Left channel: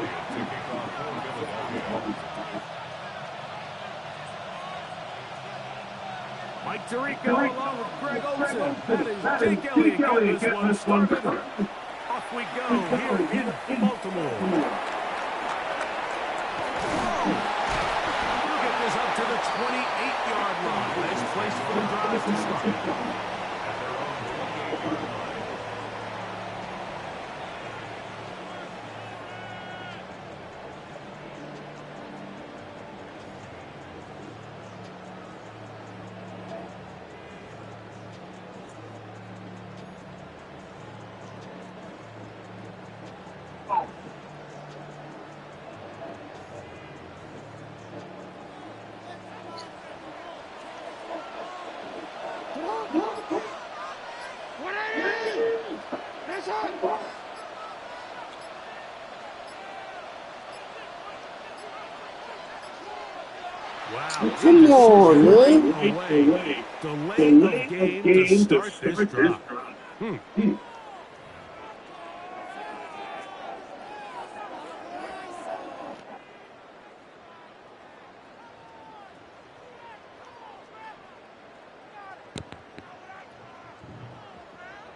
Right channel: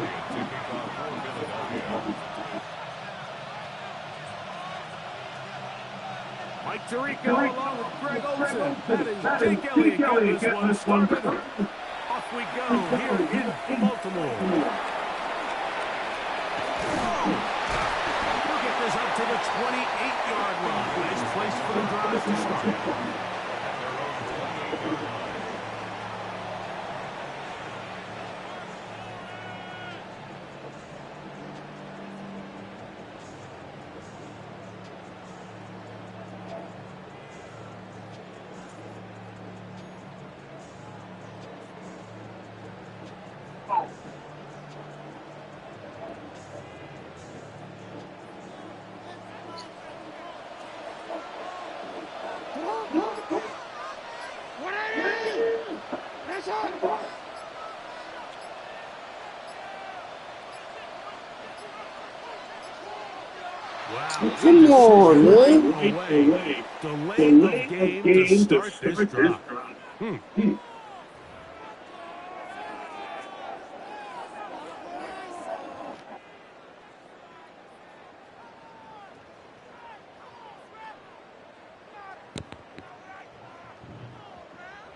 to kick off for Philadelphia. Mike Tirico along with Greg Olsen. That is Jake Elliott getting this one started. Off we go here in Baltimore. Whoa! He'll get this up to the 28-yard line. Nice place for the drive to start. At their own 28-yard line. Wow. Come on, man. Delay of game to start this drive.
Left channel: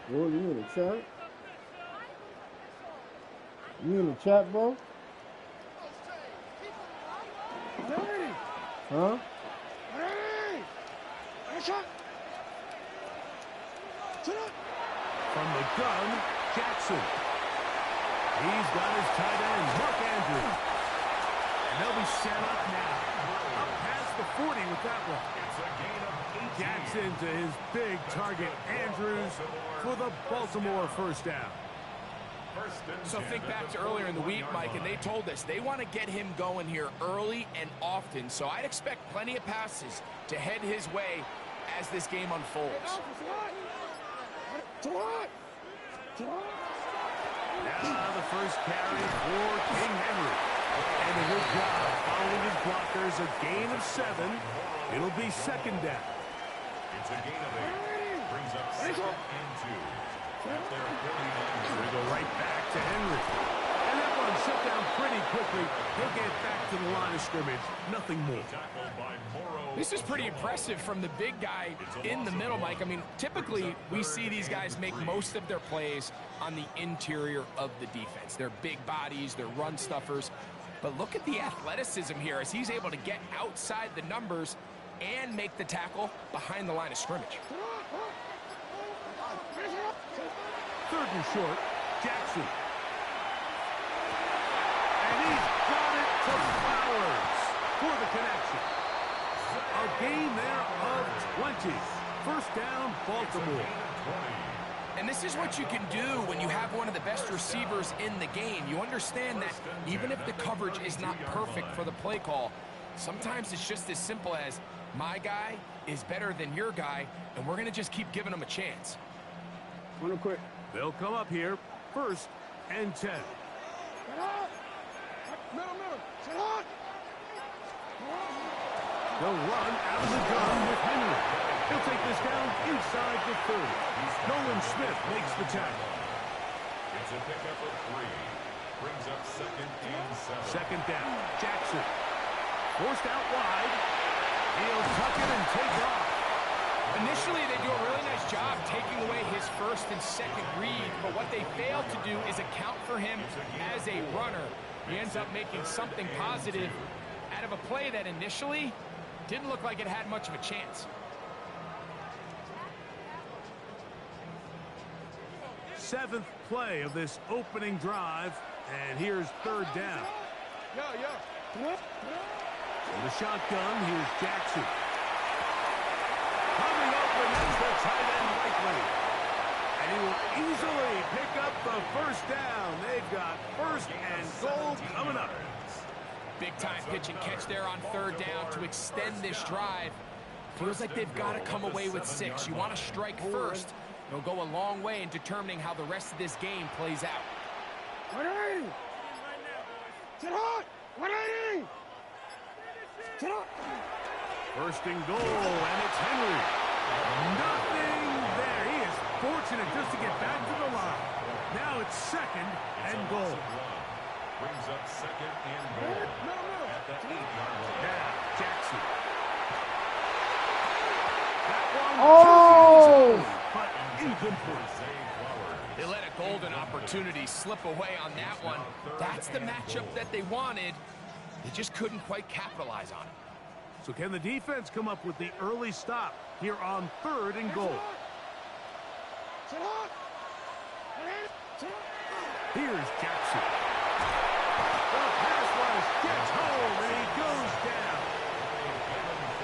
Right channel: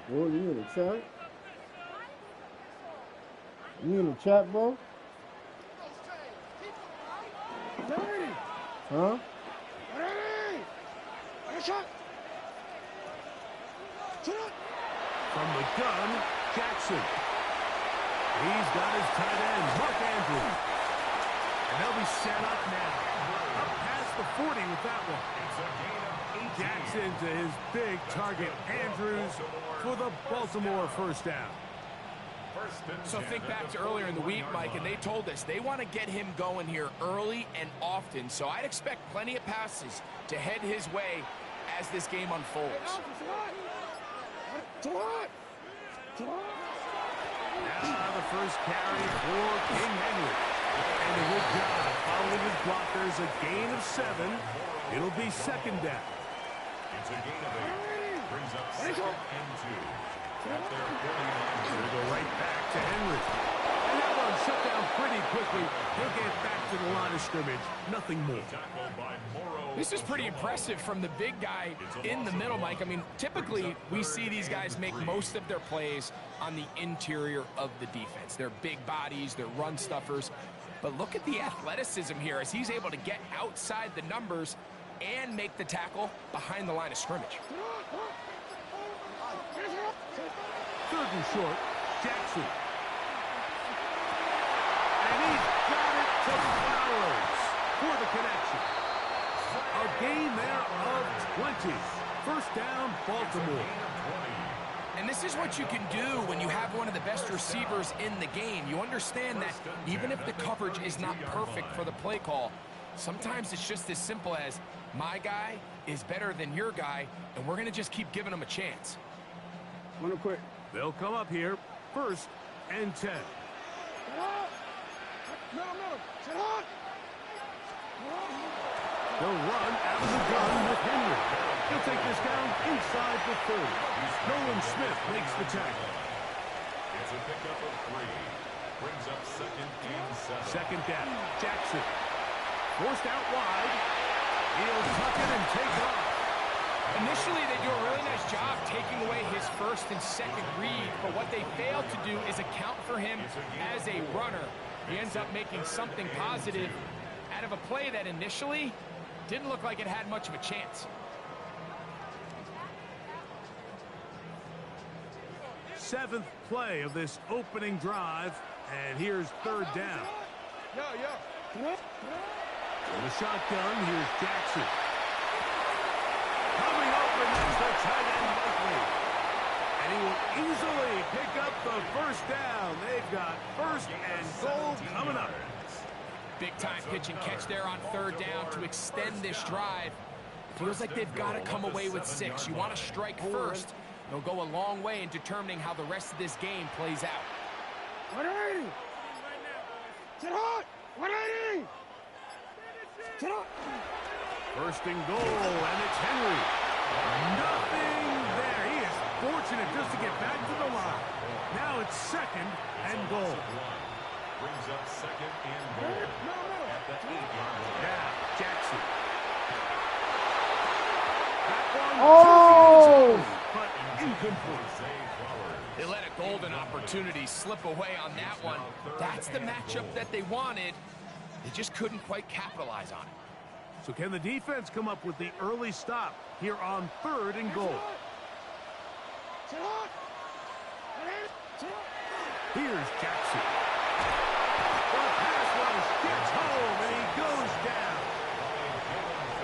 Bro, you in the chat? You in the chat, bro? Huh? From the gun, Jackson. He's got his tight end, Mark Andrews. And they'll be set up now. Up past the 40 with that one. It's a gain of 18. Jackson to his big target, Andrews, for the Baltimore first down. So think back to earlier in the week, Mike, and they told us they want to get him going here early and often. So I'd expect plenty of passes to head his way as this game unfolds. Now the first carry for King Henry. And a good job following his blockers. A gain of 7. It'll be second down. It's a gain of 8. Brings up 2nd and 2. At their 49. They go right back to Henry. And that one shut down pretty quickly. He'll get back to the line of scrimmage. Nothing more. This is pretty impressive from the big guy in the middle, Mike. I mean, typically we see these guys make most of their plays on the interior of the defense. They're big bodies, they're run stuffers. But look at the athleticism here as he's able to get outside the numbers and make the tackle behind the line of scrimmage. 3rd and short, Jackson. And he's got it to Flowers for the connection. A gain there of 20. First down, Baltimore. And this is what you can do when you have one of the best receivers in the game. You understand that even if the coverage is not perfect for the play call, sometimes it's just as simple as my guy is better than your guy, and we're going to just keep giving him a chance. Real quick. They'll come up here. 1st and 10. They'll run out of the gun with Henry. He'll take this down inside the 30. Nolan Smith makes the tackle. It's a pickup of 3. Brings up 2nd and 7. Second down. Jackson. Forced out wide. He'll tuck it and take off. Initially, they do a really nice job taking away his 1st and 2nd read, but what they fail to do is account for him as a runner. He ends up making something positive out of a play that initially didn't look like it had much of a chance. 7th play of this opening drive, and here's 3rd down. With a shotgun, here's Jackson. Coming open, that's the tight end Likely. And he will easily pick up the first down. They've got 1st and goal coming up. Big time pitch and catch there on 3rd down to extend this drive. Feels like they've got to come away with 6. You want to strike first. It'll go a long way in determining how the rest of this game plays out. 180. Get hot. 180. Get hot. 1st and goal, and it's Henry. Nothing there. He is fortunate just to get back to the line. Now it's 2nd and goal. Brings up second and goal at the 8-yard line. Now, Jackson. That one Oh! chooses his own, but incomplete. They let a golden opportunity slip away on that one. That's the matchup that they wanted. They just couldn't quite capitalize on it. So can the defense come up with the early stop here on 3rd and goal? Here's Jackson. The pass rush gets home, and he goes down.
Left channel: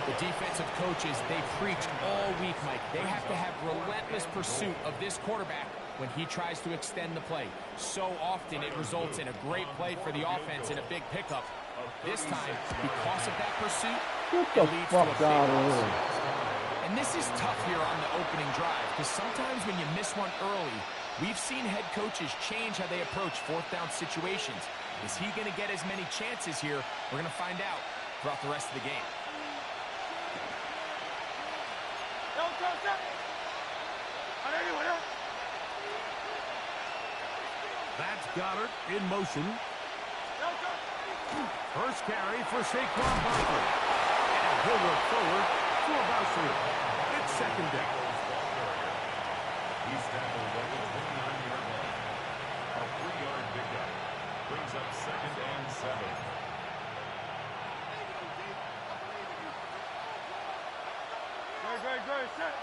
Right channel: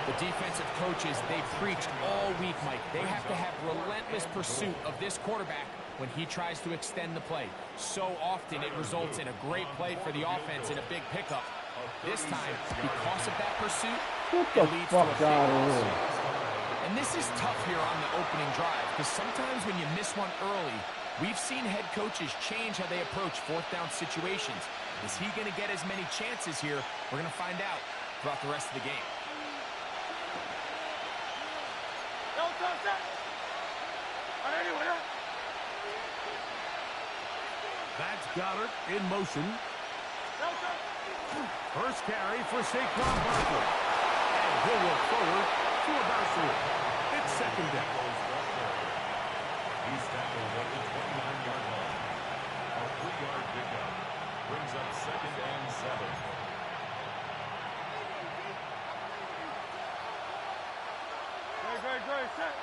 The defensive coaches, they preached all week, Mike. They have to have relentless pursuit of this quarterback when he tries to extend the play. So often it results in a great play for the offense and a big pickup. This time, because of that pursuit, Get the it leads to a fuck big out of loss. here. And this is tough here on the opening drive, because sometimes when you miss one early, we've seen head coaches change how they approach 4th down situations. Is he going to get as many chances here? We're going to find out throughout the rest of the game. That's Goddard in motion. First carry for Saquon Barkley. And he'll work forward for about 3. It's 2nd down. He's tackled at the 29-yard line. A 3-yard pickup brings up 2nd and 7. Great, set.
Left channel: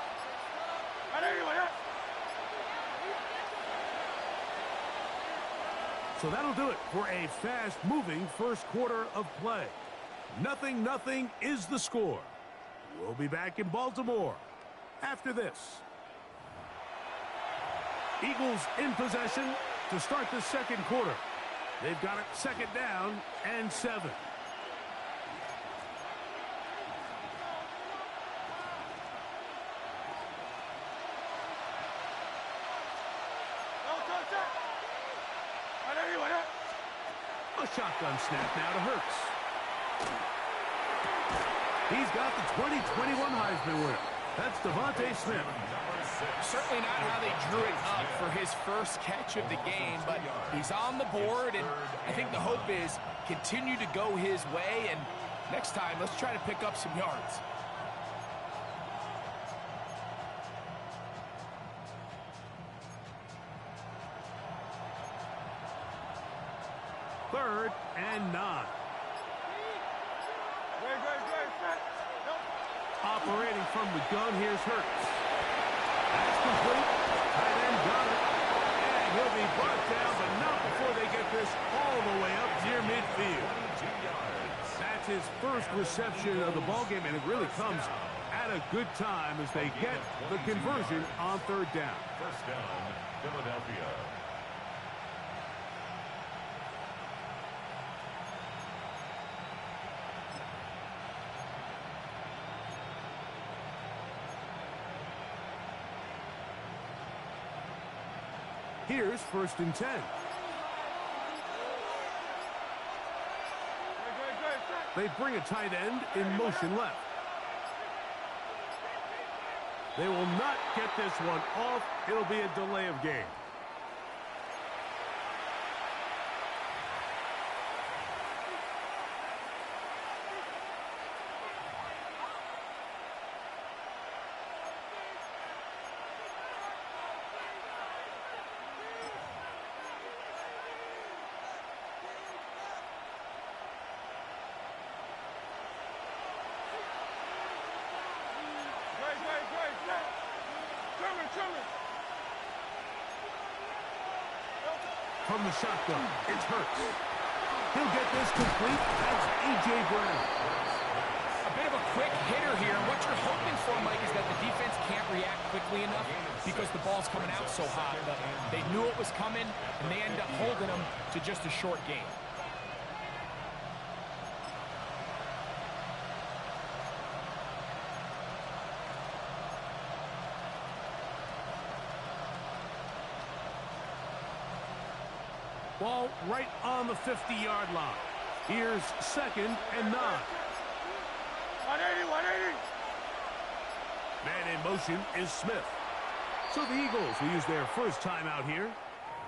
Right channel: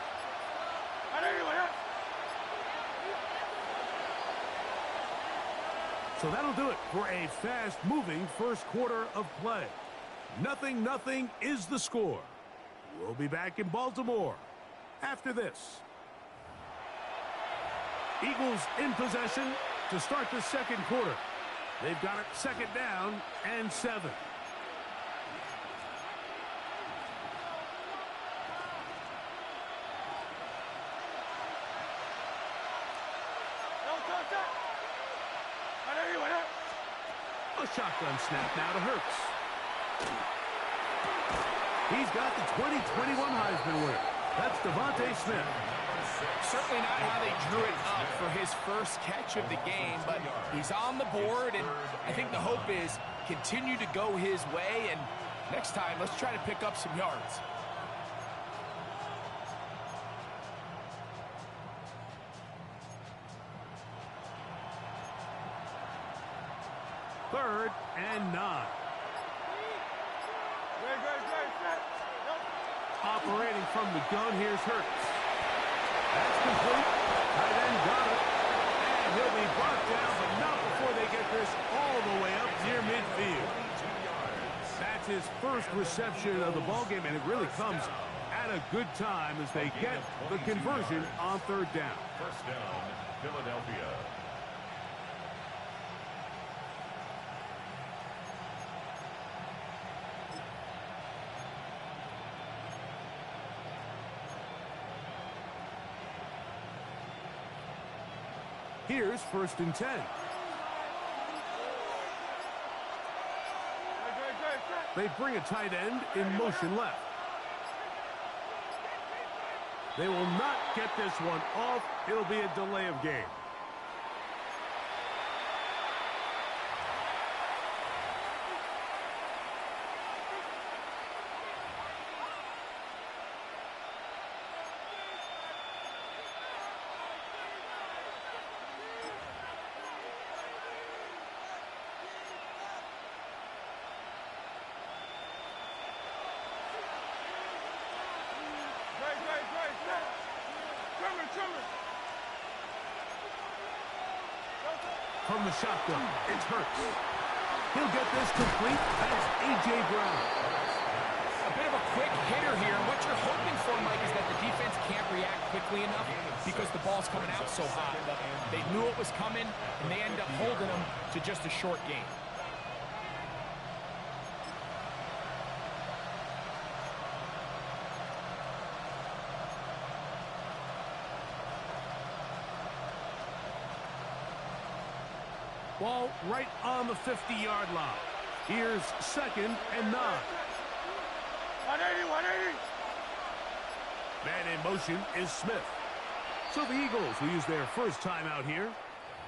So that'll do it for a fast-moving first quarter of play. 0-0 is the score. We'll be back in Baltimore after this. Eagles in possession to start the 2nd quarter. They've got it 2nd down and 7. A shotgun snap now to Hurts. He's got the 2021 Heisman winner. That's Devontae Smith. Certainly not how they drew it up for his first catch of the game, but he's on the board, and I think the hope is continue to go his way, and next time, let's try to pick up some yards. Third and 9. Operating from the gun, here's Hurts. That's complete. Tight end got it. And he'll be brought down, but not before they get this all the way up near midfield. That's his first reception of the ballgame, and it really comes at a good time as they get the conversion on 3rd down. First down, Philadelphia. Here's 1st and 10. They bring a tight end in motion left. They will not get this one off. It'll be a delay of game. From the shotgun, it's Hurts. He'll get this complete. That's A.J. Brown. A bit of a quick hitter here, and what you're hoping for, Mike, is that the defense can't react quickly enough because the ball's coming out so hot. But they knew it was coming, and they end up holding them to just a short game. Ball right on the 50-yard line. Here's 2nd and 9. 180. Man in motion is Smith. So the Eagles will use their first time out here.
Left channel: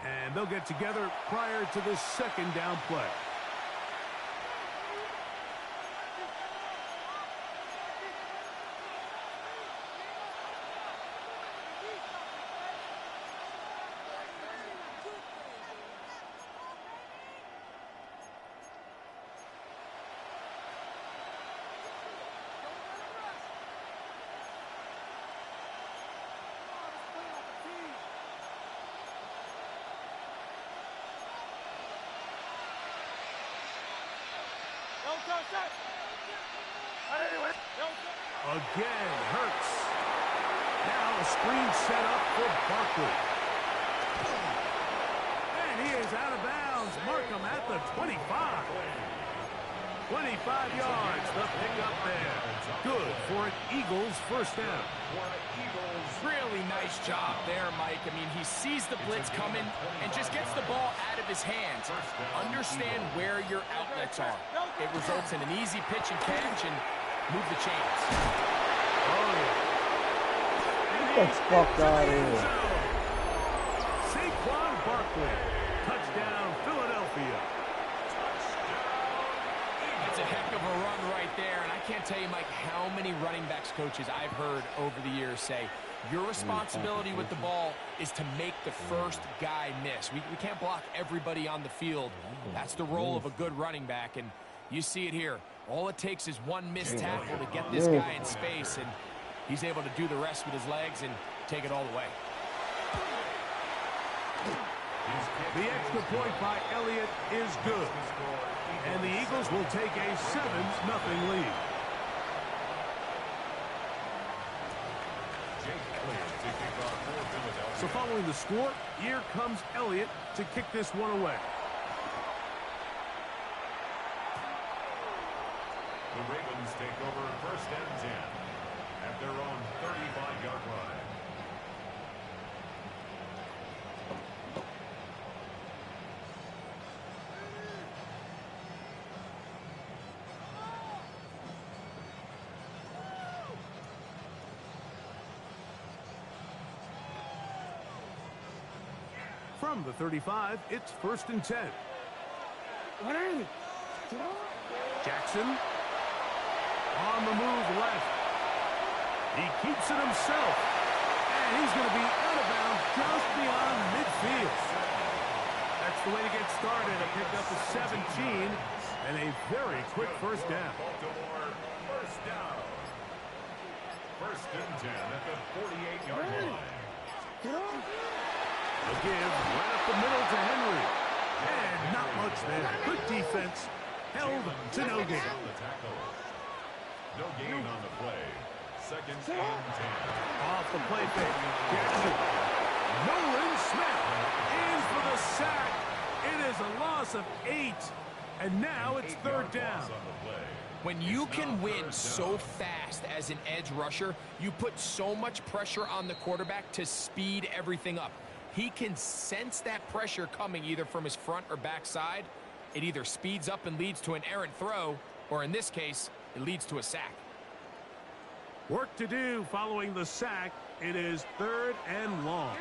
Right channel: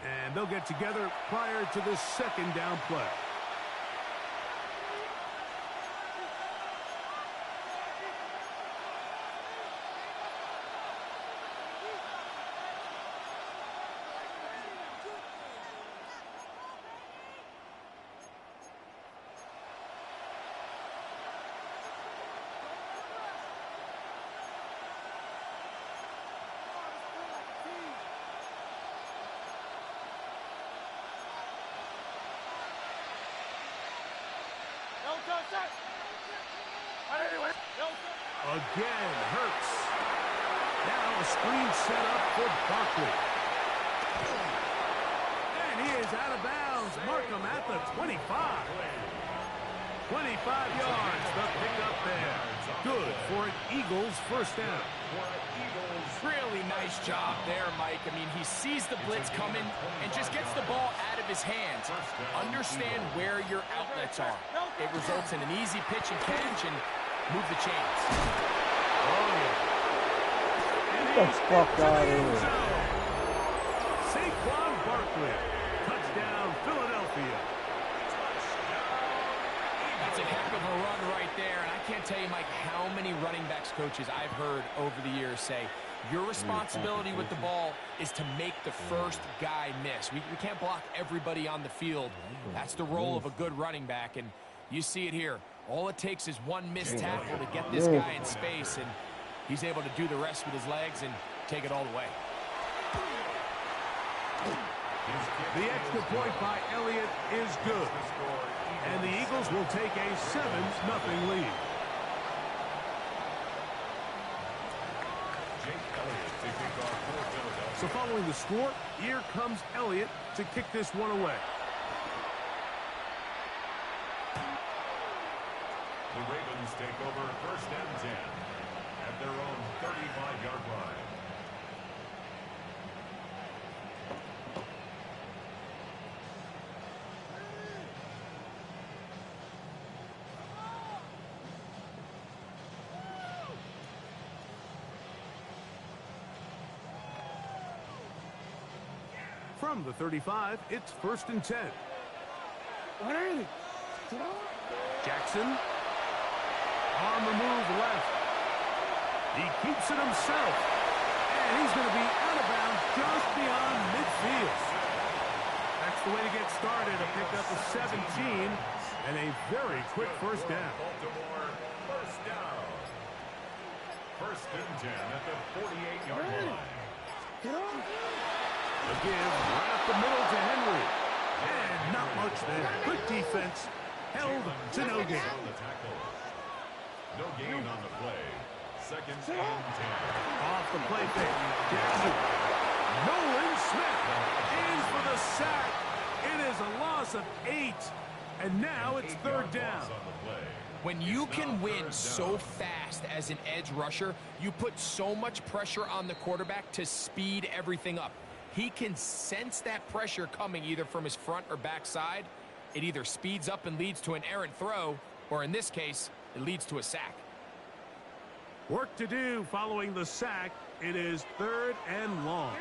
And they'll get together prior to the second down play. Again, Hurts. Now a screen set up for Barkley. And he is out of bounds. Mark him at the 25. 25 yards, the pickup there. Good for an Eagles first down. Really nice job there, Mike. I mean, he sees the blitz coming and just gets the ball out of his hands. Understand where your outlets are. It results in an easy pitch and catch and move the chains. Oh, yeah. Get the fuck out of here. Saquon Barkley. Touchdown, Philadelphia. That's a heck of a run right there, and I can't tell you, Mike, how many running backs coaches I've heard over the years say, your responsibility with the ball is to make the first guy miss. We can't block everybody on the field. That's the role of a good running back, and you see it here. All it takes is one missed tackle to get this guy in space, and he's able to do the rest with his legs and take it all the way. The extra point by Elliott is good. And the Eagles will take a 7-0 lead. So following the score, here comes Elliott to kick this one away. The Ravens take over 1st and 10 at their own 35-yard line. From the 35, it's 1st and 10. Jackson on the move left. He keeps it himself. And he's going to be out of bounds just beyond midfield. That's the way to get started. A pickup of 17 and a very quick first down. Baltimore, first down. 1st and 10 at the 48-yard line. A give right up the middle to Henry. And not much there. Good defense. Held to no gain. No gain on the play. 2nd and 10. Off the play fake. Jackson. Nolan Smith in for the sack. It is a loss of 8. And now it's 3rd down. When you can win so fast as an edge rusher, you put so much pressure on the quarterback to speed everything up. He can sense that pressure coming either from his front or back side. It either speeds up and leads to an errant throw, or in this case, it leads to a sack. Work to do following the sack. It is 3rd and long.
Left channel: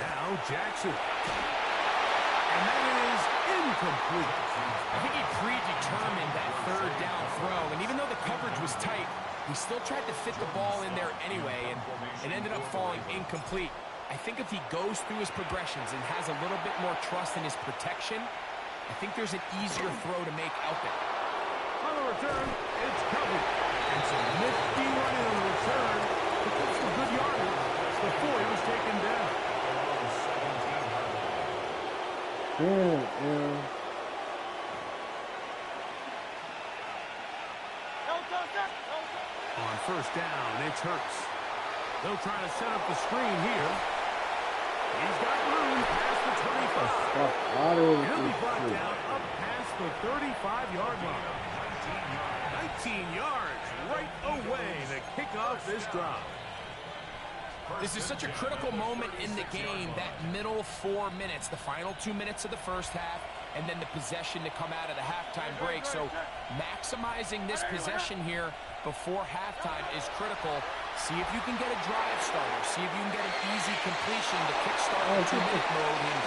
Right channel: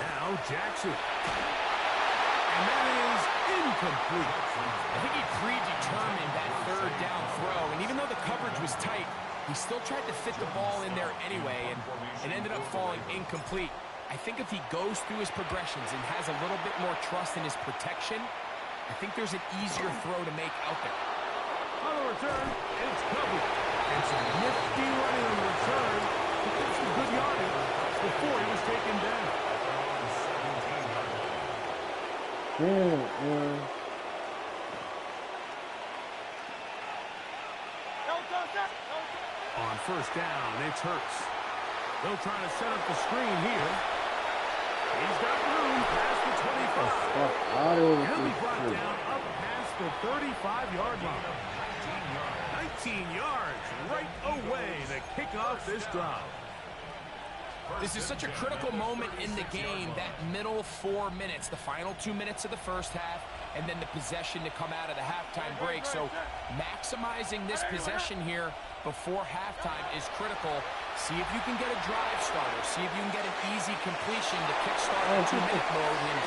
Now Jackson. And that is incomplete. I think he predetermined that 3rd down throw, and even though the coverage was tight, he still tried to fit the ball in there anyway, and it ended up falling incomplete. I think if he goes through his progressions and has a little bit more trust in his protection, I think there's an easier throw to make out there. On the return, it's covered. And some nifty running on the return. He took some good yardage before he was taken down. On 1st down, it's Hurts. They'll try to set up the screen here. He's got room past the 25. He'll be brought down up past the 35-yard line. 19 yards right away to kick off this drive. This is such a critical moment in the game, that middle 4 minutes, the final 2 minutes of the first half and then the possession to come out of the halftime break. So maximizing this possession here before halftime is critical. See if you can get a drive starter. See if you can get an easy completion to kickstart the 2-minute mode. And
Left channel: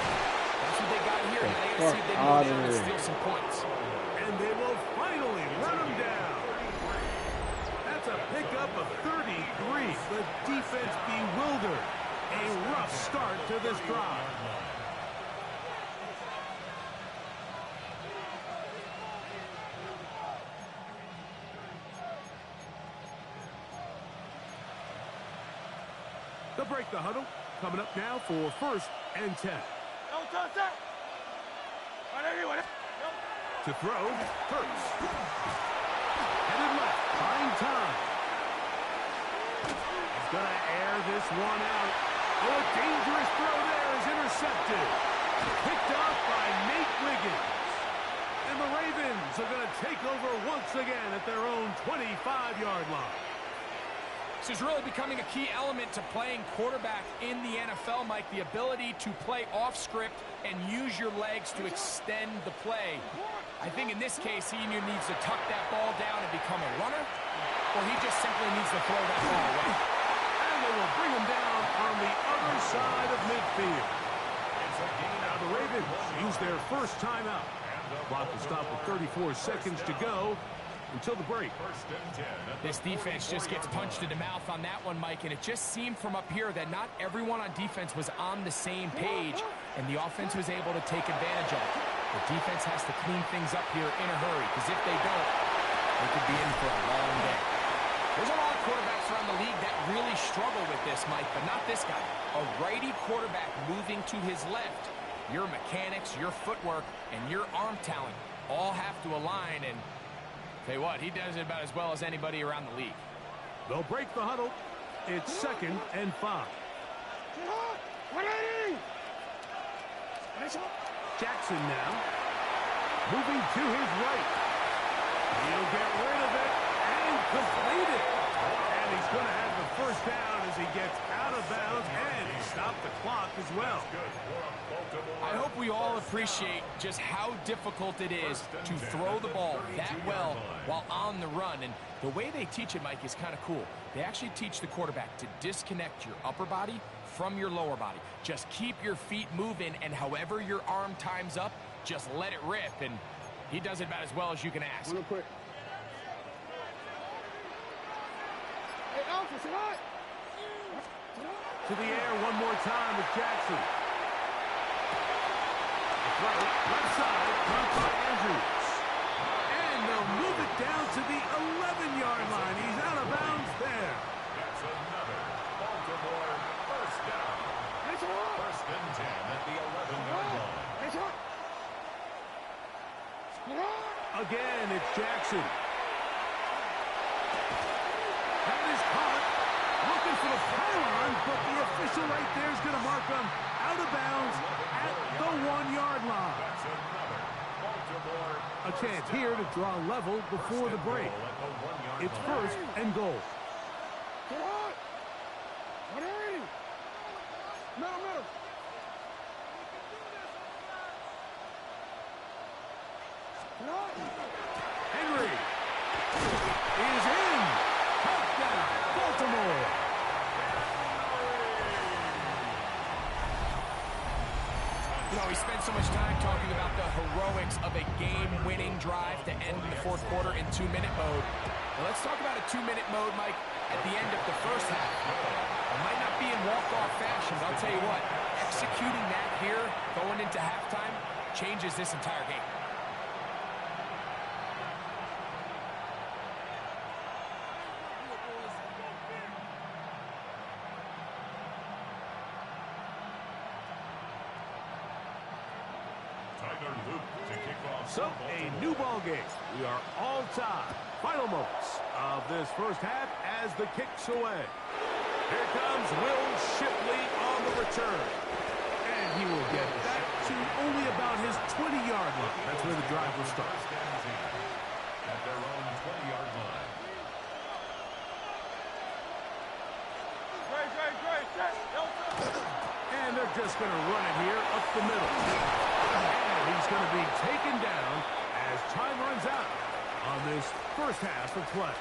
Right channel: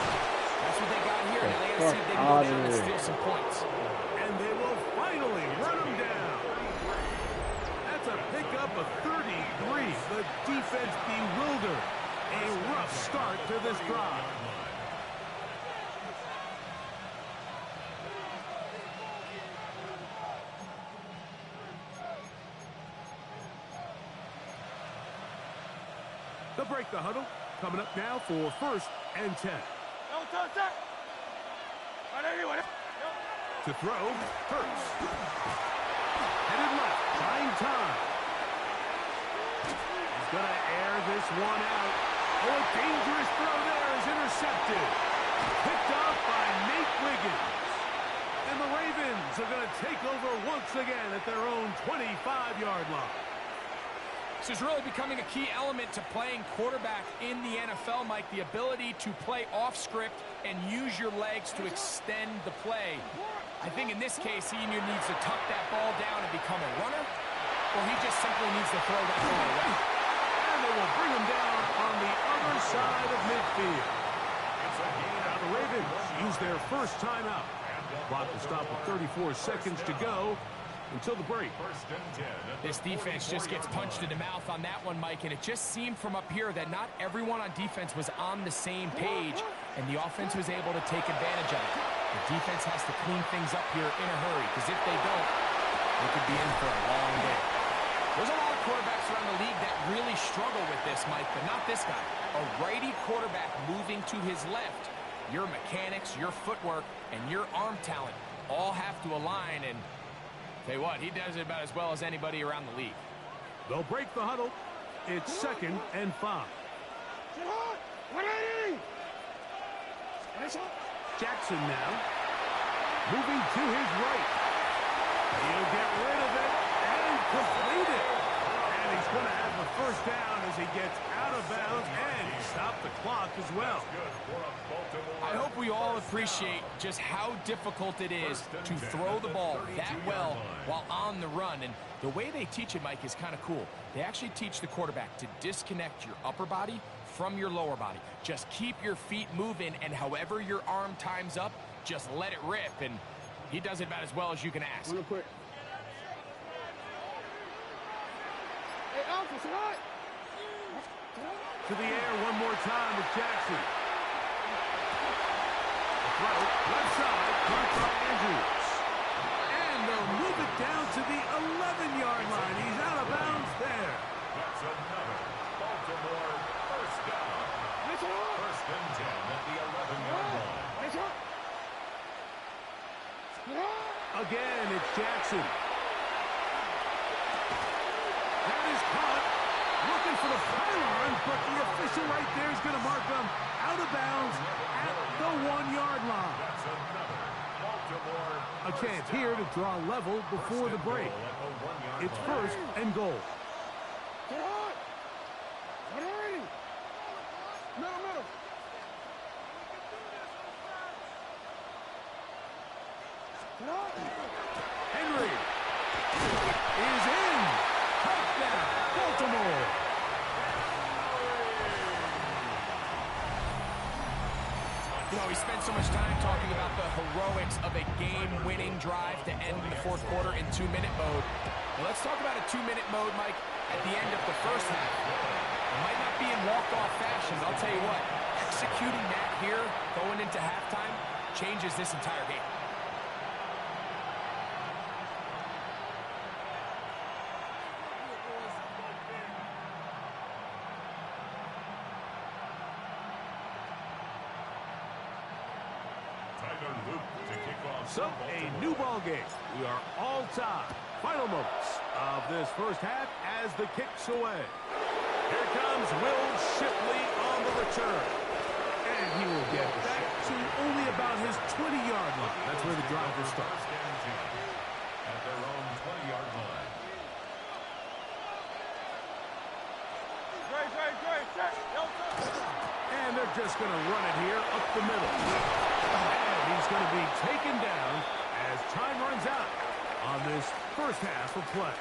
that's what they got here. Now they got to see if they can go down and steal some points. And they will finally run him down. That's a pickup of 33. The defense bewildered. A rough start to this drive. They'll break the huddle. Coming up now for 1st and 10. To throw, Hurts. Headed left, buying time. He's going to air this one out. Oh, a dangerous throw there is intercepted. Picked off by Nate Wiggins. And the Ravens are going to take over once again at their own 25-yard line. This is really becoming a key element to playing quarterback in the NFL, Mike. The ability to play off script and use your legs to extend the play. I think in this case, he either needs to tuck that ball down and become a runner, or he just simply needs to throw that ball away. And they will bring him down on the other side of midfield. Now the Ravens use their first timeout. Clock will stop with 34 seconds to go until the break. This defense just gets punched in the mouth on that one, Mike, and it just seemed from up here that not everyone on defense was on the same page, and the offense was able to take advantage of it. The defense has to clean things up here in a hurry, because if they don't, they could be in for a long day. There's a lot of quarterbacks around the league that really struggle with this, Mike, but not this guy. A righty quarterback moving to his left. Your mechanics, your footwork, and your arm talent all have to align, and tell you what, he does it about as well as anybody around the league. They'll break the huddle. It's 2nd and 5. Jackson now. Moving to his right. He'll get rid of it and complete it. And he's going to have the first down as he gets out of bounds, and he stopped the clock as well. I hope we all appreciate just how difficult it is to throw the ball that well while on the run. And the way they teach it, Mike, is kind of cool. They actually teach the quarterback to disconnect your upper body from your lower body. Just keep your feet moving, and however your arm times up, just let it rip. And he does it about as well as you can ask. Real quick. Hey, Alpha, say hi. To the air one more time with Jackson. The throw, left side, caught by Andrews. And they'll move it down to the 11-yard line. He's out of bounds there. That's another Baltimore first down. 1st and 10 at the 11-yard line. Again, it's Jackson. That is caught. Looking for the pylon, but the official right there is going to mark him out of bounds at the 1-yard line. That's another Baltimore A chance here to draw level before the break. It's 1st and goal. Get hot. What hurry? Middle. Get hot. Henry is in. Touchdown, Baltimore. You know, we spent so much time talking about the heroics of a game-winning drive to end in the 4th quarter in 2-minute mode. Well, let's talk about a 2-minute mode, Mike, at the end of the first half. It might not be in walk-off fashion, but I'll tell you what, executing that here, going into halftime, changes this entire game. So, a new ball game. We are all tied. Final moments of this first half as the kick's away. Here comes Will Shipley on the return. And he will get back to only about his 20-yard line. That's where the drive will start. At their own 20-yard line. And they're just going to run it here up the middle. And he's going to be taken down as time runs out on this first half of play.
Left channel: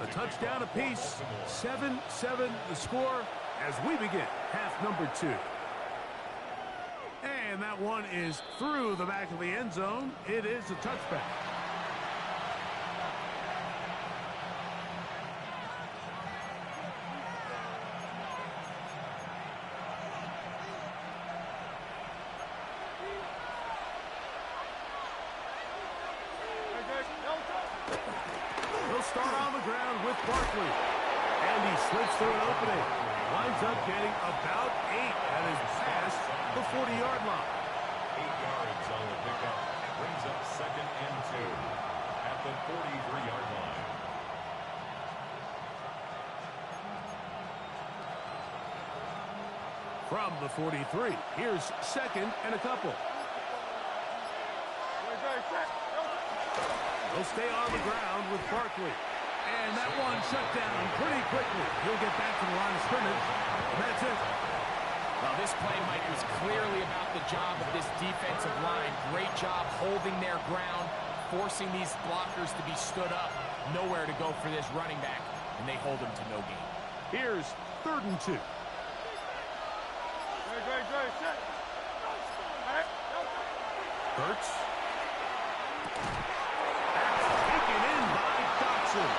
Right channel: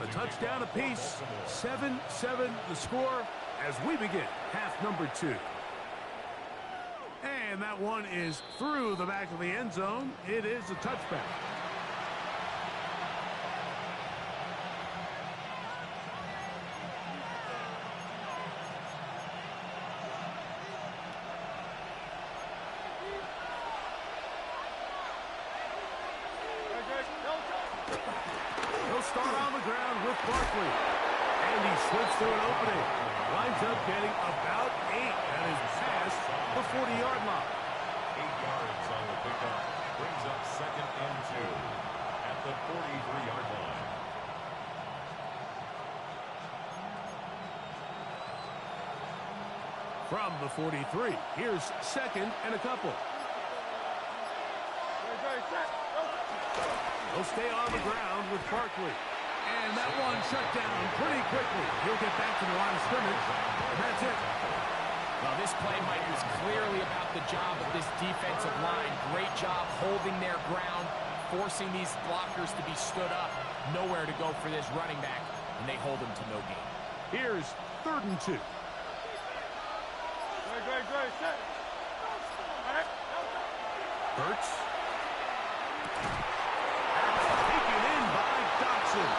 A touchdown apiece, 7-7 the score as we begin half number 2. And that one is through the back of the end zone. It is a touchback. Start on the ground with Barkley. And he slips through an opening. Winds up getting about 8 at his past the 40-yard line. 8 yards on the pickup. Brings up 2nd and 2 at the 43-yard line. From the 43, here's 2nd and a couple. They'll stay on the ground with Barkley. And that one shut down pretty quickly. He'll get back to the line of scrimmage. And that's it. Well, this play, Mike, was clearly about the job of this defensive line. Great job holding their ground, forcing these blockers to be stood up. Nowhere to go for this running back, and they hold him to no gain. Here's 3rd and 2. Hurts. Taken in by Dotson.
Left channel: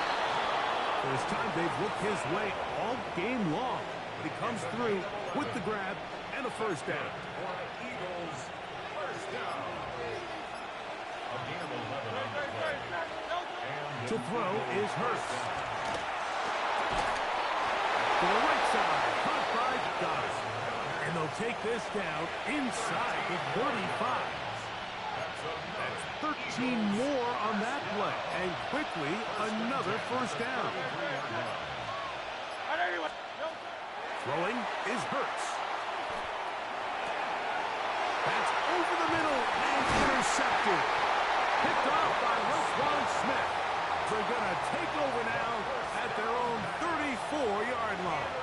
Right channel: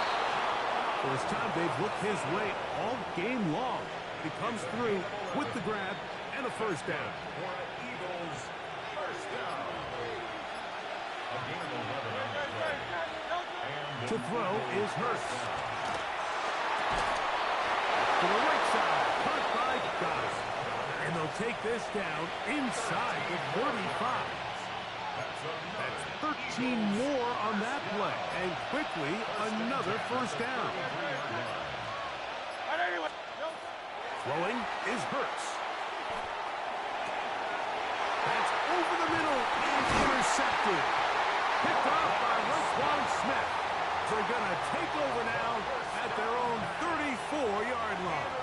First time they've looked his way all game long. But he comes through with the grab and a first down. For Eagles, first down. A gain of 11 on the play. And To throw is Hurts. To the right side, caught by Goddard. And they'll take this down inside the 35. That's 13 more on that play. And quickly, another first down. Throwing is Hurts. That's over the middle and intercepted. Picked off by Roquan Smith. They're going to take over now at their own 34-yard line.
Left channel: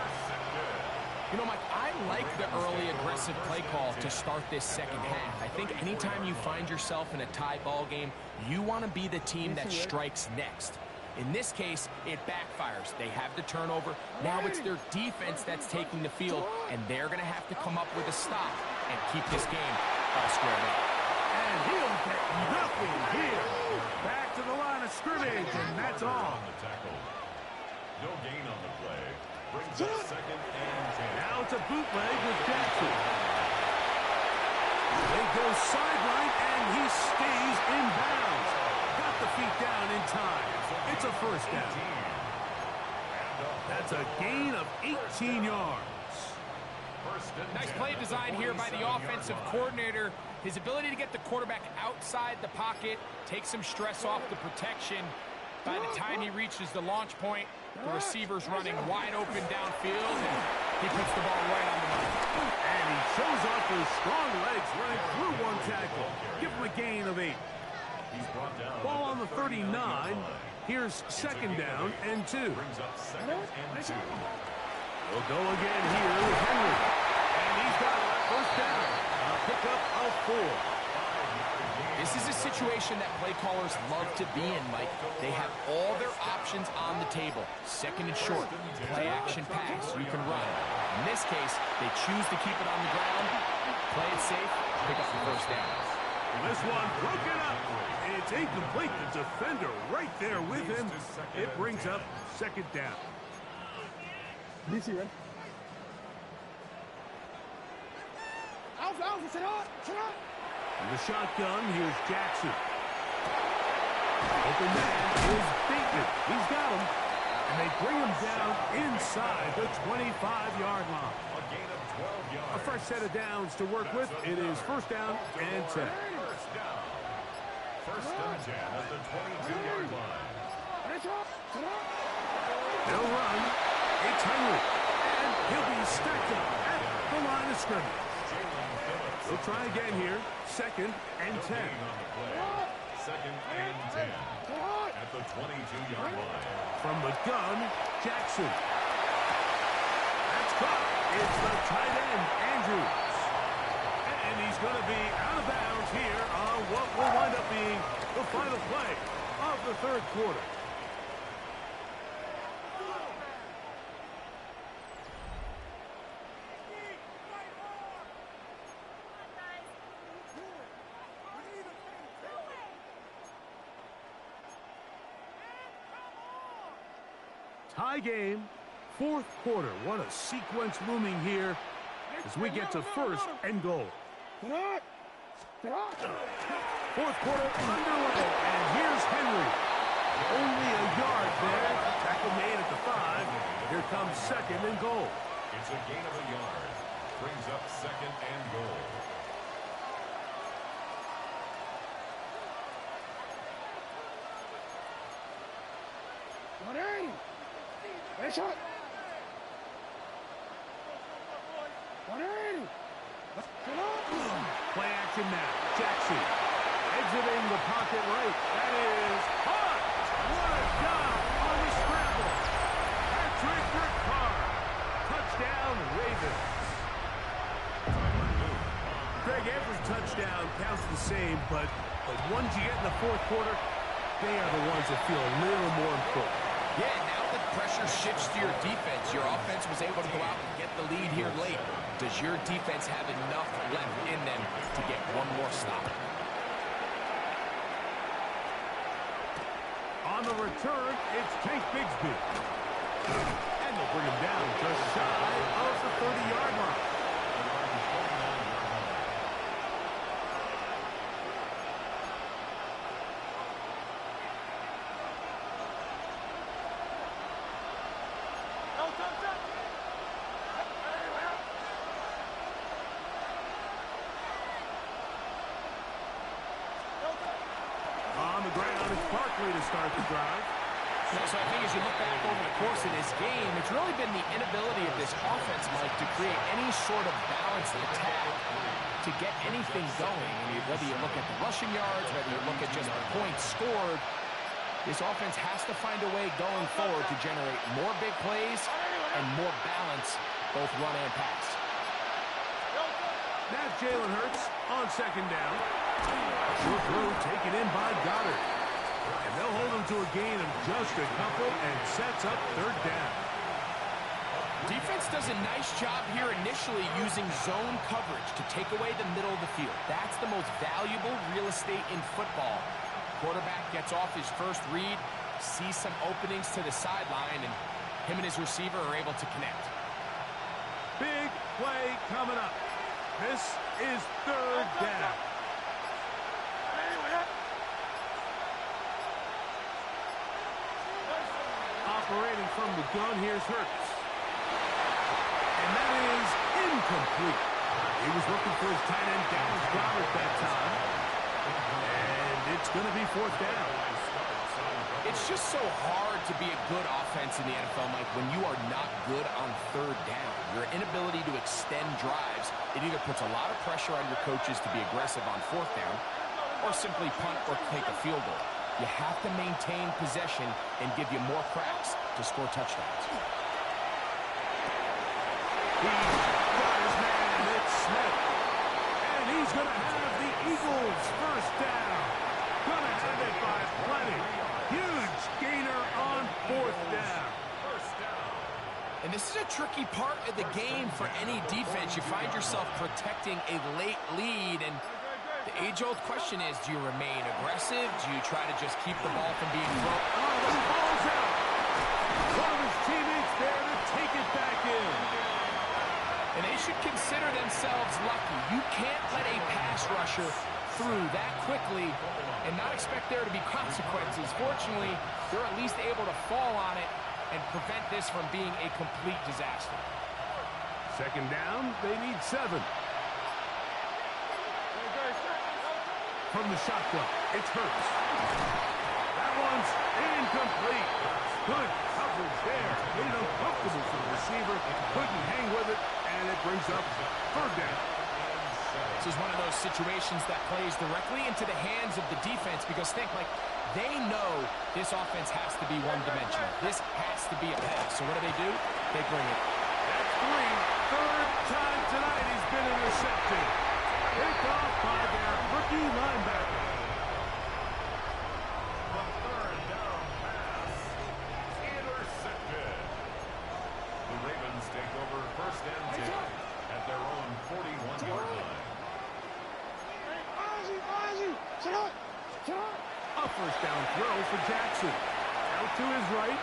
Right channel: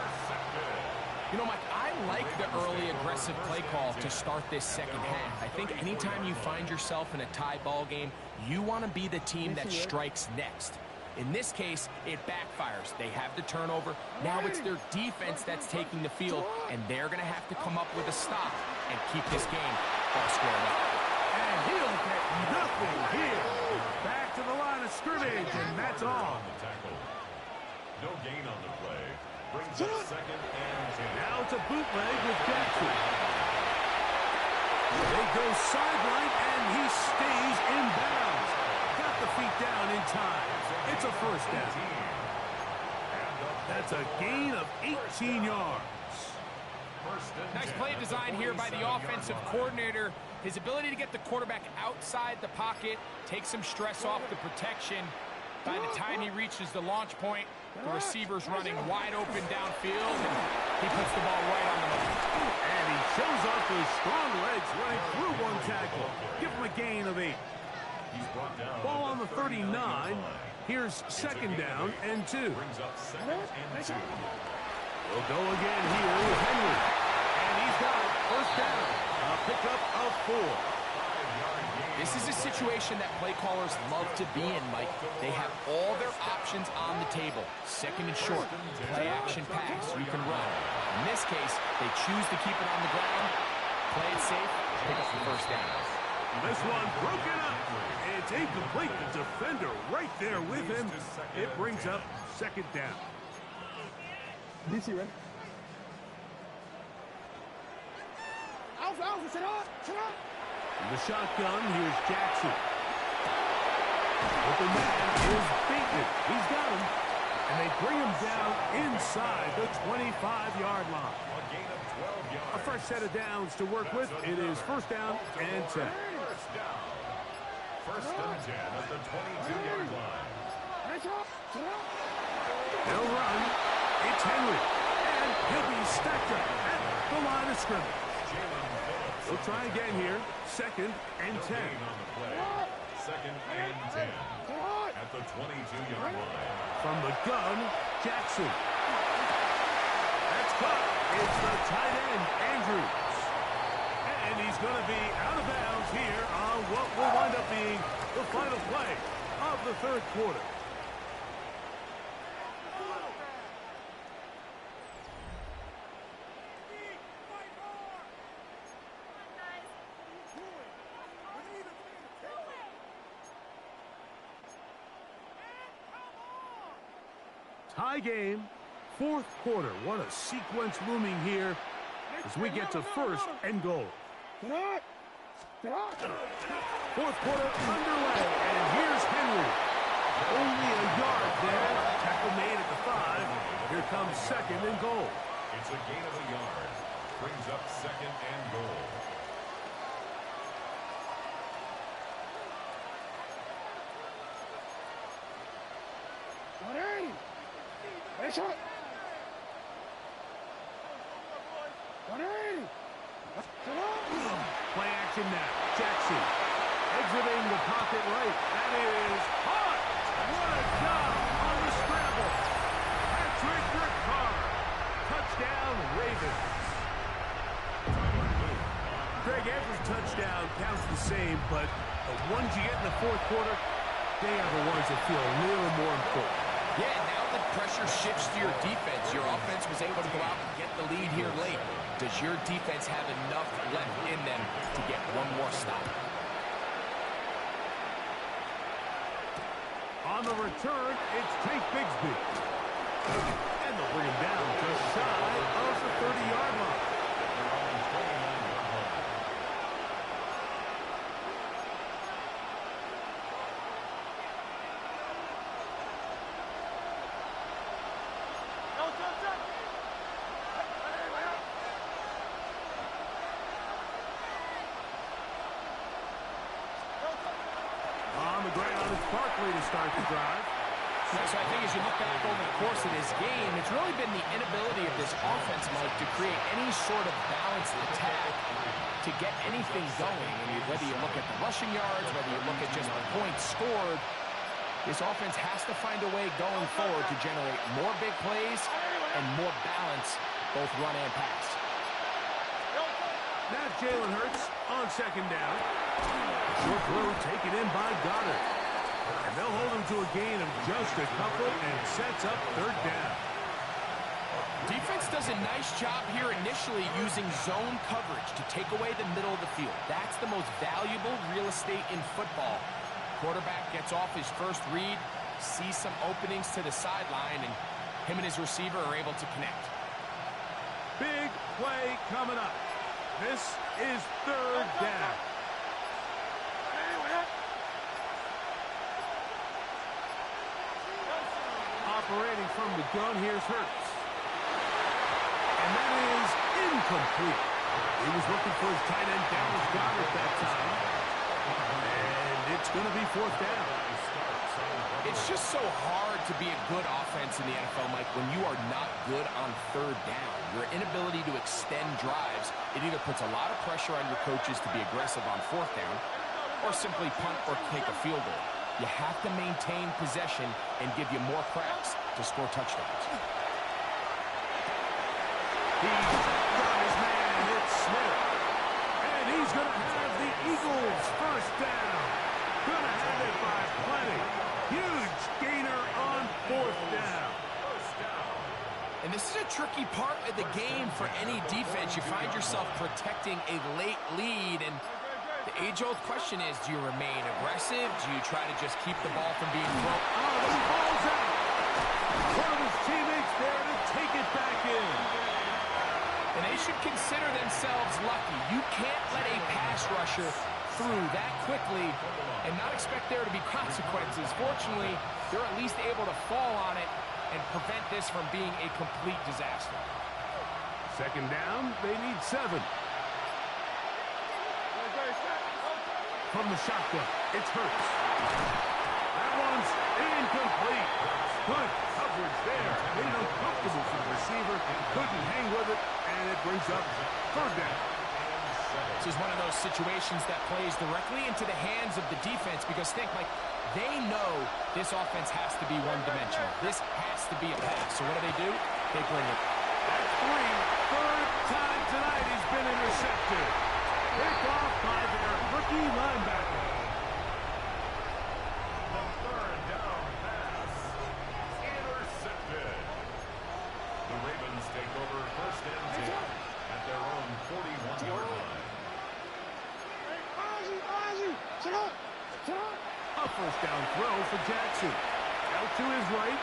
You know, Mike, I like the early aggressive play call to start this second half. I think anytime you find yourself in a tie ball game, you want to be the team that strikes next. In this case, it backfires. They have the turnover. Now it's their defense that's taking the field, and they're going to have to come up with a stop and keep this game all squared up. And he'll get nothing here. Back to the line of scrimmage, and that's all. No gain on the play. Brings up 2nd and 10. Now it's a bootleg with Jackson. They go sideline, and he stays in bounds. Got the feet down in time. It's a first down. That's a gain of 18 yards. Nice play design here by the offensive coordinator. His ability to get the quarterback outside the pocket, take some stress off the protection. By the time he reaches the launch point, the receiver's running wide open downfield, and he puts the ball right on the money. And he shows off those strong legs running through one tackle. Give him a gain of 8. Ball on the 39. Here's 2nd down and 2. Brings up 2nd and 2. We'll go again here with Henry. And he's got it. First down. A pickup of 4. This is a situation that play callers love to be in, Mike. They have all their options on the table. 2nd and short, play action pass, you can run. In this case, they choose to keep it on the ground, play it safe, pick up the first down. This one broken up. It's incomplete. The defender right there with him. It brings up 2nd down. DC, ready? Alpha, sit up, In the shotgun, here's Jackson. Open man is Bateman. He's got him. And they bring him down inside the 25-yard line. A gain of 12 yards. A fresh set of downs to work with. It is first down and 10. First down. First and 10 at the 22-yard line. They'll run. It's Henry. And he'll be stacked up at the line of scrimmage. They'll try again here. Second and 10. On the play. Second and 10 at the 22-yard line. From the gun, Jackson. That's caught. It's the tight end, Andrews. And he's going to be out of bounds here on what will wind up being the final play of the third quarter. Tie game, fourth quarter. What a sequence looming here as we get to first and goal. Fourth quarter underway, and here's Henry. Only a yard there. Tackle made at the 5. Here comes second and goal. It's a gain of a yard. Brings up second and goal. Shot. 180. Play action now. Jackson exiting the pocket right. That is hot. What a job on the scramble. Patrick Ricard. Touchdown, Ravens. Greg Evers' touchdown counts the same, but the ones you get in the fourth quarter, they are the ones that feel a little more important. Yeah, now the pressure shifts to your defense. Your offense was able to go out and get the lead here late. Does your defense have enough left in them to get one more stop? On the return, it's Tank Bigsby. And they'll bring him down just shy of the 30-yard line. They're on the 29-yard line. On the ground, it's Barkley to start the drive. So I think as you look back over the course of this game, it's really been the inability of this offense, Mike, to create any sort of balanced attack to get anything going. And whether you look at the rushing yards, whether you look at just the points scored, this offense has to find a way going forward to generate more big plays and more balance, both run and pass. Now Jalen Hurts on second down. Short throw taken in by Goddard. And they'll hold him to a gain of just a couple and sets up third down. Defense does a nice job here initially using zone coverage to take away the middle of the field. That's the most valuable real estate in football. Quarterback gets off his first read, sees some openings to the sideline, and him and his receiver are able to connect. Big play coming up. This is third down. Operating from the gun, here's Hurts. And that is incomplete. He was looking for his tight end, Dallas Goedert, that time. And it's going to be fourth down. It's just so hard to be a good offense in the NFL, Mike, when you are not good on third down. Your inability to extend drives, it either puts a lot of pressure on your coaches to be aggressive on fourth down or simply punt or take a field goal. You have to maintain possession and give you more cracks to score touchdowns. He's got his man. It's Smith. And he's going to have the Eagles first down. Going to have it by plenty. Huge gainer on fourth down. And this is a tricky part of the game for any defense. You find yourself protecting a late lead, and the age-old question is, do you remain aggressive? Do you try to just keep the ball from being thrown? Oh, but he falls out. One of his teammates there to take it back in. And they should consider themselves lucky. You can't let a pass rusher through that quickly and not expect there to be consequences. Fortunately, they're at least able to fall on it and prevent this from being a complete disaster. Second down, they need 7. From the shotgun, it's Hurts. That one's incomplete. Good coverage there. Made it uncomfortable for the receiver. Couldn't hang with it, and it brings up third down. This is one of those situations that plays directly into the hands of the defense because think, like, they know this offense has to be one-dimensional. This has to be a pass. So what do? They bring it. That's 3. Third time tonight he's been intercepted. Picked off by their rookie linebacker. The third down pass intercepted. The Ravens take over first and 10 at their own 41-yard line. A first down throw for Jackson. Out to his right.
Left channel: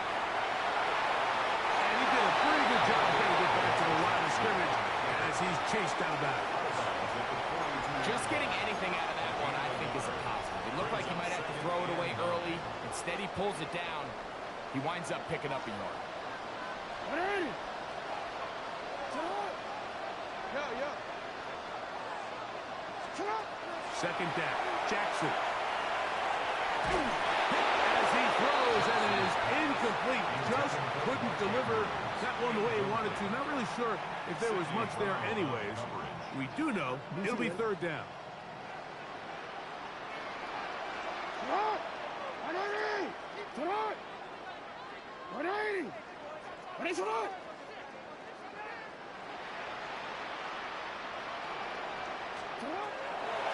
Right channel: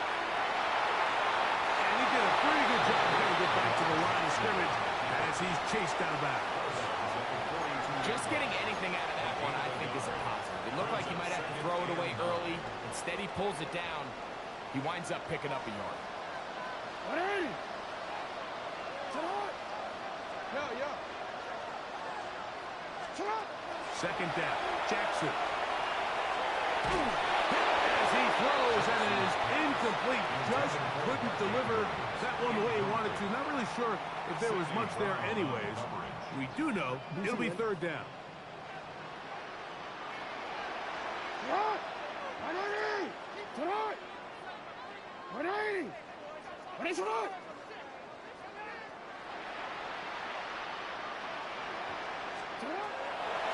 And he did a pretty good job trying to get back to the line of scrimmage as he's chased out of bounds. Just getting anything out of that one, I think, is a positive. It looked like he might have to throw it away early. Instead, he pulls it down. He winds up picking up a yard. Second down, Jackson. As he throws, and it is incomplete. Just couldn't deliver that one the way he wanted to. Not really sure if there was much there anyways. We do know it'll be third down.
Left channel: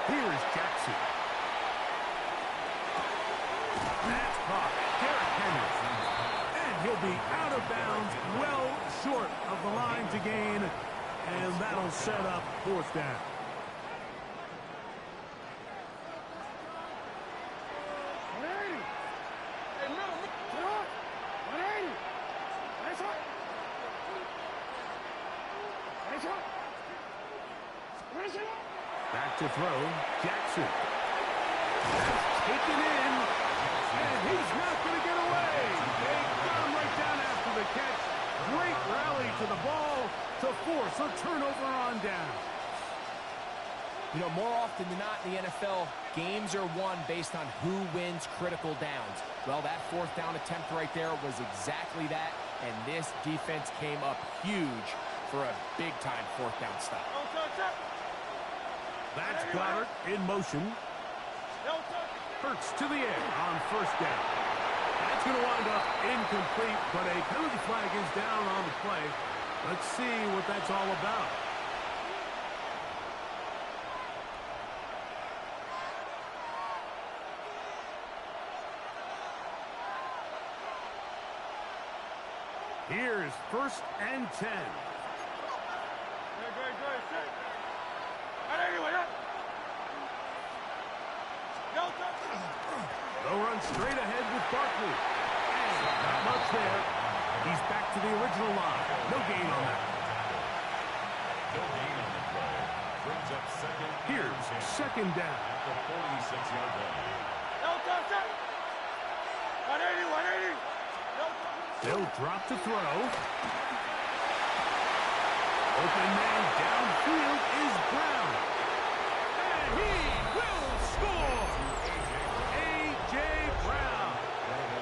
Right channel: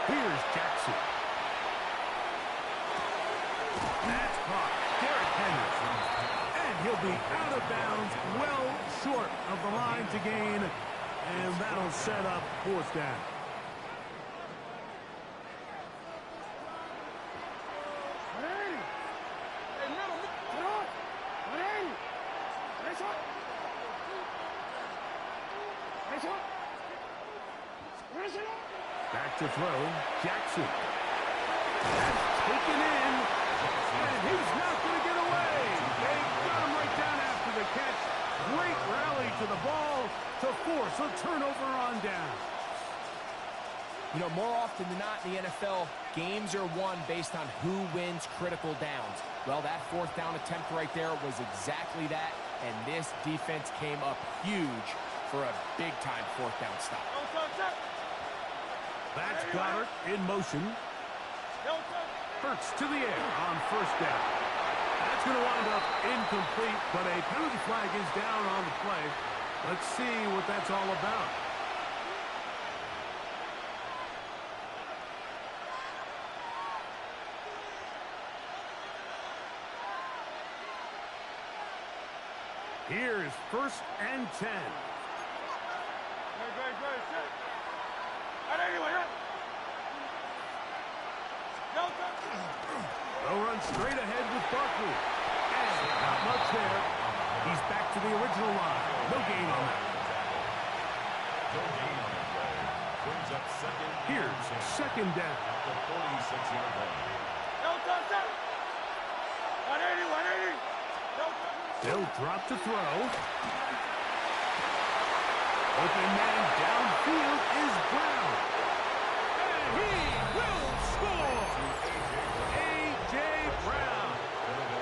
Here's Jackson. That's caught. Derrick Henry. And he'll be out of bounds, well short of the line to gain. And that'll set up fourth down. Back to throw, Jackson. That's taken in, and he's not going to get away. They got him right down after the catch. Great rally to the ball to force a turnover on down. You know, more often than not in the NFL, games are won based on who wins critical downs. Well, that fourth down attempt right there was exactly that, and this defense came up huge for a big-time fourth down stop. That's Goddard in motion. Hurts to the air on first down. That's going to wind up incomplete, but a penalty flag is down on the play. Let's see what that's all about. Here's first and 10. They'll run straight ahead with Barkley. And not much there. He's back to the original line. No gain on that. No gain on the play. Brings up second. Here's second down. At the 46-yard line. They'll drop to throw. Open man downfield is Brown. And he will score. A.J. Brown.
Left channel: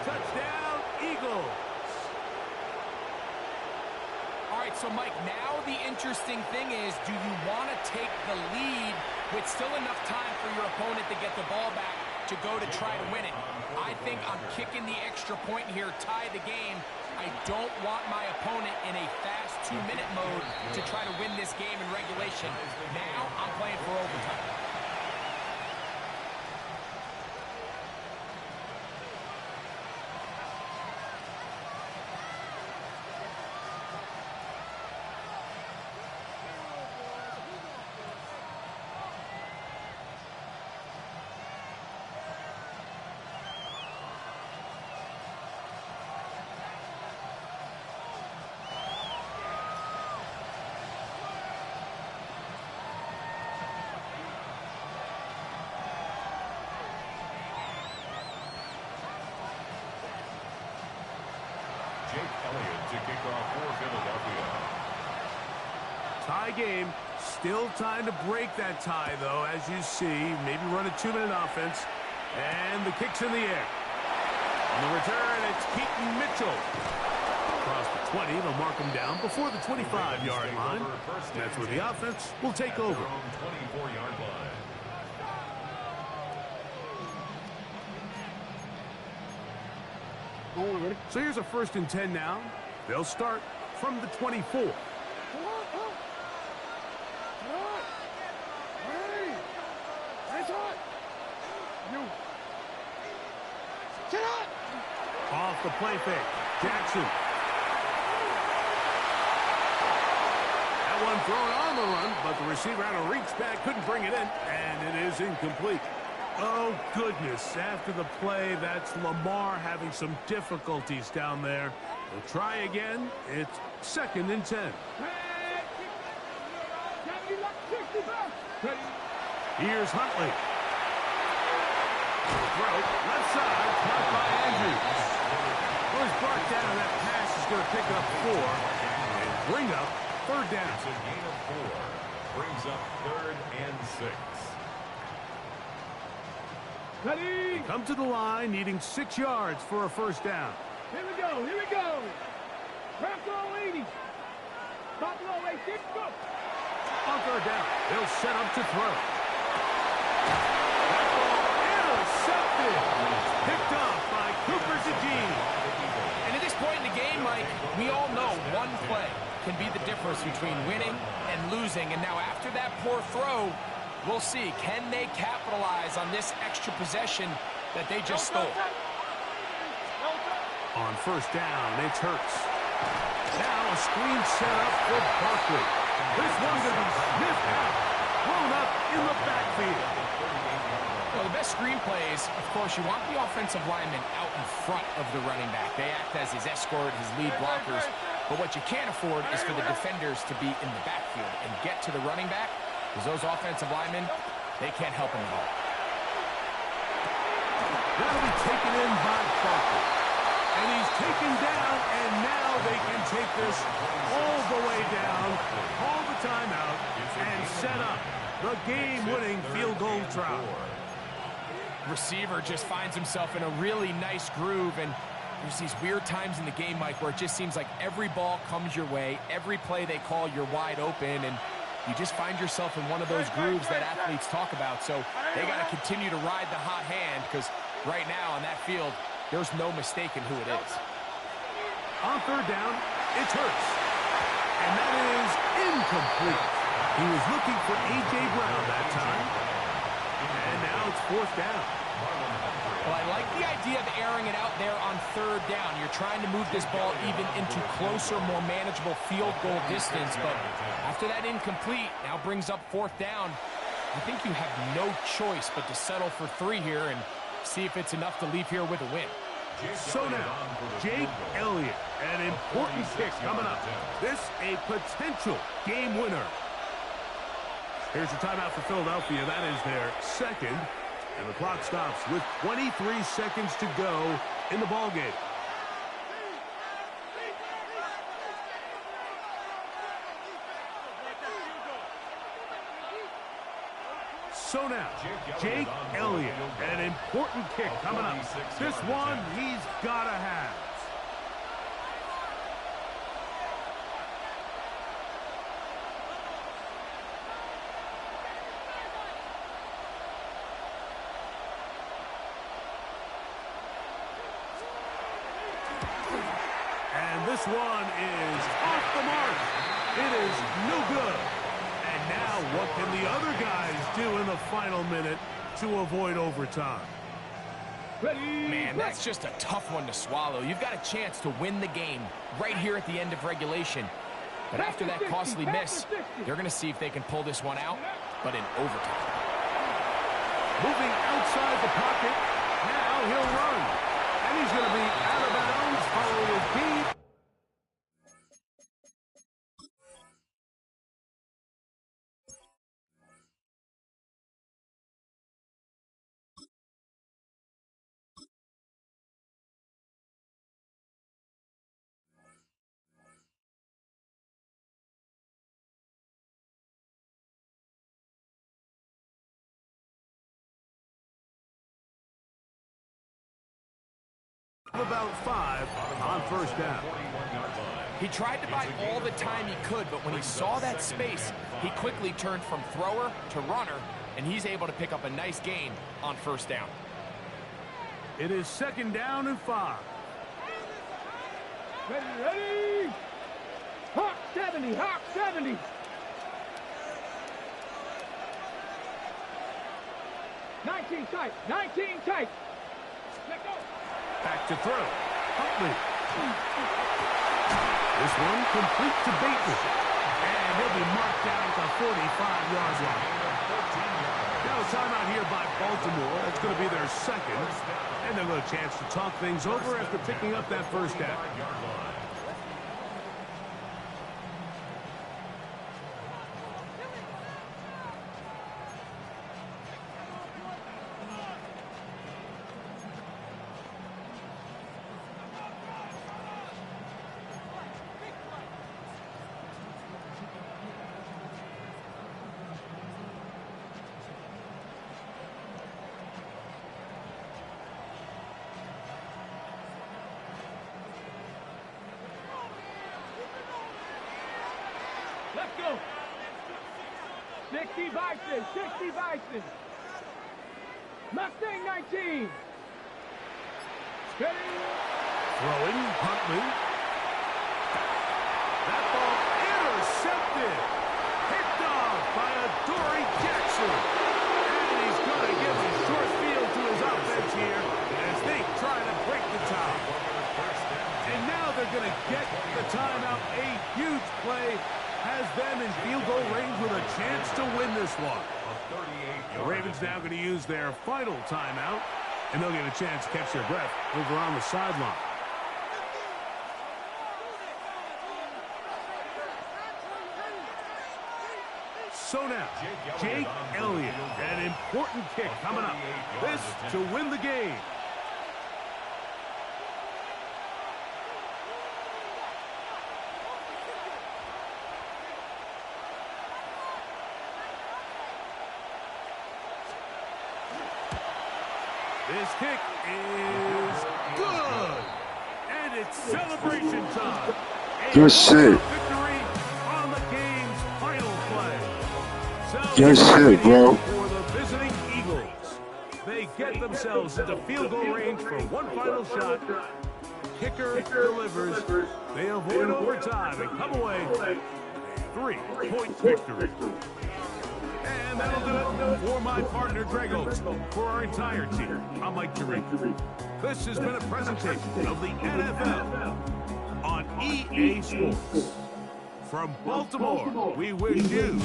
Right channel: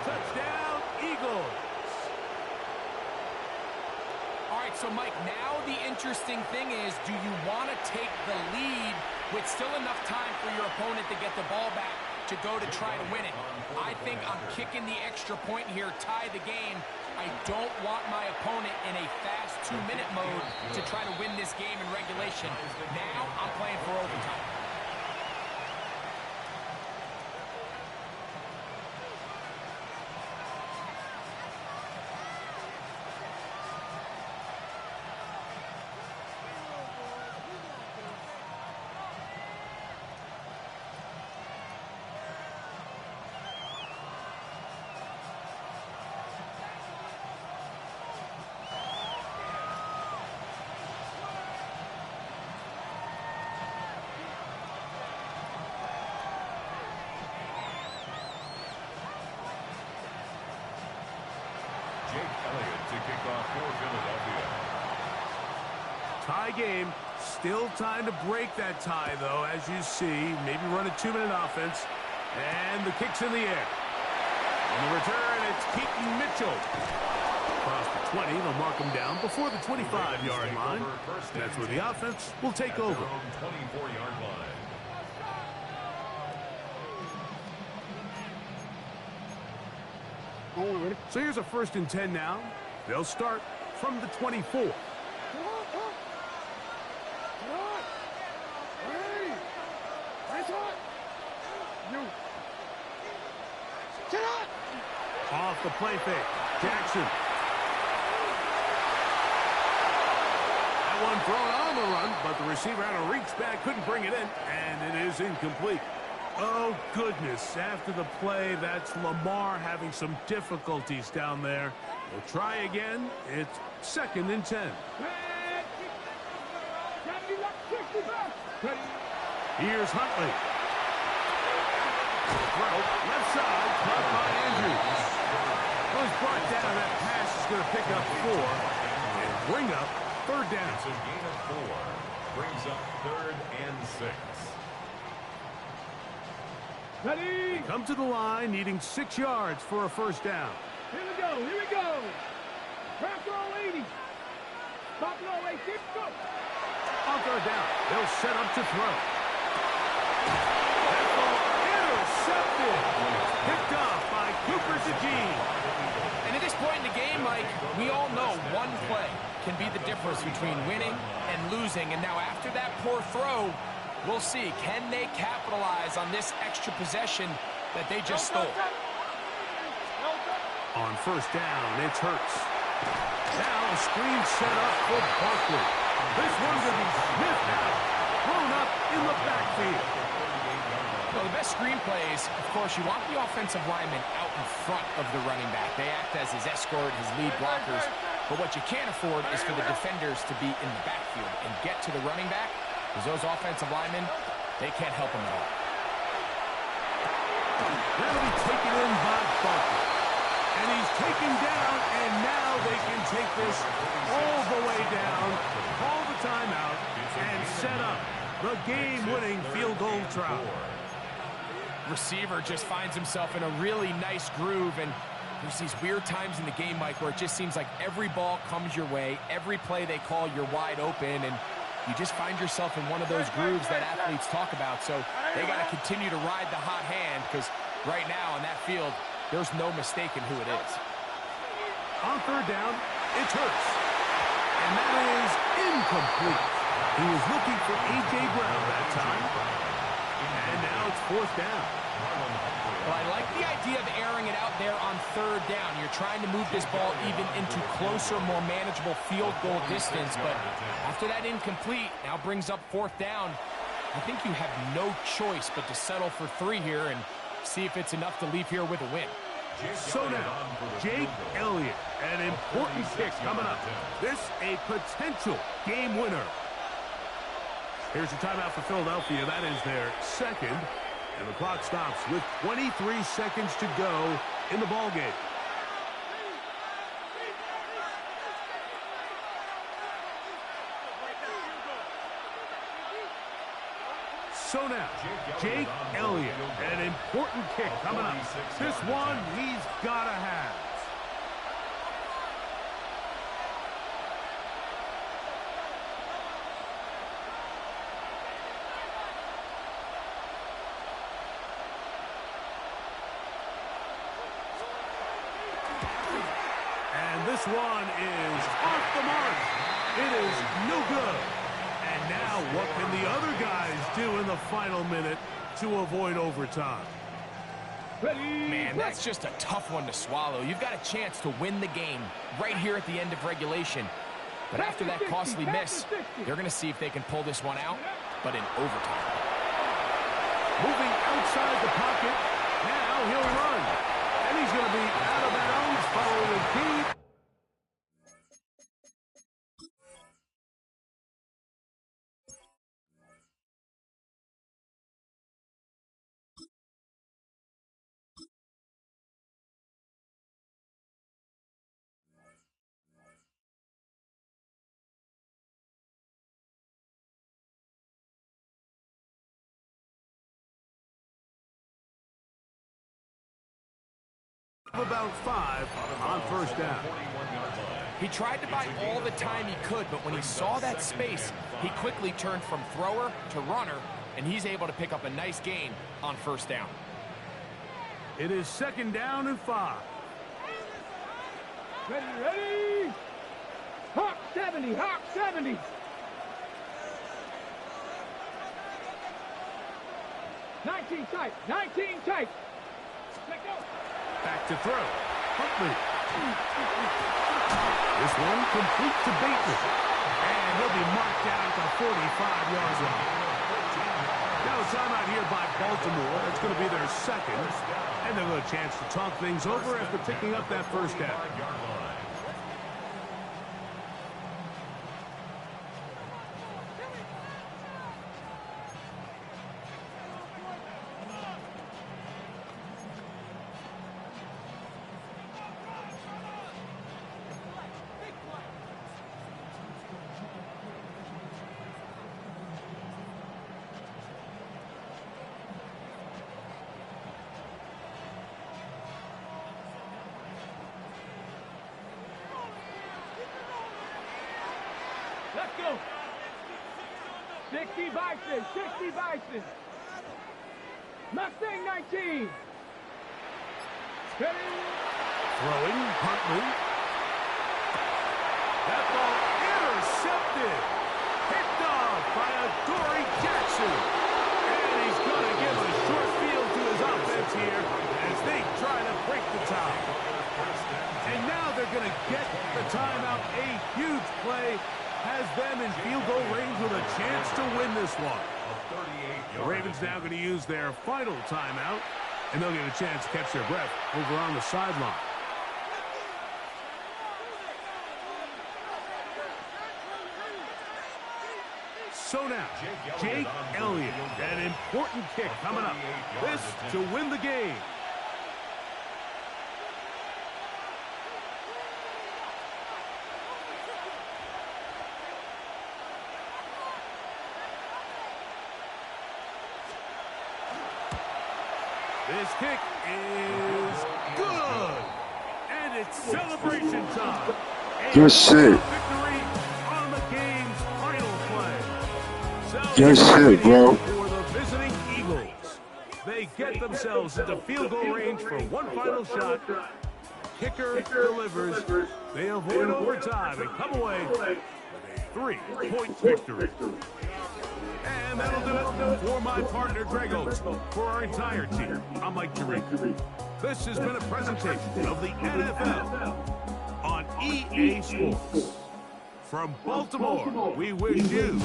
Touchdown, Eagles. All right, so, Mike, now the interesting thing is, do you want to take the lead with still enough time for your opponent to get the ball back to go to try to win it? I think I'm kicking the extra point here, tie the game. I don't want my opponent in a fast 2-minute mode to try to win this game in regulation. Now I'm playing for overtime. Jake Elliott to kick off for Philadelphia. Tie game. Still time to break that tie, though, as you see. Maybe run a 2-minute offense. And the kick's in the air. On the return, it's Keaton Mitchell. Across the 20, they'll mark him down before the 25-yard line. That's where the offense will take over. 24-yard line. So here's a 1st and 10 now. They'll start from the 24. Off the play fake. Jackson. That one thrown on the run, but the receiver had to reach back, couldn't bring it in, and it is incomplete. Oh, goodness. After the play, that's Lamar having some difficulties down there. They'll try again. It's 2nd and 10. Here's Huntley. Throw, left side, caught by Andrews. Well, he's brought down. That pass is going to pick up 4 and bring up 3rd down. It's a gain of 4. Brings up 3rd and 6. They come to the line, needing 6 yards for a 1st down. Here we go, here we go. Crack all 80. Stop low, 80, go. On 3rd down, they'll set up to throw. That ball intercepted. Picked off by Cooper DeJean. And at this point in the game, Mike, we all know one play can be the difference between winning and losing. And now after that poor throw, we'll see, can they capitalize on this extra possession that they just stole? On 1st down, it's Hurts. Now a screen set up for Barkley. This one's going to be sniffed out. Thrown up in the backfield. Well, the best screen plays, of course, you want the offensive lineman out in front of the running back. They act as his escort, his lead blockers. But what you can't afford is for the defenders to be in the backfield and get to the running back, because those offensive linemen, they can't help him at all. That'll be taken in by Barkley. And he's taken down, and now they can take this all the way down, call the timeout, and set up the game-winning field goal try. Receiver just finds himself in a really nice groove, and there's these weird times in the game, Mike, where it just seems like every ball comes your way, every play they call, you're wide open, and you just find yourself in one of those grooves that athletes talk about. So they got to continue to ride the hot hand, because right now on that field, there's no mistaking who it is. On 3rd down, it's Hurts. And that is incomplete. He was looking for A.J. Brown that time. And now it's 4th down. Well, I like the idea of airing it out there on 3rd down. You're trying to move this ball even into closer, more manageable field goal distance. But after that incomplete, now brings up 4th down. I think you have no choice but to settle for 3 here and see if it's enough to leave here with a win. So now, Jake Elliott, an important kick coming up. This a potential game winner. Here's your timeout for Philadelphia. That is their 2nd. And the clock stops with 23 seconds to go in the ballgame. So now, Jake Elliott, an important kick coming up. This one he's got to have. And this one is off the mark. It is no good. And now what can the other guys do in the final minute to avoid overtime? Man, that's just a tough one to swallow. You've got a chance to win the game right here at the end of regulation. But after that costly miss, they're going to see if they can pull this one out, but in overtime. Moving outside the pocket, now he'll run. And he's going to be out of bounds following a key. About 5 on first down. He tried to buy all the time he could, but when he saw that space, he quickly turned from thrower to runner, and he's able to pick up a nice gain on first down. It is 2nd down and 5. Ready! Hawk 70, Hawk 70. Nineteen tight. Let go. Back to throw. Huntley. This one complete to Bateman. And he'll be marked down at the 45-yard line. Now timeout here by Baltimore. That's going to be their 2nd. And they'll have a chance to talk things over after picking up that first down. Let's go. 60 Bison. Mustang 19. Ready. Throwing, Huntley. That ball intercepted. Picked off by Adoree Jackson. And he's going to give a short field to his offense here as they try to break the tie. And now they're going to get the timeout. A huge play has them in field goal range with a chance to win this one. The Ravens now going to use their final timeout, and they'll get a chance to catch their breath over on the sideline. So now, Jake Elliott, an important kick coming up. This to win the game. This kick is good. And it's celebration time. Good shit. Victory on the game's final play. Good shit, bro. For the visiting Eagles. They get themselves into field goal range for one final shot. Kicker delivers. They avoid overtime and come away with a 3-point victory. And that'll do it for my partner, Greg Oates. For our entire team, I'm Mike Tirico. This has been a presentation of the NFL on EA Sports. From Baltimore, we wish you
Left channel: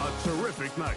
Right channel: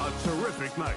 a terrific night.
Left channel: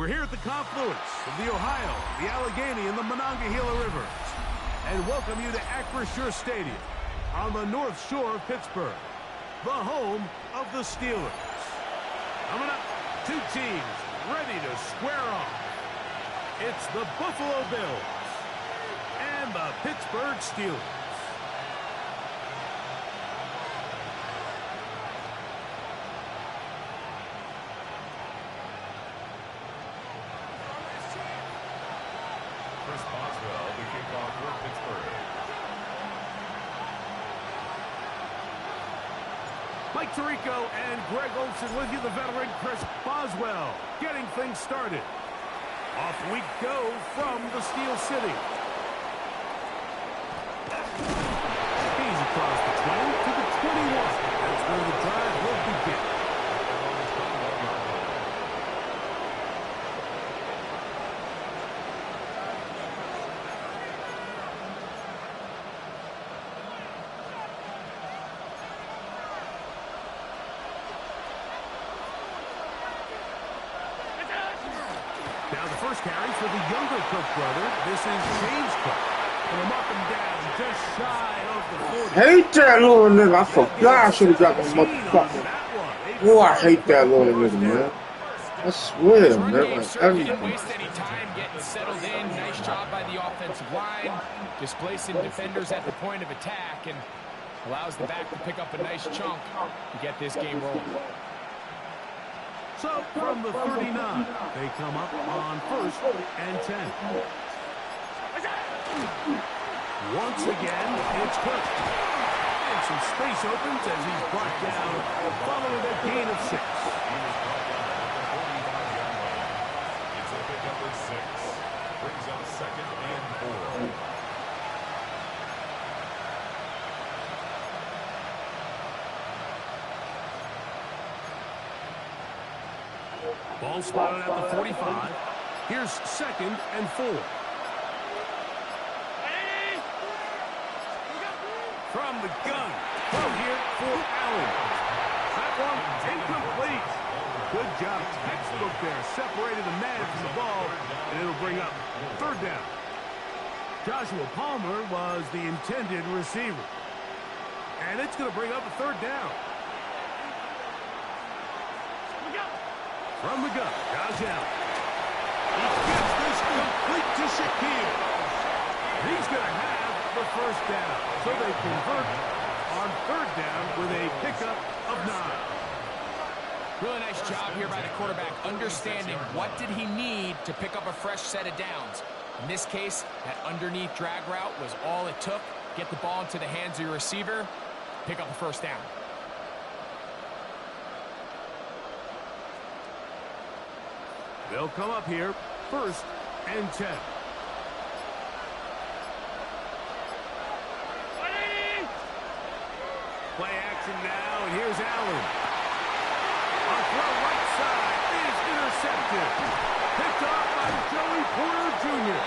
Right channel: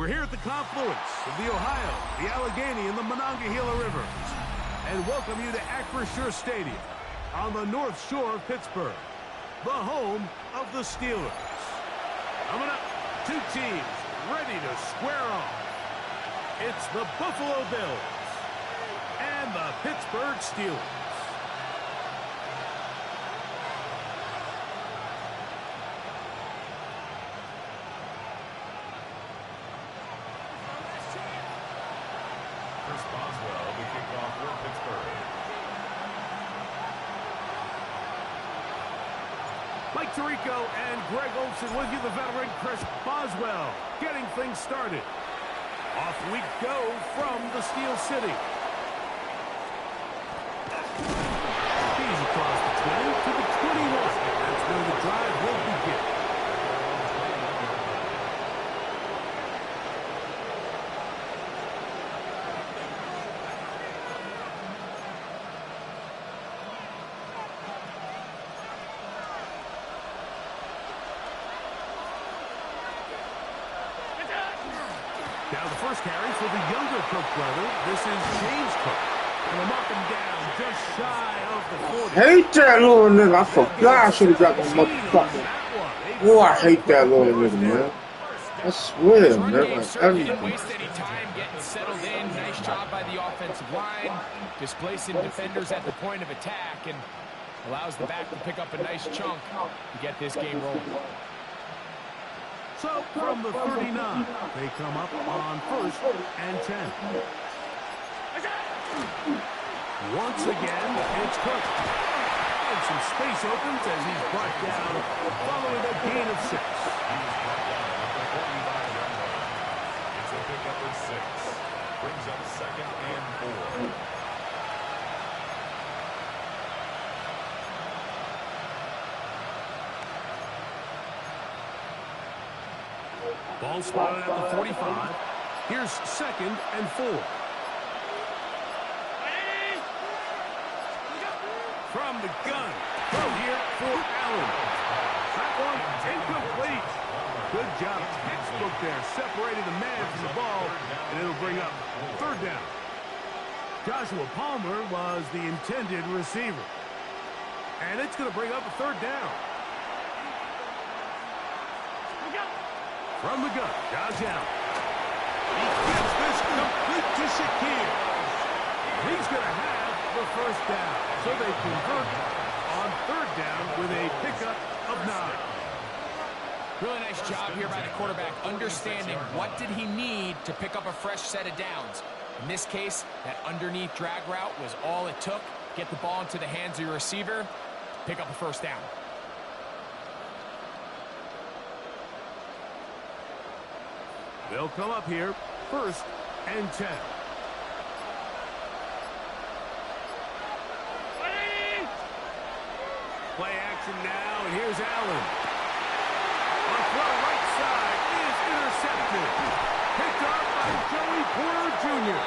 We're here at the confluence of the Ohio, the Allegheny, and the Monongahela Rivers, and welcome you to TyeShooter Stadium on the North Shore of Pittsburgh, the home of the Steelers. Coming up, two teams ready to square off. It's the Buffalo Bills and the Pittsburgh Steelers. Chris Boswell, the kickoff for Pittsburgh. Mike Tirico and Greg Olsen with you, the veteran Chris Boswell, getting things started. Off we go from the Steel City. He's across the 20 to the 21. That's where the drive will begin. Now the first carry for the younger Cook brother. This is James Cook. And they'll mark him down just shy of the 40. Hate that little nigga. I forgot I should have got my motherfucker. Oh, I hate that little nigga, man. I swear, man. Didn't waste any time getting settled in. Nice job by the offensive line, displacing defenders at the point of attack, and allows the back to pick up a nice chunk to get this game rolling. So from the 39, they come up on 1st and 10. Once again, it's Cook. And some space opens as he's brought down following a gain of 6. He was brought down at the 45-yard line. It's a pickup of 6. Brings up 2nd and 4. Ball spotted at the 45. Here's 2nd and 4. From the gun. Throw here for Allen. That one incomplete. Good job. Textbook there. Separated the man from the ball, and it'll bring up 3rd down. Joshua Palmer was the intended receiver. And it's going to bring up a 3rd down. From the gun, Josh Allen. He gives this complete to Shakir. He's going to have the 1st down. So they convert on 3rd down with a pickup of 9. Really nice job here by the quarterback, understanding what did he need to pick up a fresh set of downs. In this case, that underneath drag route was all it took. Get the ball into the hands of your receiver, pick up a 1st down. They'll come up here, 1st and 10. Play action now, and here's Allen. On throw right side is intercepted. Picked off by Joey Porter Jr.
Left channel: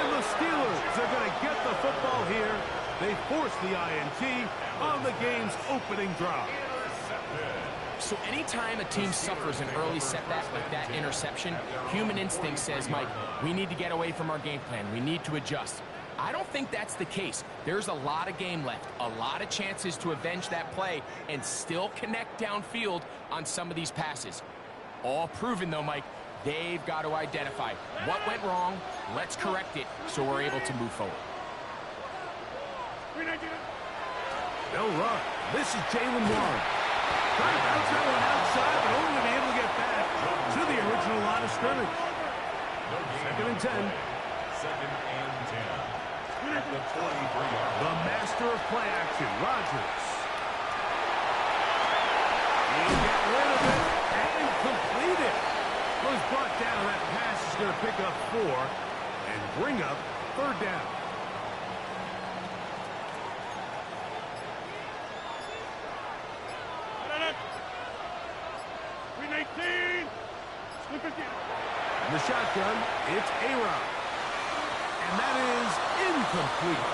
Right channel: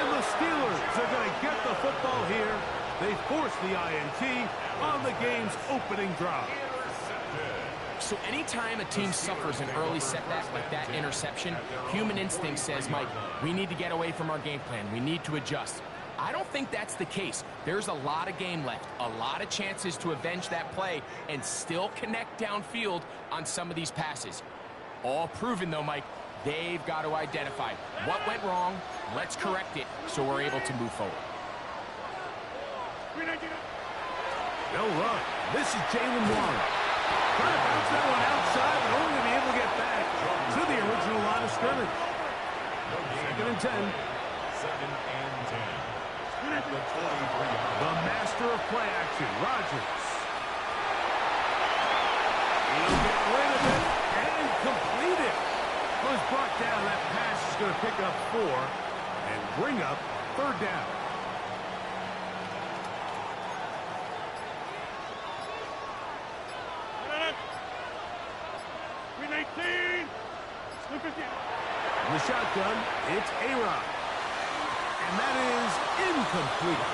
And the Steelers are going to get the football here. They force the INT on the game's opening drive. So anytime a team suffers an early setback like that interception, human instinct says, Mike, we need to get away from our game plan. We need to adjust. I don't think that's the case. There's a lot of game left, a lot of chances to avenge that play and still connect downfield on some of these passes. All proven, though, Mike, they've got to identify what went wrong, let's correct it so we're able to move forward. They'll run. This is Jalen Warren. Trying to bounce that one outside, but only to be able to get back to the original line of scrimmage. 2nd and 10. 2nd and 10. At the 23-yard The master of play action, Rodgers. He'll get rid of it and complete it. Was brought down. That pass is going to pick up 4 and bring up 3rd down. In the shotgun, it's A-Rod. And that is incomplete.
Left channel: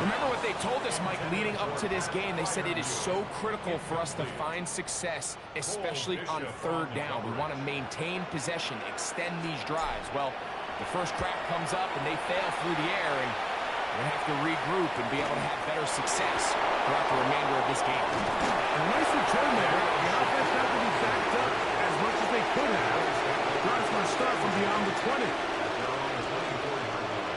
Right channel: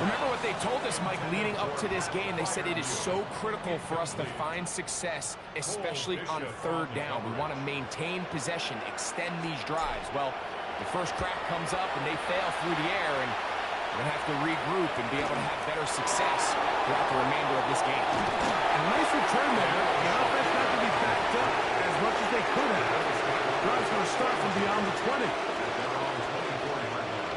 Remember what they told us, Mike, leading up to this game. They said it is so critical for us to find success, especially on third down. We want to maintain possession, extend these drives. Well, the first crack comes up and they fail through the air, and we're going to have to regroup and be able to have better success throughout the remainder of this game. And a nice return there. The offense not to be backed up as much as they could have. Drive's going to start from beyond the 20. At their own 24-yard line.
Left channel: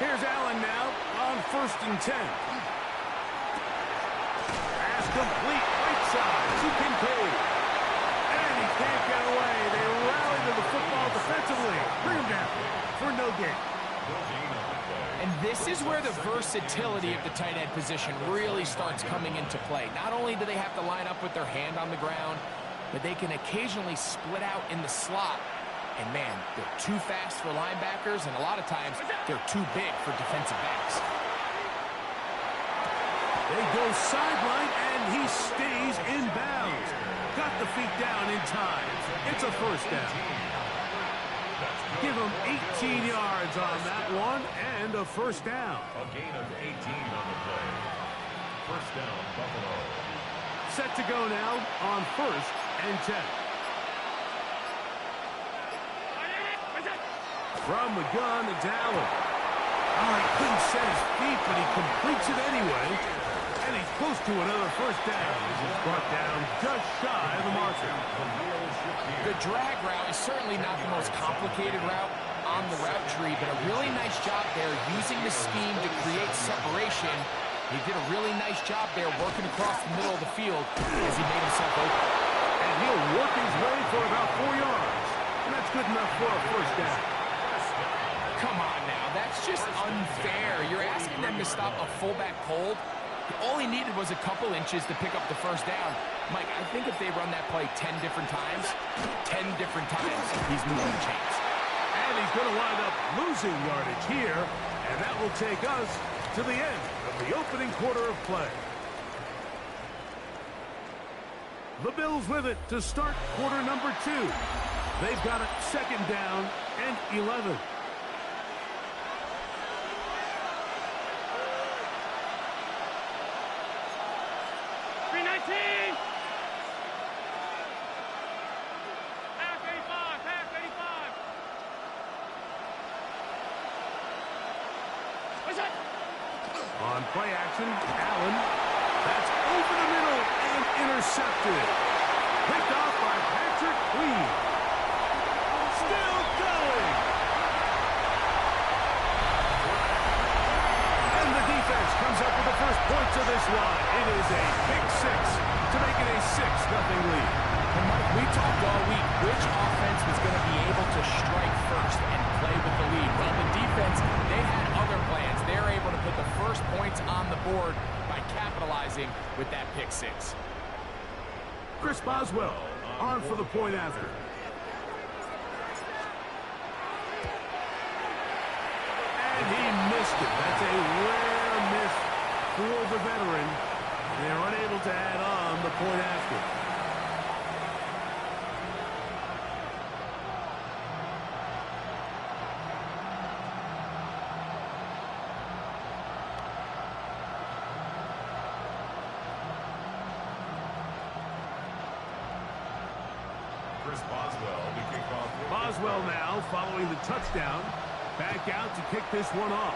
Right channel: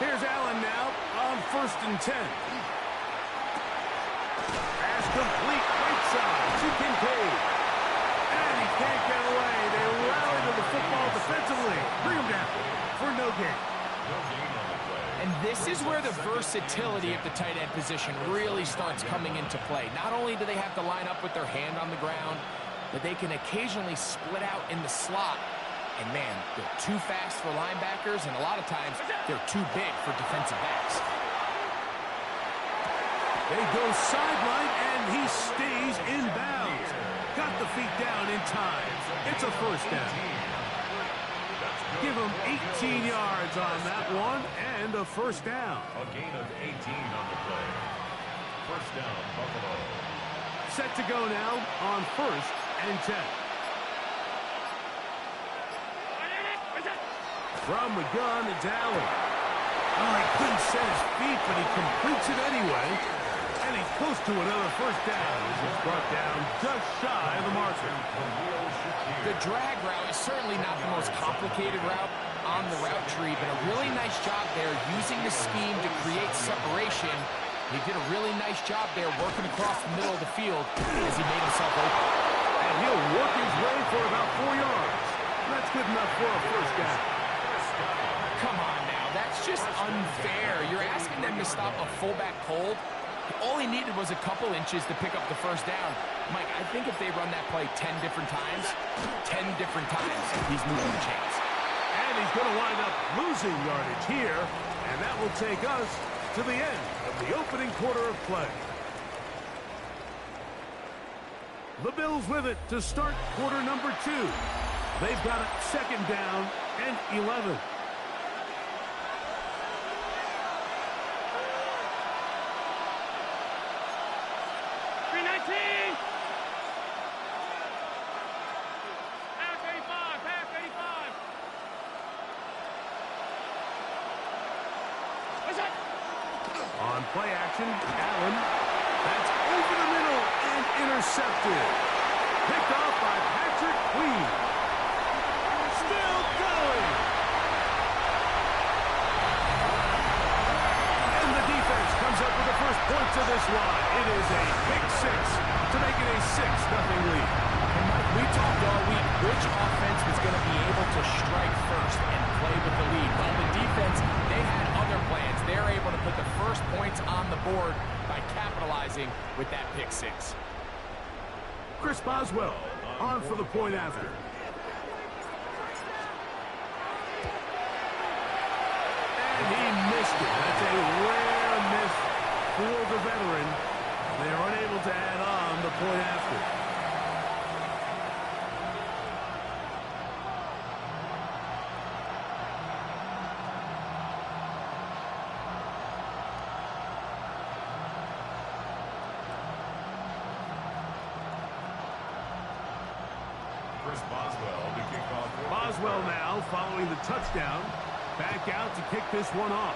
Here's Allen now on 1st and 10. Pass complete, right side to Kincaid. And he can't get away. They rally to the football defensively. Bring him down for no gain. No gain on the play. And this is where the versatility of the tight end position really starts coming into play. Not only do they have to line up with their hand on the ground, but they can occasionally split out in the slot. And, man, they're too fast for linebackers, and a lot of times they're too big for defensive backs. They go sideline, and he stays in bounds. Got the feet down in time. It's a first down. Give him 18 yards on that one, and a first down. A gain of 18 on the play. First down, Buffalo. Set to go now on 1st and 10. From the gun, it's Allen. Oh, he couldn't set his feet, but he completes it anyway. And he's close to another first down as he's brought down just shy of the marker. The drag route is certainly not the most complicated route on the route tree, but a really nice job there using the scheme to create separation. He did a really nice job there working across the middle of the field as he made himself open. And he'll work his way for about 4 yards. And that's good enough for a first down. Come on now, that's just unfair. You're asking them to stop a fullback cold. All he needed was a couple inches to pick up the first down. Mike, I think if they run that play 10 different times, he's moving the chains. And he's going to wind up losing yardage here, and that will take us to the end of the opening quarter of play. The Bills with it to start quarter number 2. They've got it 2nd down and 11. On play action, Allen. That's over the middle and intercepted. Picked off by Patrick Queen. Still going. And the defense comes up with the first points of this one. It is a pick 6 to make it a 6-0 lead. And Mike, we talked all week which offense was going to be able to strike first and play with the lead. Well, the defense, they had other plans. They're able to put the first points on the board by capitalizing with that pick 6. Chris Boswell on for the point after. And he missed it. That's a rare miss for the veteran. They're unable to add on the point after. Boswell now following the touchdown. Back out to kick this one off.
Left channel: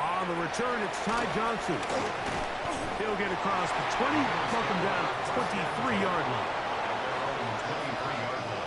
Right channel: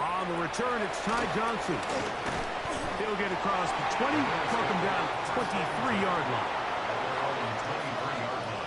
On the return, it's Ty Johnson. He'll get across the 20, welcome down 23-yard line. At their own 23-yard line.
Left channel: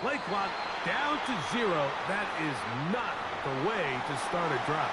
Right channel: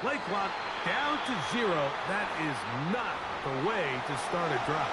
Play clock down to 0. That is not the way to start a drive.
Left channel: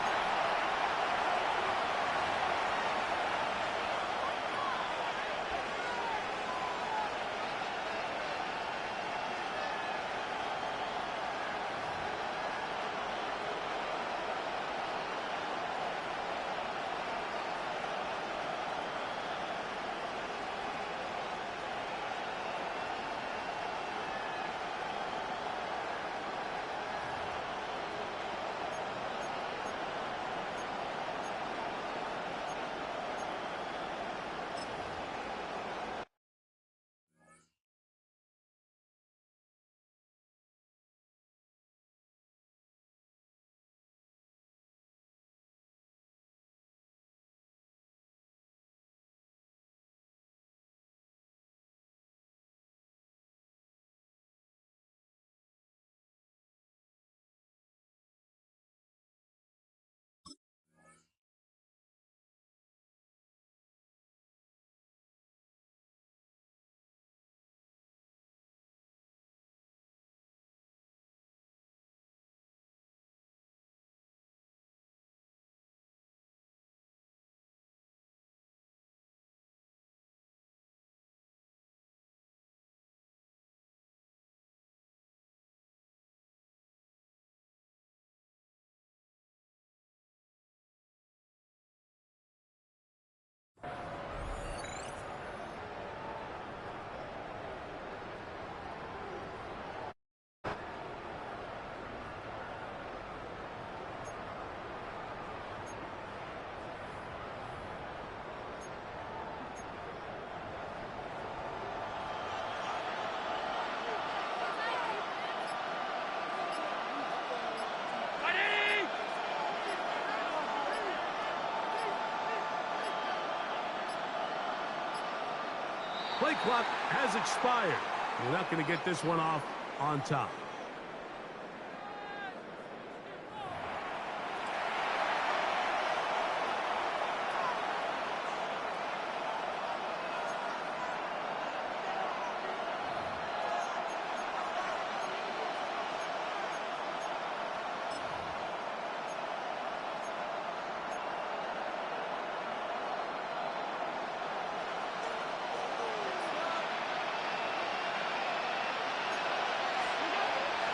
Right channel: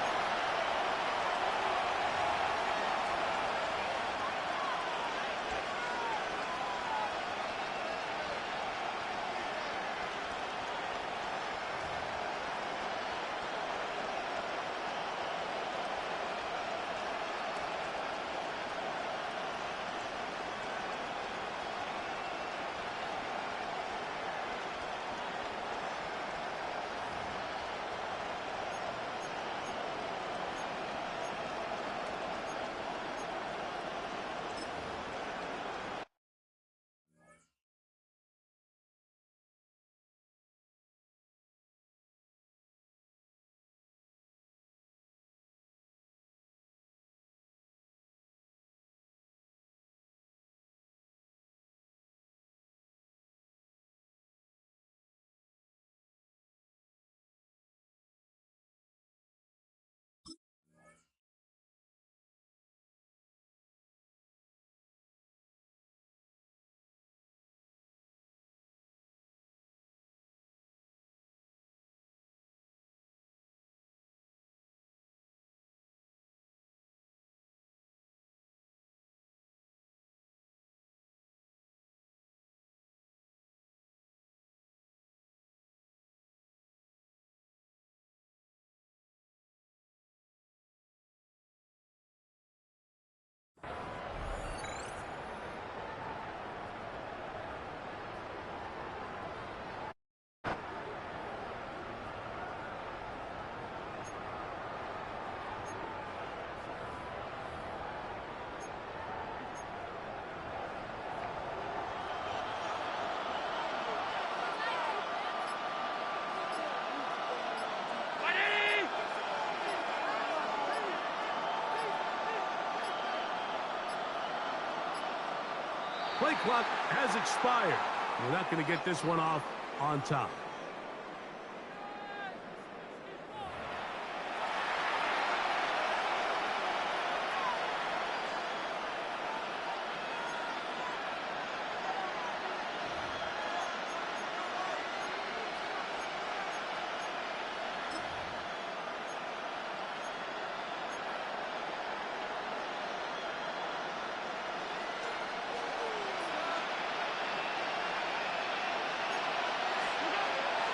Play clock has expired. You're not going to get this one off on top.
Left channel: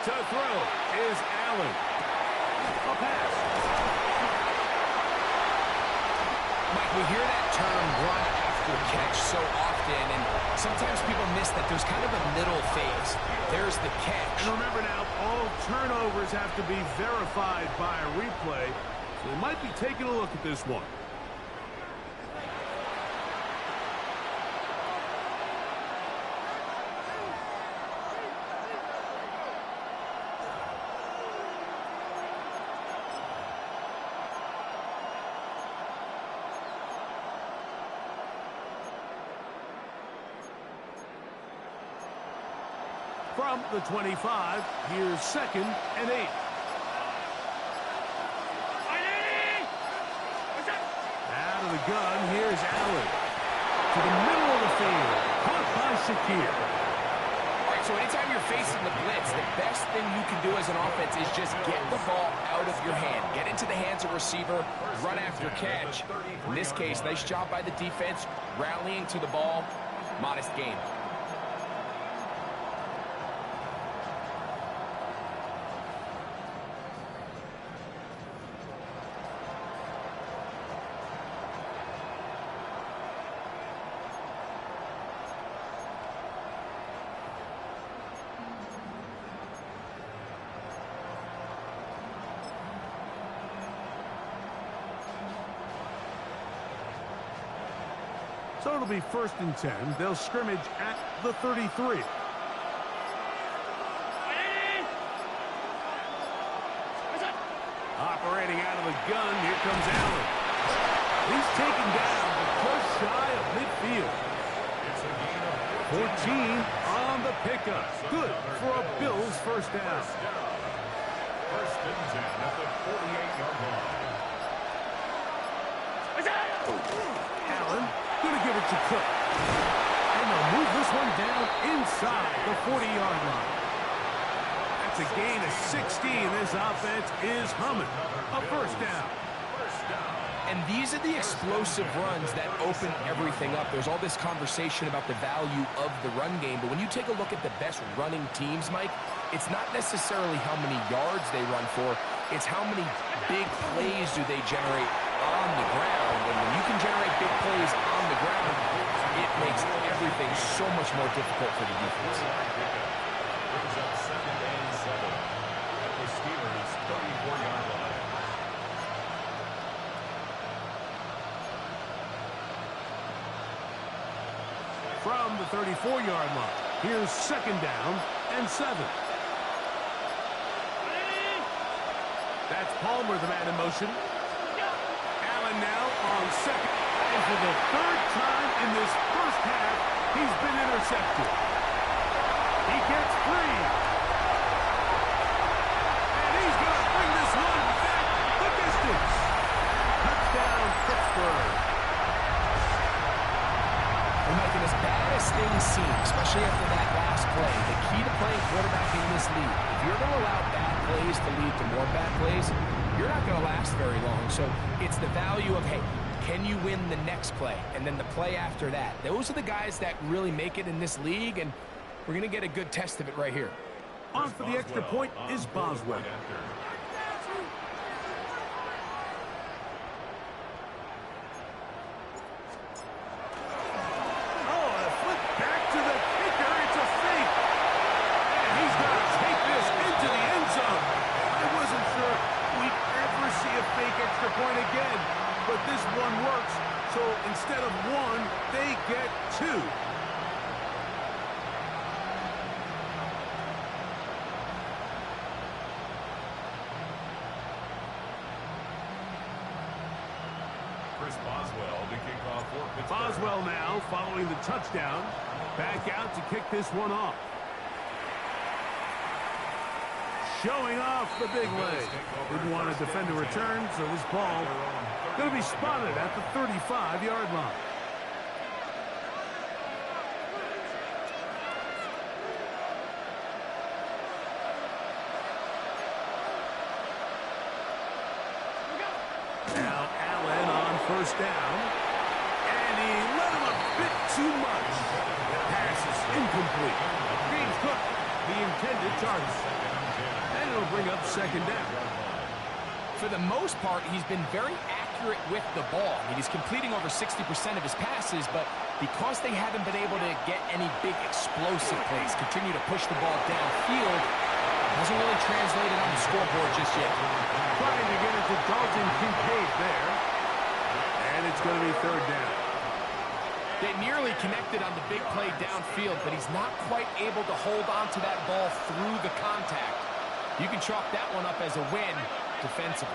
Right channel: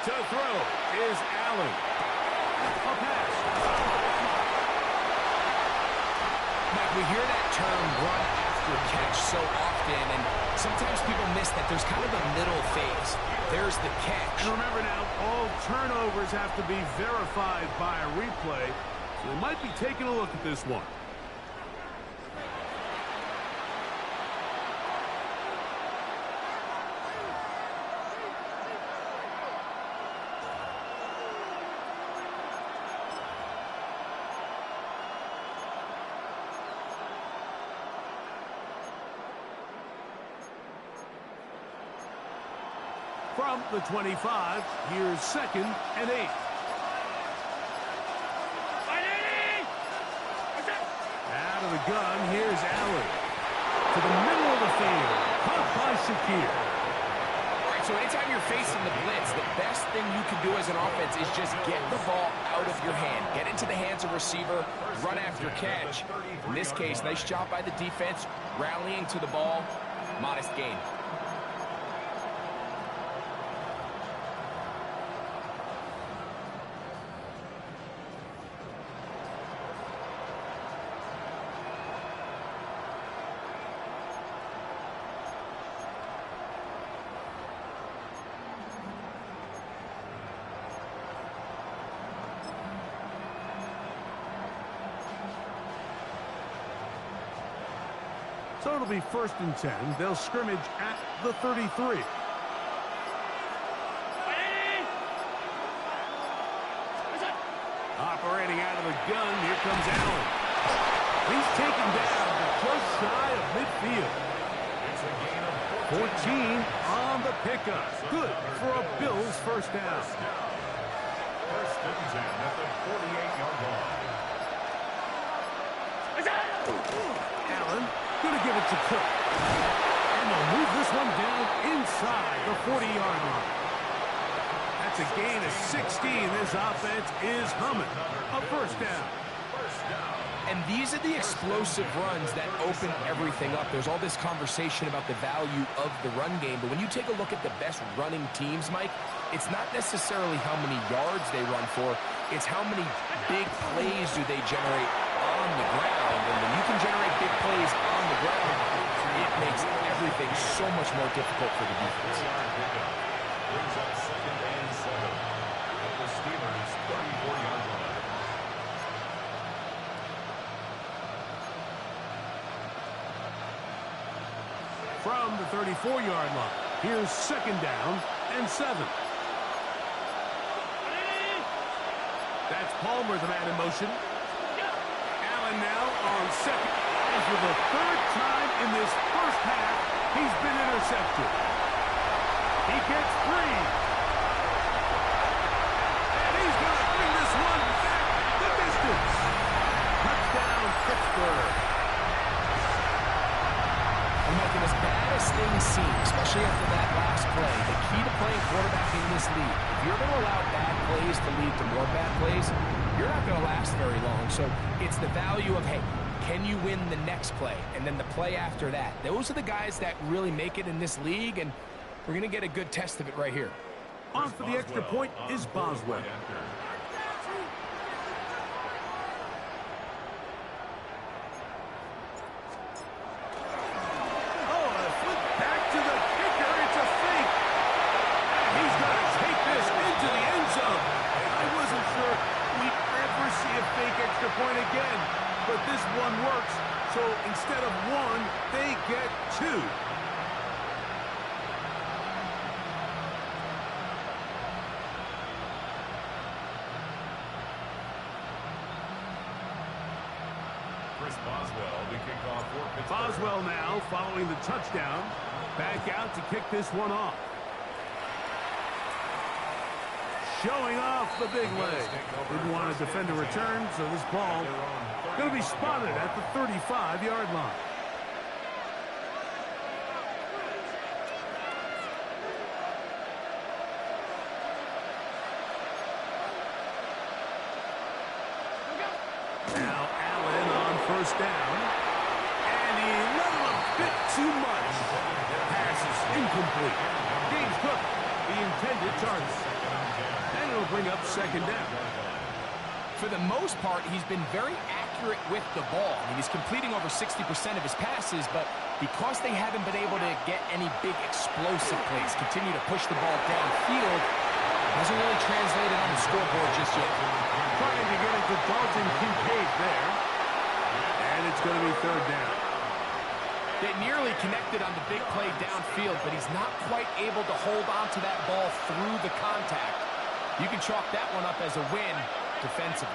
To throw is Allen. A pass. Mike, we hear that term run after catch so often, and sometimes people miss that there's kind of a middle phase. There's the catch. And remember now, all turnovers have to be verified by a replay, so they might be taking a look at this one. From the 25, here's 2nd and 8. Out of the gun, here's Allen. To the middle of the field, caught by Shakir. All right, so anytime you're facing the blitz, the best thing you can do as an offense is just get the ball out of your hand. Get into the hands of receiver, run after catch. In this case, nice job by the defense, rallying to the ball. Modest gain. So it'll be 1st and 10. They'll scrimmage at the 33. Operating out of the gun, here comes Allen. He's taken down, but just shy of midfield. It's a gain of 14 on the pickup. Good for a Bills first down. 1st and 10 at the 48-yard line. Allen going to give it to Cook. And they'll move this one down inside the 40-yard line. That's a gain of 16. This offense is humming. A first down. And these are the explosive runs that open everything up. There's all this conversation about the value of the run game, but when you take a look at the best running teams, Mike, it's not necessarily how many yards they run for, it's how many big plays do they generate on the ground. And when you can generate big plays on the ground, it makes everything so much more difficult for the defense. Brings up 2nd and 7 at the Steelers' 34-yard line. From the 34-yard line, here's 2nd down and 7. That's Palmer, the man in motion. Allen now on 2nd. And for the 3rd time in this first half, he's been intercepted. He gets free. And he's going to bring this one back the distance. Touchdown, Pittsburgh. And Mike, as bad as things seem, especially after that last play, the key to playing quarterback in this league, if you're going to allow bad plays to lead to more bad plays, you're not going to last very long. So it's the value of, hey, can you win the next play? And then the play after that. Those are the guys that really make it in this league, and we're going to get a good test of it right here. On for the extra point is Boswell. Oh, a flip back to the kicker. It's a fake. And he's going to take this into the end zone. I wasn't sure we'd ever see a fake extra point again, but this one works. So instead of 1, they get 2. Chris Boswell to kick off for Pittsburgh. Boswell now following the touchdown. Back out to kick this one off. Showing off the big leg. Didn't want to defend a return, so this ball going to be spotted at the 35-yard line. Now Allen on 1st down. And he let him a bit too much. The pass is incomplete. James Cook, the intended target. And it'll bring up 2nd down. For the most part, he's been very accurate with the ball. I mean, he's completing over 60% of his passes, but because they haven't been able to get any big explosive plays, continue to push the ball downfield, hasn't really translated on the scoreboard just yet. Trying to get it to Dalton Kincaid there. And it's going to be 3rd down. They nearly connected on the big play downfield, but he's not quite able to hold on to that ball through the contact. You can chalk that one up as a win defensively.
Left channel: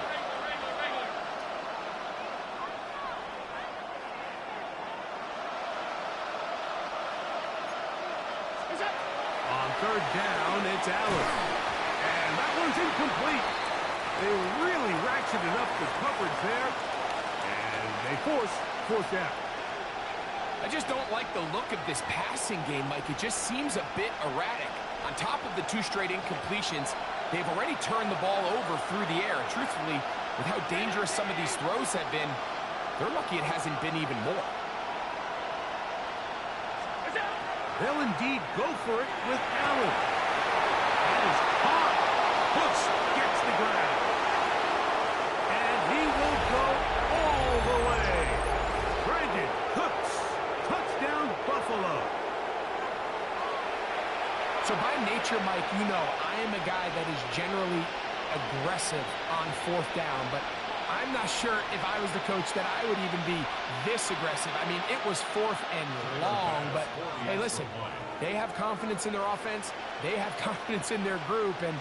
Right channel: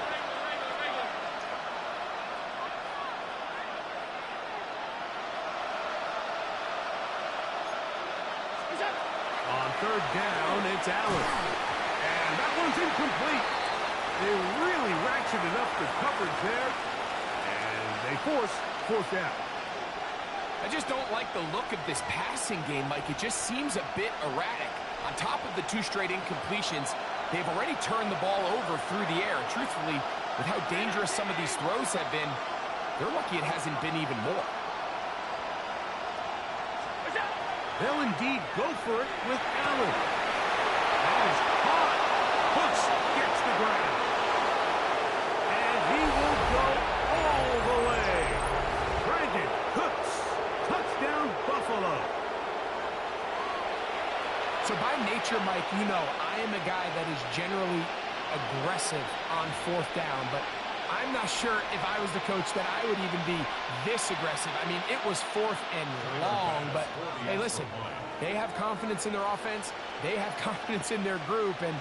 On 3rd down, it's Allen. And that one's incomplete. They really ratcheted up the coverage there. And they force 4th down. I just don't like the look of this passing game, Mike. It just seems a bit erratic. On top of the 2 straight incompletions, they've already turned the ball over through the air. And truthfully, with how dangerous some of these throws have been, they're lucky it hasn't been even more. They'll indeed go for it with Allen. That is caught. Hooks gets the ground. And he will go all the way. Brandon Cooks. Touchdown, Buffalo. So by nature, Mike, you know, I am a guy that is generally aggressive on 4th down, but I'm not sure if I was the coach that I would even be this aggressive. I mean, it was 4th and long, but hey, listen, they have confidence in their offense. They have confidence in their group, and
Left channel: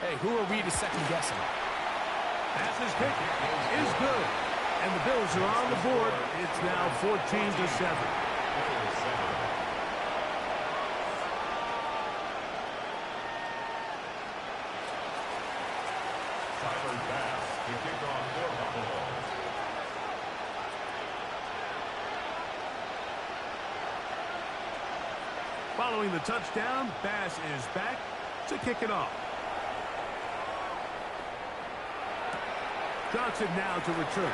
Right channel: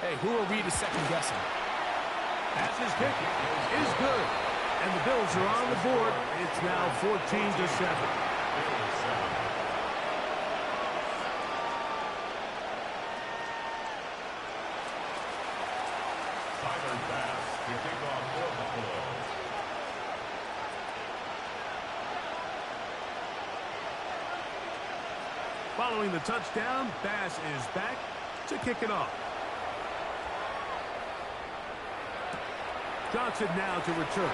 hey, who are we to second guess them? As his kick is good, and the Bills are on the board. It's now 14-7. Tyler Bass to kick off for Buffalo. Following the touchdown, Bass is back to kick it off. Johnson now to return.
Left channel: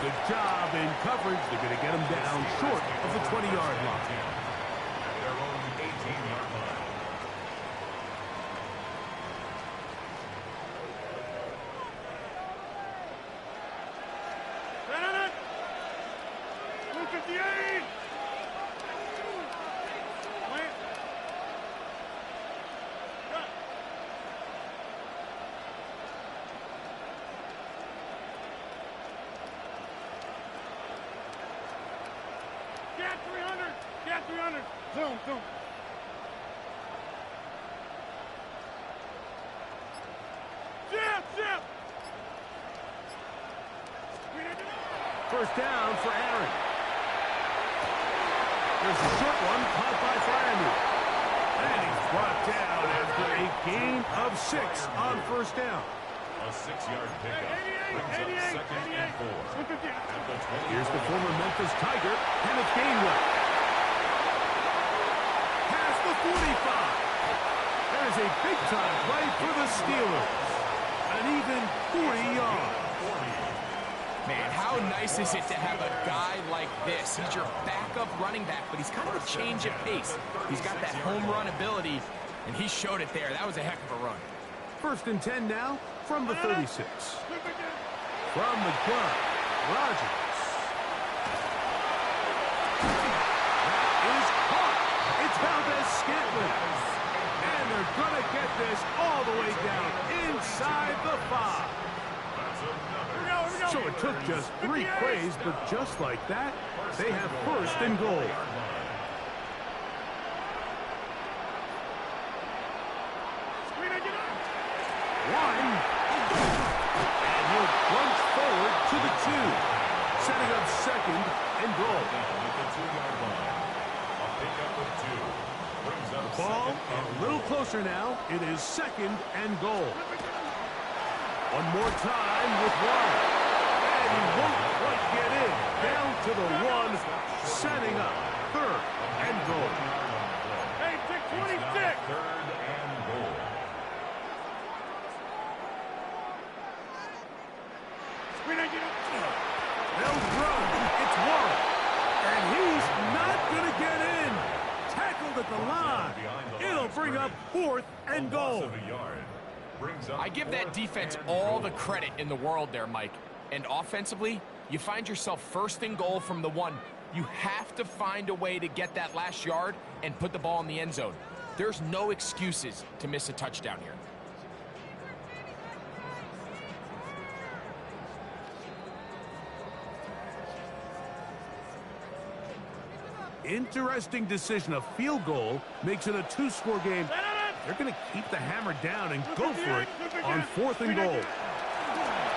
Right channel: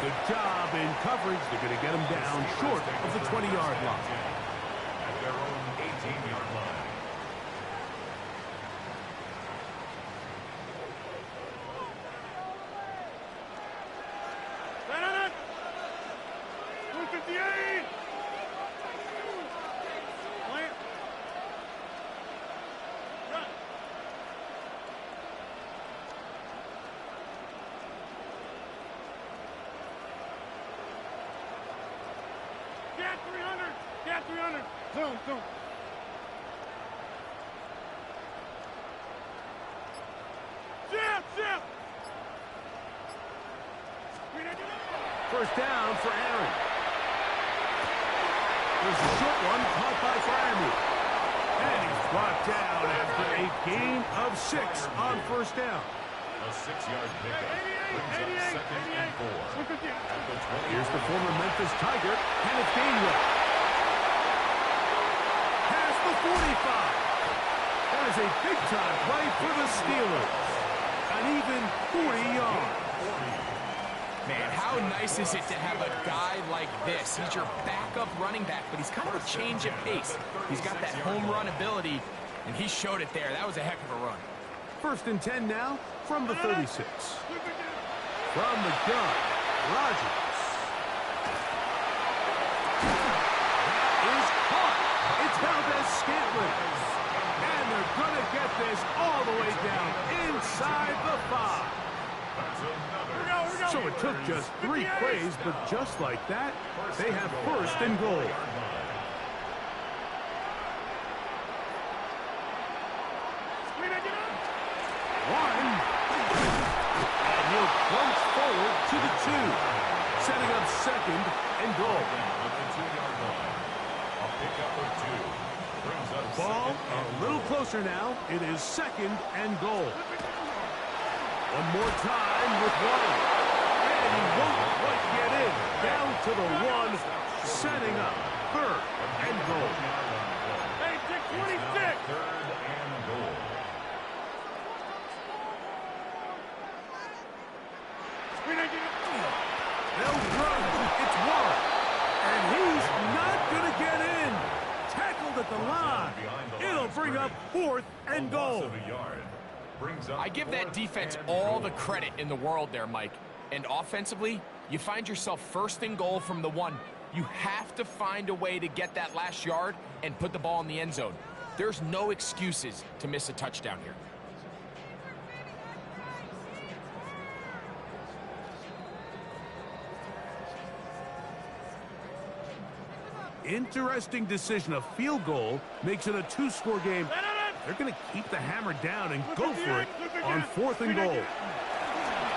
Good job in coverage. They're going to get him down short of the 20-yard line. At their own 18-yard line. Get 300! Get 300! Zoom, zoom. Zip! First down for Aaron. There's a short one caught by Fryermuth. And he's brought down after a gain of 6 on first down. A 6-yard pickup brings up 2nd and 4. At the 20. Here's the former Memphis Tiger, Kenneth Gainwell. Past the 45. That is a big-time play for the Steelers. An even 40 yards. Man, how nice is it to have a guy like this? He's your backup running back, but he's kind of a change of pace. He's got that home run ability, and he showed it there. That was a heck of a run. First and 10 now from the 36. From the gun, Rodgers. That is caught. It's Valdez-Scantling. And they're going to get this all the way down inside the 5. So it took just 3 plays, but just like that, they have first and goal. One. And he'll plunge forward to the 2. Setting up second and goal. Down at the 2-yard line. A pickup of 2. Brings up Ball second and a little closer now. It is second and goal. One more time with 1. And he won't quite get in. Down to the 1. Setting up third and goal. Hey, take 26! Third and goal. They'll run. It's Warren. And he's not going to get in. Tackled at the line. It'll bring up 4th and goal. I give that defense all the credit in the world there, Mike. And offensively, you find yourself first and goal from the 1. You have to find a way to get that last yard and put the ball in the end zone. There's no excuses to miss a touchdown here. Interesting decision. A field goal makes it a 2-score game. They're going to keep the hammer down and go for it on 4th and goal.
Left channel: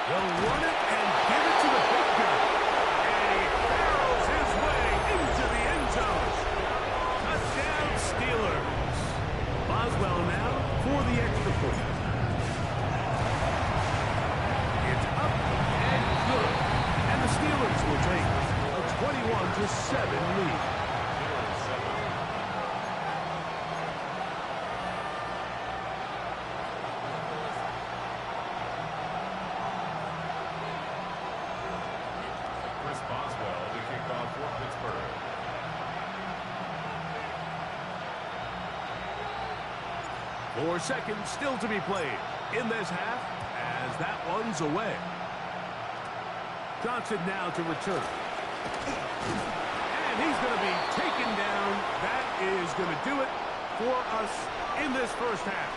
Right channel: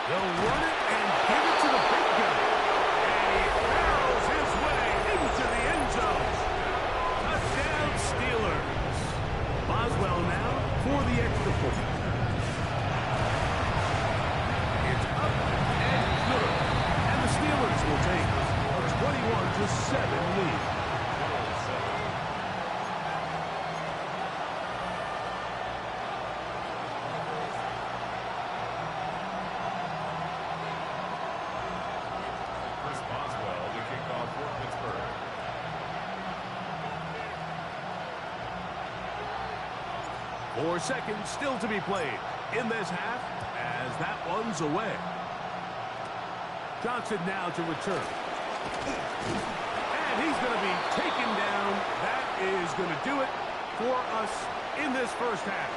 They'll run it and give it to the big guy. And he barrels his way into the end zone. Touchdown, Steelers. Boswell now for the extra point. It's up and good. And the Steelers will take a 21-7 lead. Boswell to kick off for Pittsburgh. 4 seconds still to be played in this half as that one's away. Johnson now to return. And he's going to be taken down. That is going to do it for us in this first half.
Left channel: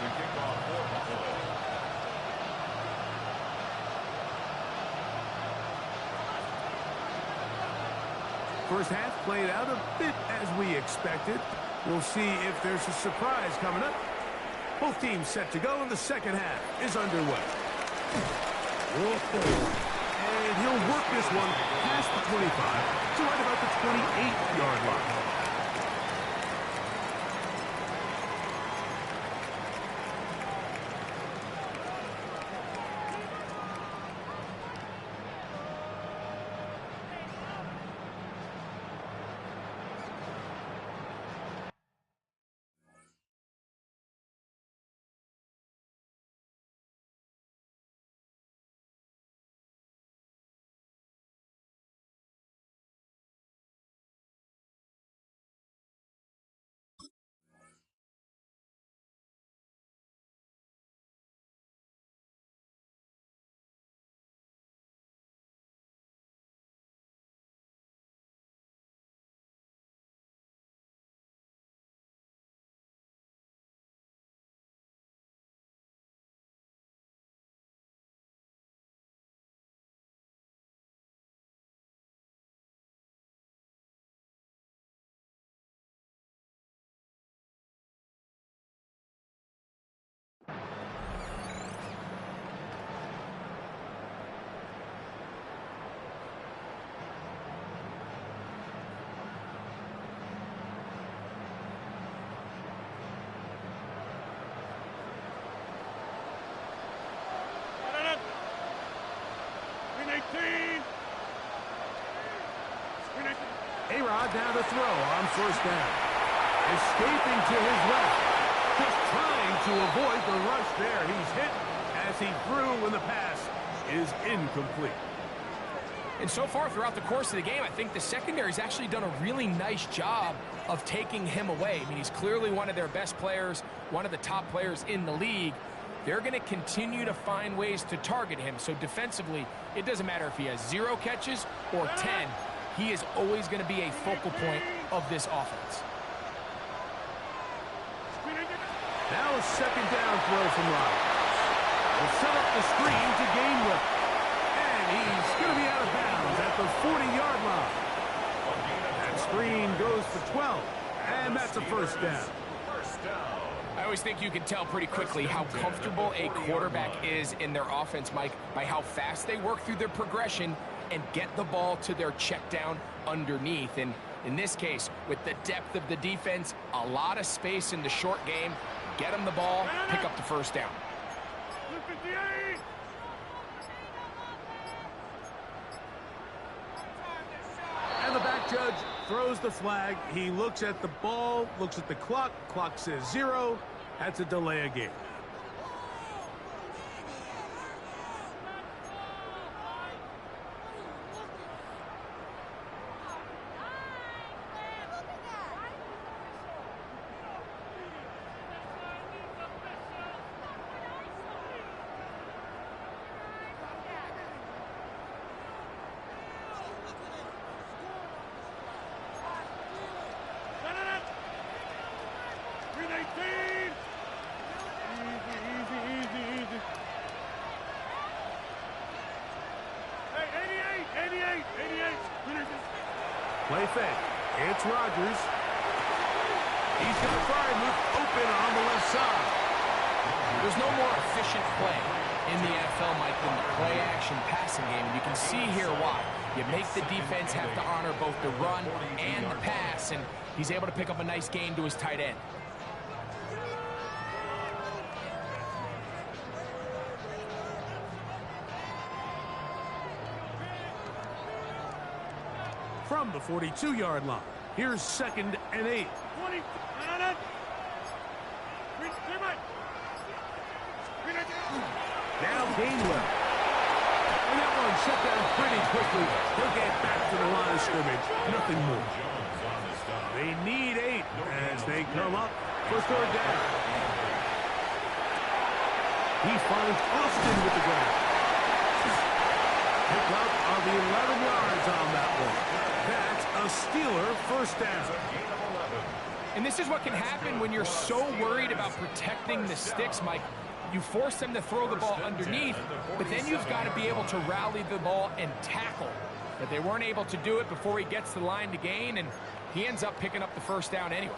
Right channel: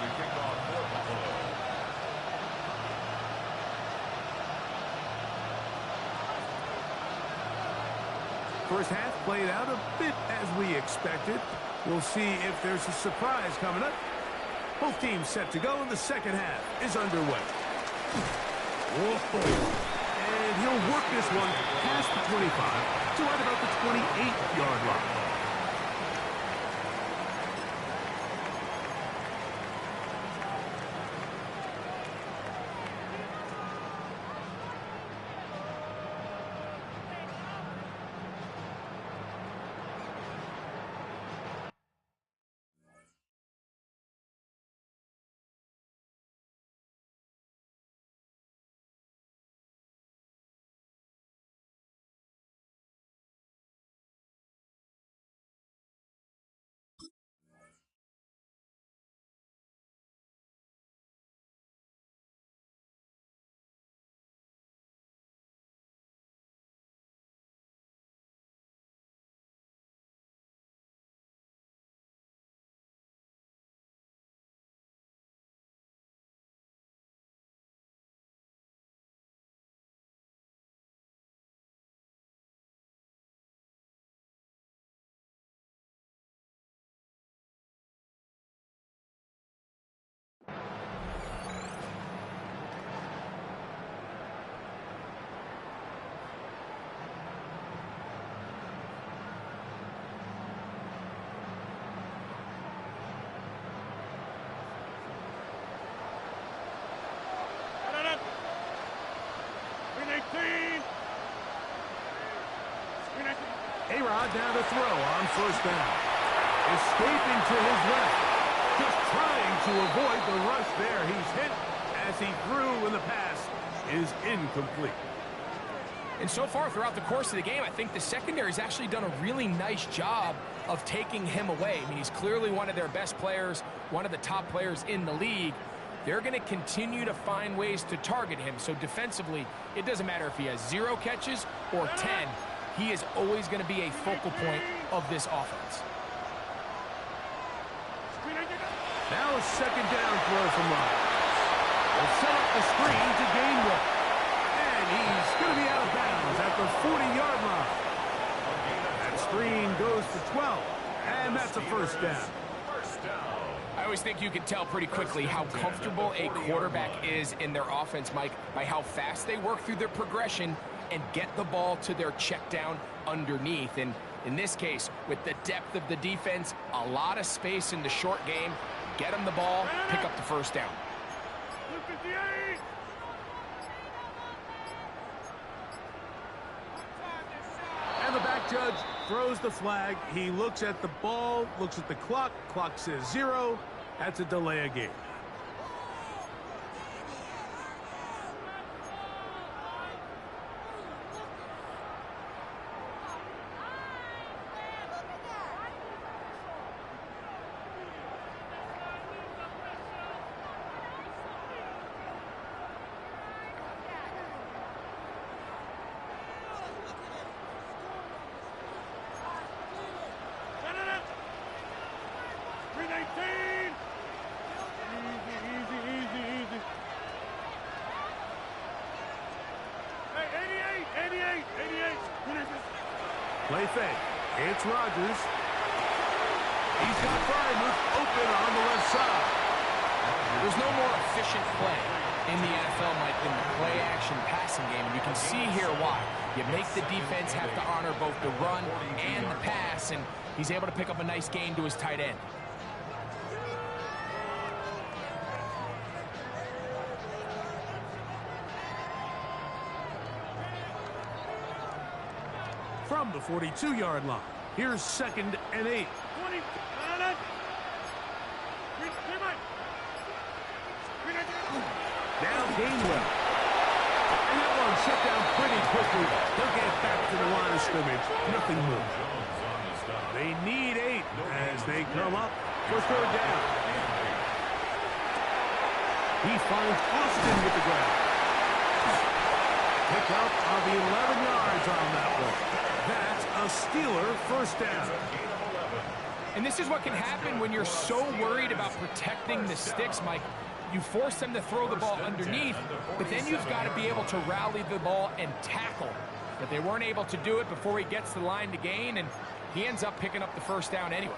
To kick off for Buffalo. First half played out a bit as we expected. We'll see if there's a surprise coming up Both teams set to go, and the second half is underway. Whoa. And he'll work this one past the 25 to right about the 28-yard line. A-Rod now to throw on first down. Escaping to his left. Just trying to avoid the rush there. He's hit as he threw, and the pass is incomplete. And so far throughout the course of the game, I think the secondary's actually done a really nice job of taking him away. I mean, he's clearly one of their best players, one of the top players in the league. They're going to continue to find ways to target him. So defensively, it doesn't matter if he has 0 catches or 10. He is always going to be a focal point of this offense. Now a second down throw from Ryan. Will set up the screen to Gainwell. And he's going to be out of bounds at the 40-yard line. That screen goes for 12. And that's a first down. I always think you can tell pretty quickly how comfortable a quarterback is in their offense, Mike, by how fast they work through their progression and get the ball to their check down underneath. And in this case, with the depth of the defense, a lot of space in the short game, get them the ball, pick up the first down. And the back judge throws the flag. He looks at the ball, looks at the clock. Clock says 0. That's a delay of game. Play fake. It's Rodgers. He's got Freiermuth open on the left side. There's no more efficient play in the NFL, Mike, than the play-action passing game, and you can see here why. You make the defense have to honor both the run and the pass, and he's able to pick up a nice gain to his tight end. From the 42-yard line, here's 2nd and 8. Now Gainwell. And that one shut down pretty quickly. He'll get back to the line of scrimmage. Nothing more. They need 8 as they come up for third down. He finds Austin with the ground. Pick up of 11 yards on that one. That's a Steeler first down. And this is what can happen when you're so worried about protecting the sticks, Mike. You force them to throw the ball underneath, but then you've got to be able to rally the ball and tackle. But they weren't able to do it before he gets to the line to gain, and he ends up picking up the first down anyway.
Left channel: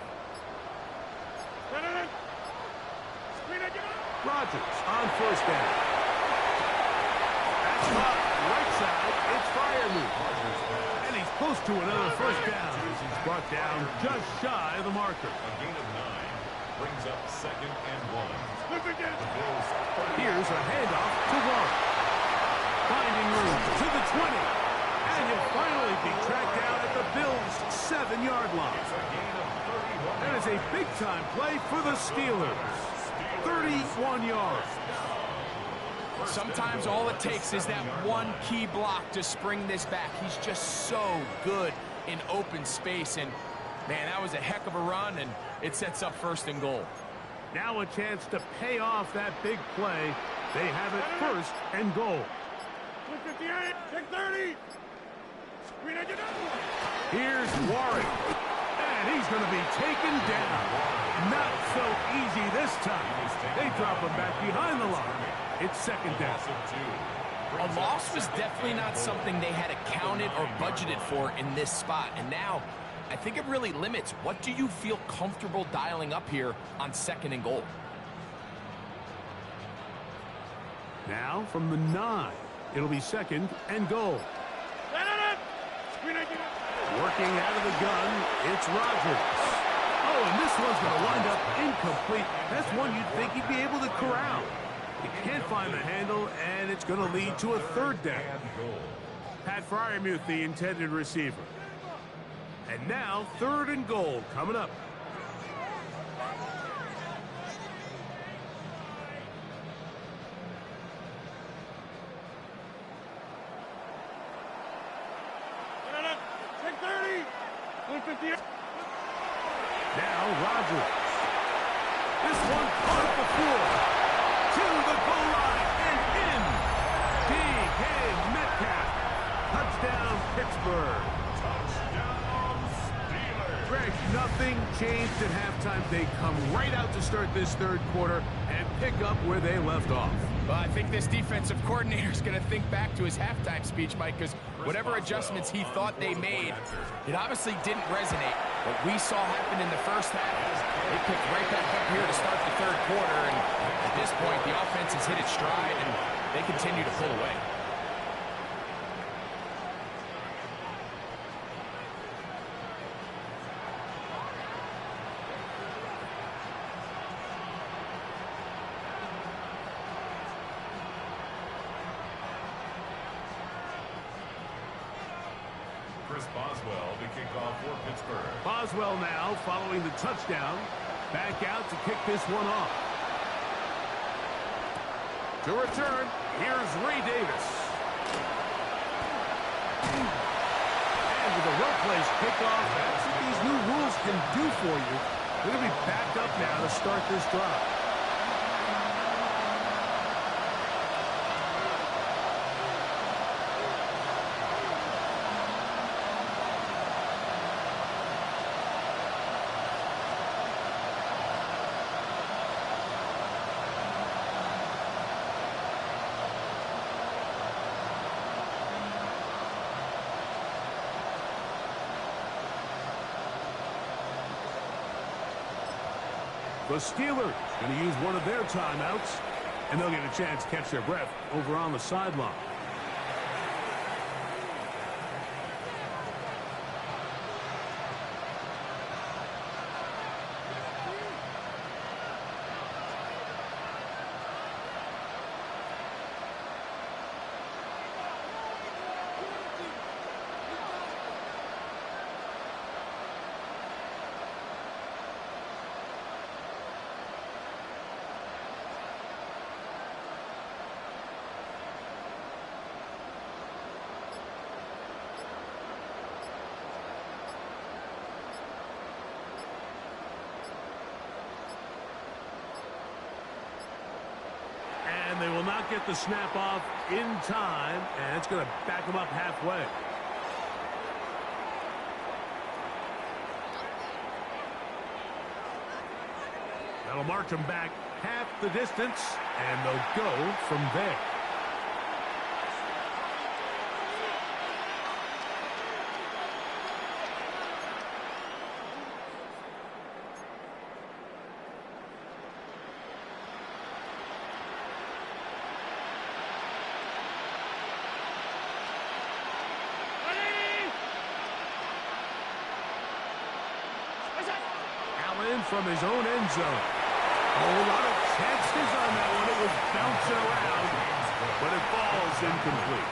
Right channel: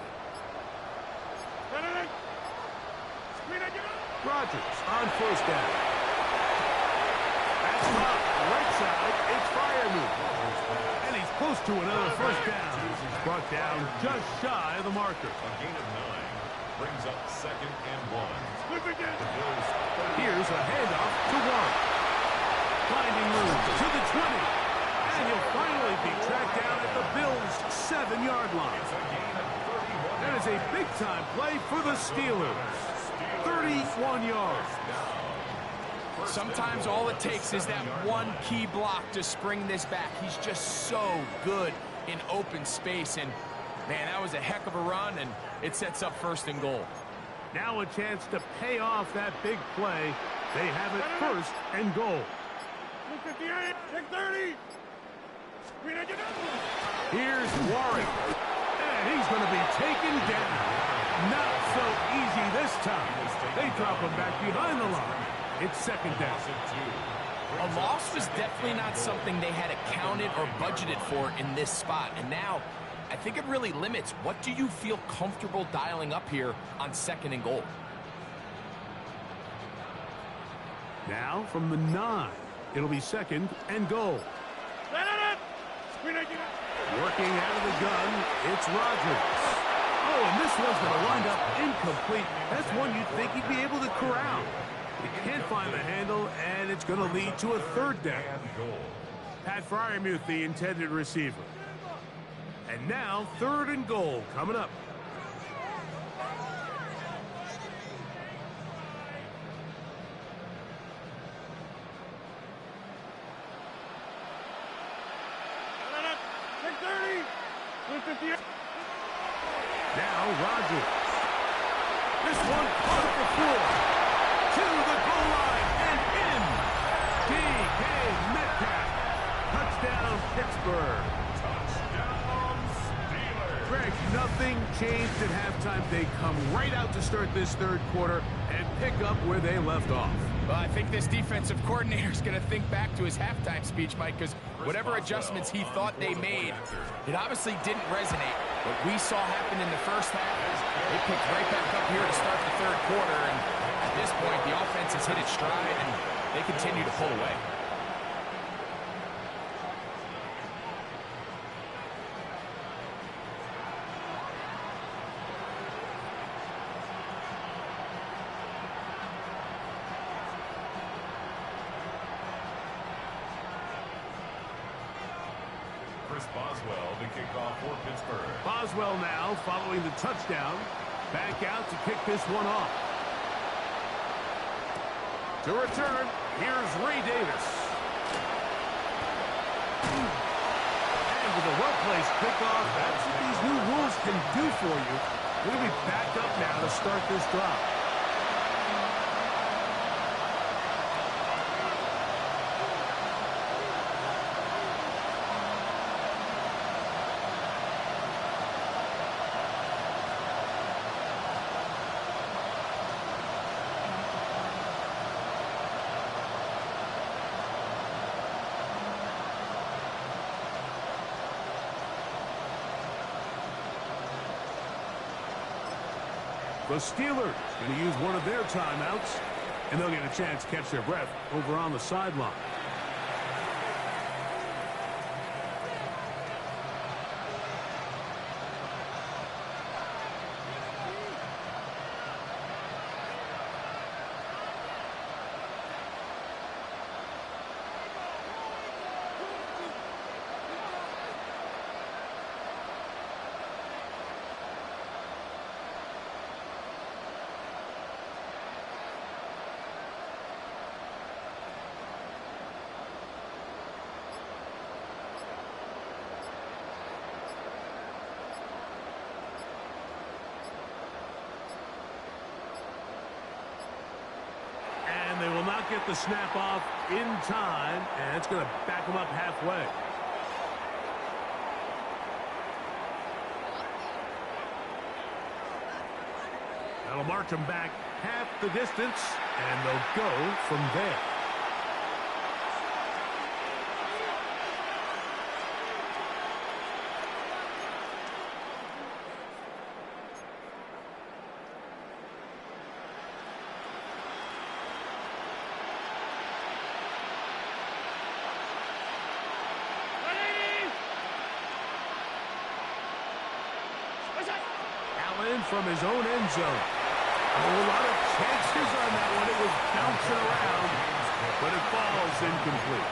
Rodgers on first down. That's caught right side. It's Freiermuth. And he's close to another first down. He's brought down just shy of the marker. A gain of 9 brings up 2nd and 1. The Bills. Here's a handoff to Warren. Finding room to the 20. And he'll finally be tracked down at the Bills' 7-yard line. It's a gain of 31. That is a big-time play for the Steelers. 31 yards. Sometimes all it takes is that one key block to spring this back. He's just so good in open space. And, man, that was a heck of a run, and it sets up 1st and goal. Now a chance to pay off that big play. They have it 1st and goal. 58, 630. Here's Warren. And he's going to be taken down. Not so easy this time. They drop him back behind the line. It's 2nd down. A loss was definitely not something they had accounted or budgeted for in this spot. And now, I think it really limits. What do you feel comfortable dialing up here on 2nd and goal? Now from the 9, it'll be 2nd and goal. Working out of the gun, it's Rodgers. Oh, and this one's going to wind up incomplete. That's one you'd think he'd be able to corral. He can't find the handle, and it's going to lead to a 3rd down. Pat Freiermuth, the intended receiver. And now 3rd and goal coming up. Now Rodgers. This one caught at the floor. To the goal line and in. DK Metcalf. Touchdown Pittsburgh. Touchdown Steelers. Greg, nothing changed at halftime. They come right out to start this 3rd quarter and pick up where they left off. Well, I think this defensive coordinator is going to think back to his halftime speech, Mike, because whatever adjustments he thought they made, it obviously didn't resonate. What we saw happen in the 1st half, they picked right back up here to start the 3rd quarter, and at this point, the offense has hit its stride, and they continue to pull away. Chris Boswell to kick off for Pittsburgh. Boswell now following the touchdown. Back out to kick this one off. To return, here's Ray Davis. And with a well-placed kickoff, that's what these new rules can do for you. They're going to be back up now to start this drive. The Steelers going to use one of their timeouts, and they'll get a chance to catch their breath over on the sideline. And they will not get the snap off in time, and it's going to back them up halfway. That'll march them back half the distance, and they'll go from there. Allen from his own end zone. Oh, a lot of chances on that one. It was bouncing around, but it falls incomplete.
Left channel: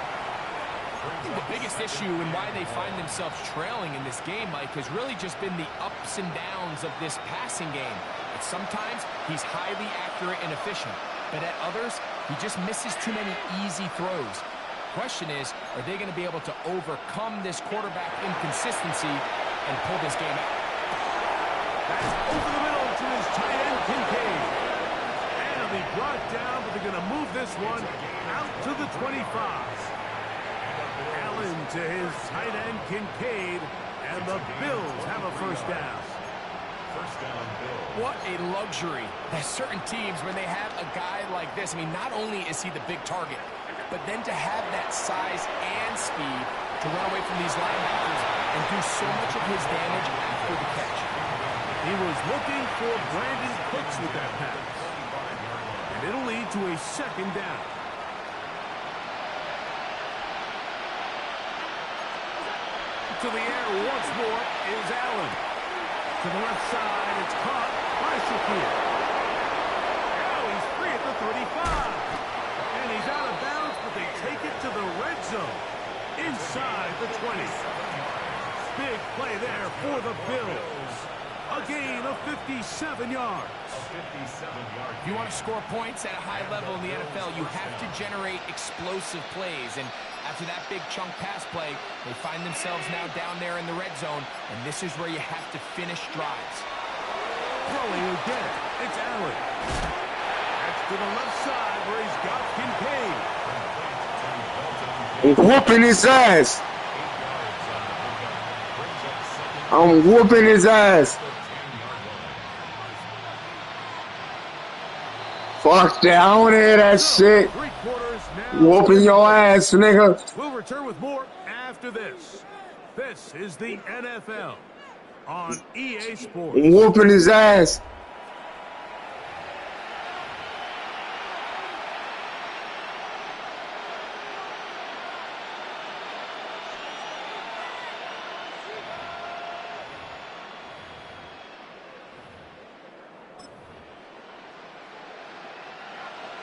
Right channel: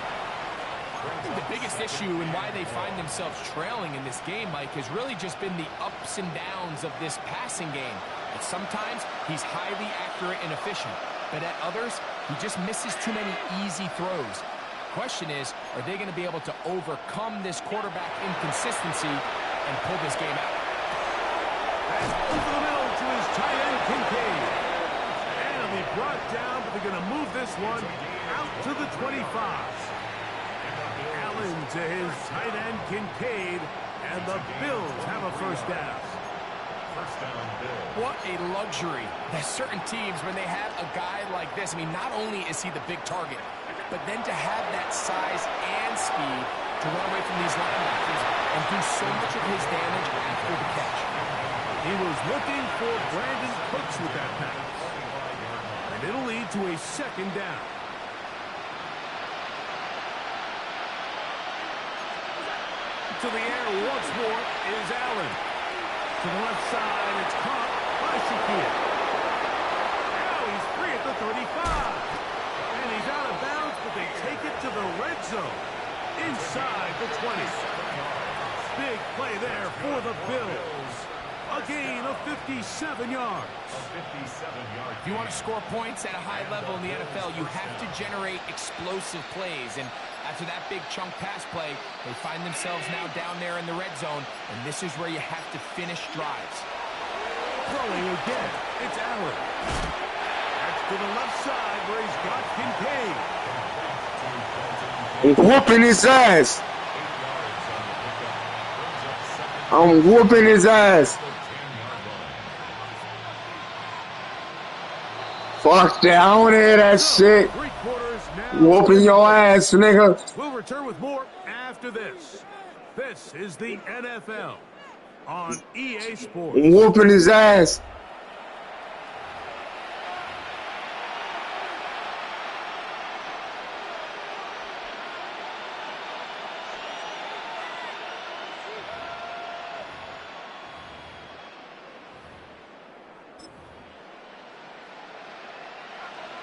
I think the biggest issue and why they find themselves trailing in this game, Mike, has really just been the ups and downs of this passing game. And sometimes he's highly accurate and efficient, but at others, he just misses too many easy throws. Question is, are they going to be able to overcome this quarterback inconsistency and pull this game out? That's over the middle to his tight end, Kincaid. And he'll be brought down, but they're going to move this one out to the 25. Allen to his tight end, Kincaid, and the Bills have a first down. First down, Bills. What a luxury that certain teams, when they have a guy like this, I mean, not only is he the big target, but then to have that size and speed to run away from these linebackers and do so much of his damage after the catch. He was looking for Brandon Cooks with that pass. And it'll lead to a second down. To the air once more is Allen. To the left side, it's caught by Shakir. Now he's free at the 35. And he's out of bounds, but they take it to the red zone. Inside the 20. Big play there for the Bills. A gain of 57 yards. If you want to score points at a high level in the NFL, you have to generate explosive plays. And after that big chunk pass play, they find themselves now down there in the red zone, and this is where you have to finish drives. Throwing again, it's Allen. That's to the left side where he's got Kincaid. I'm whooping his ass. I'm whooping his ass. Fuck that. I don't hear that shit. Whooping your ass, nigga. We'll return with more after this. This is the NFL on EA Sports. I'm whooping his ass.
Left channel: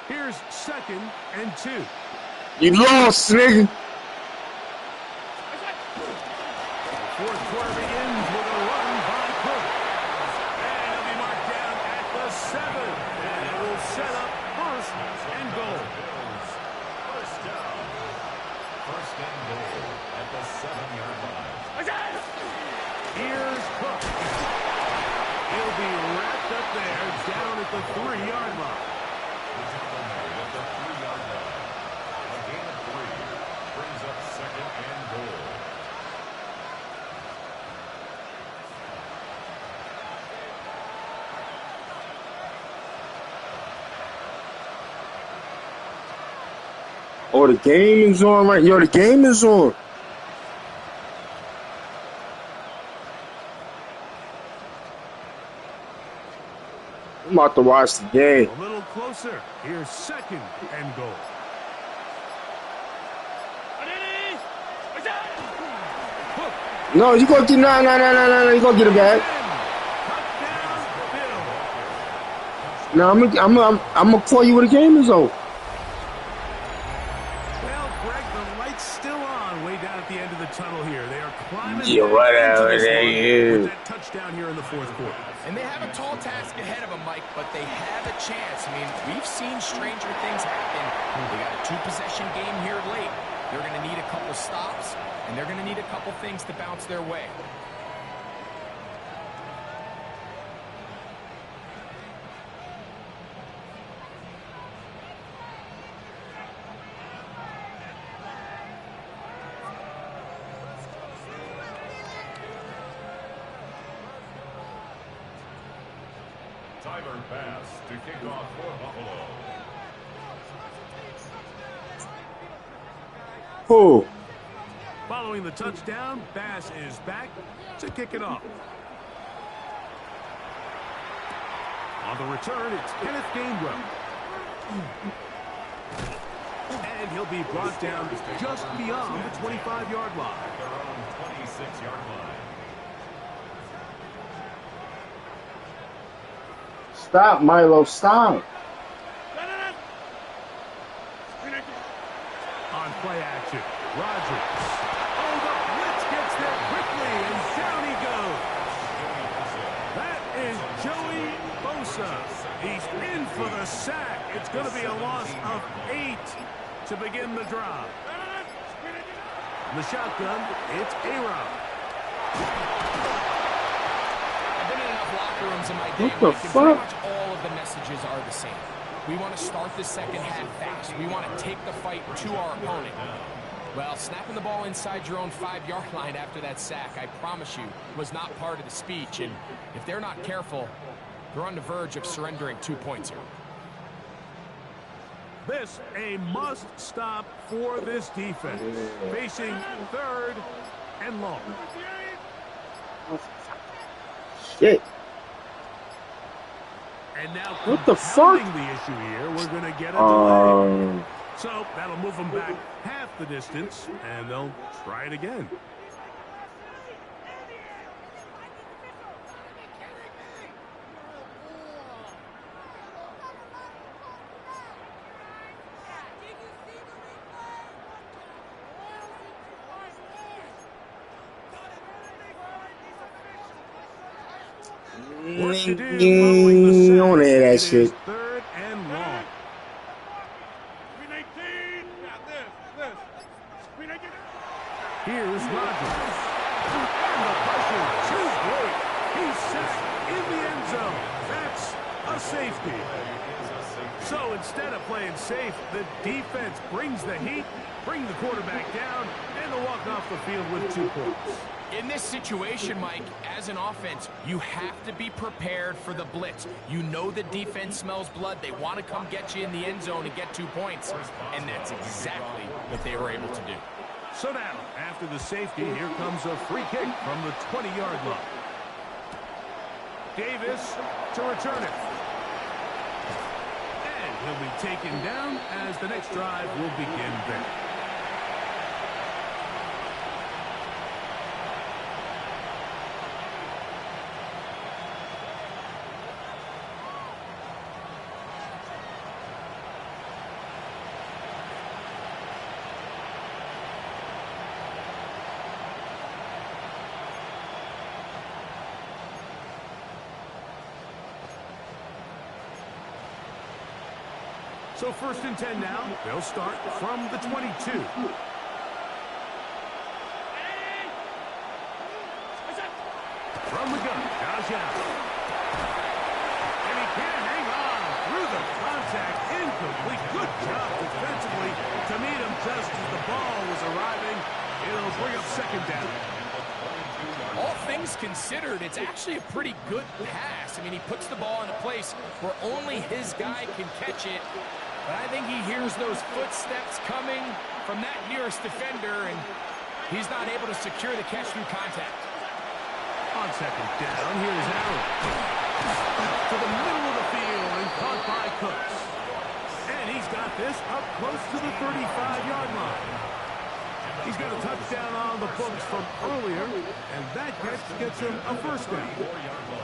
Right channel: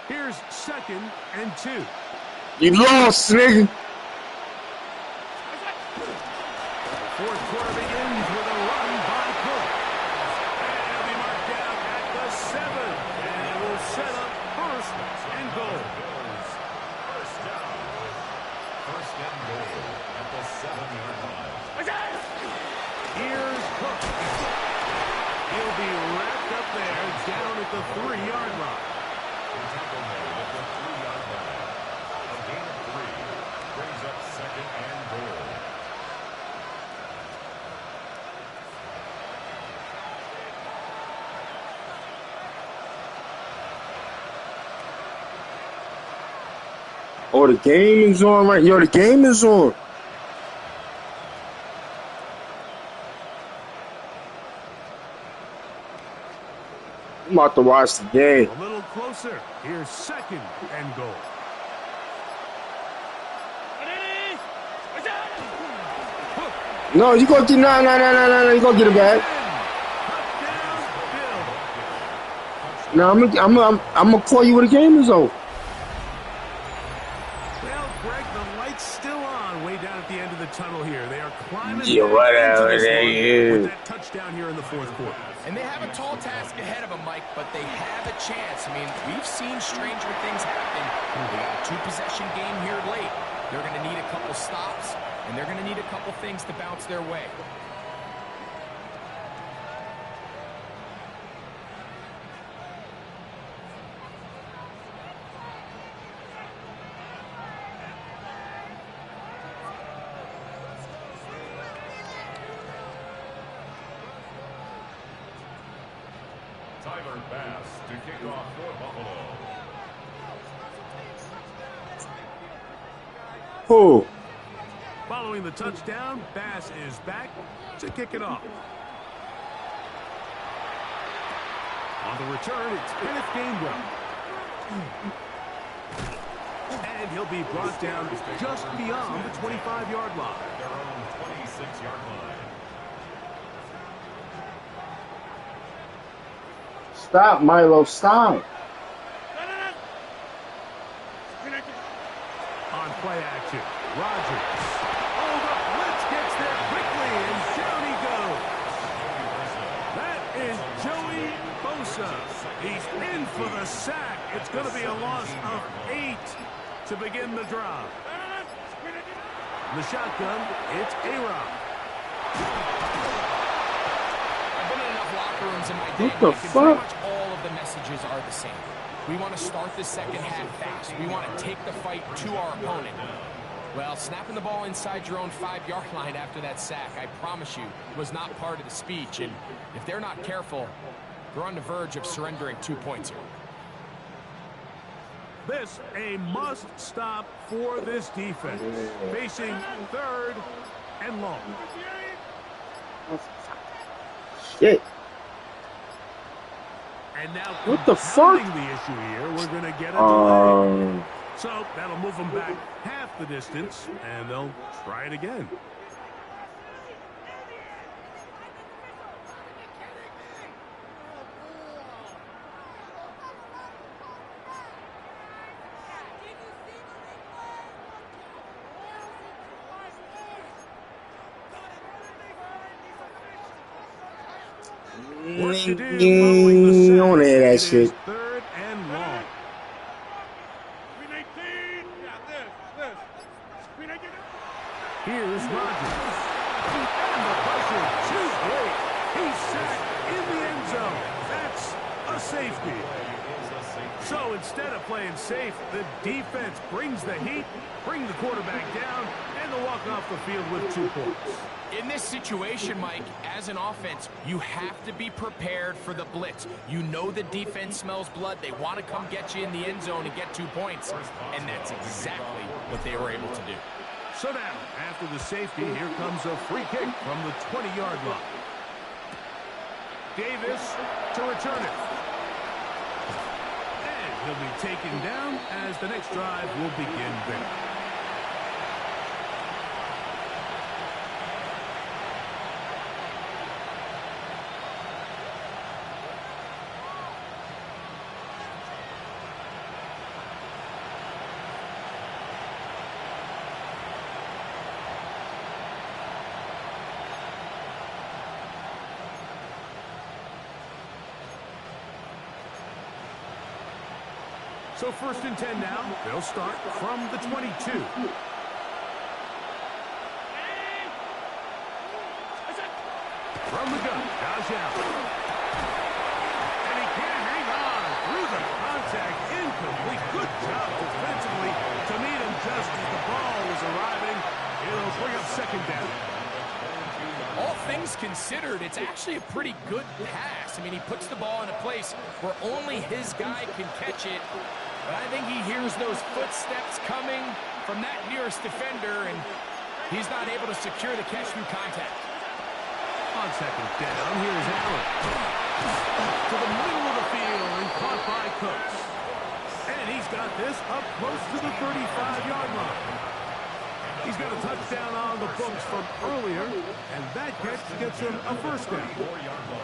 Here's 2nd and 2. You lost, nigga. Fourth quarter begins with a run by Cook. And he'll be marked down at the 7. And it will set up 1st and goal. First down. First and goal at the 7-yard line. Here's Cook. He'll be wrapped up there down at the 3-yard line. The tackle made at the 3-yard line. A gain of 3 brings up 2nd and goal. Oh, the game is on right. Yo, the game is on. I'm about to watch the game. A little closer. Here's 2nd and goal. No, you go get no. You go get it back. No, I'm gonna call you when the game is over. Well, Greg, the light's still on way down at the end of the tunnel here. They are climbing Yeah, whatever into this they one is. with that touchdown here in the 4th quarter. And they have a tall task ahead of them, Mike, but they have a chance. I mean, we've seen stranger things happen. They got a 2-possession game here late. They're going to need a couple stops, and they're going to need a couple things to bounce their way. Tyler Bass to kick off for Buffalo. Who? Following the touchdown, Bass is back to kick it off. On the return, it's Kenneth Gainwell. And he'll be brought down just beyond the 25-yard line. At their own 26-yard line. Stop, Milo. Stop. On play action, Rogers. Oh, the blitz gets there quickly, and down he goes. That is Joey Bosa. He's in for the sack. It's going to be a loss of 8 to begin the drive. The shotgun, it's A-Rob. I've been in enough locker rooms in my day What the where fuck? pretty much all of the messages are the same. We want to start the second half fast. We want to take the fight to our opponent. Well, snapping the ball inside your own 5-yard line after that sack, I promise you, was not part of the speech. And if they're not careful, they're on the verge of surrendering 2 points here. This a must-stop for this defense. Facing 3rd and long. Shit. And now, What the fuck? the issue here, we're going to get a delay. So that'll move them back half the distance, and they'll try it again. What to do following the sack? On that It shit. is 3rd and long. Here's Rogers. And the pressure too great. He's sacked in the end zone. That's a safety. So instead of playing safe, the defense brings the heat, bring the quarterback down, and they'll walk off the field with 2 points. In this situation, Mike, as an offense, you have to be prepared for the blitz. You know the defense smells blood. They want to come get you in the end zone and get 2 points. And that's exactly what they were able to do. So now, after the safety, here comes a free kick from the 20-yard line. Davis to return it. And he'll be taken down as the next drive will begin there. So 1st and 10 now. They'll start from the 22. From the gun, Josh Allen. And he can't hang on through the contact. Incomplete. Good job defensively to meet him just as the ball was arriving. It'll bring up 2nd down. All things considered, it's actually a pretty good pass. I mean, he puts the ball in a place where only his guy can catch it. But I think he hears those footsteps coming from that nearest defender, and he's not able to secure the catch through contact. On 2nd down, here's Allen. To the middle of the field and caught by Cooks. And he's got this up close to the 35-yard line. He's got a touchdown on the books from earlier, and that catch gets him a 1st down.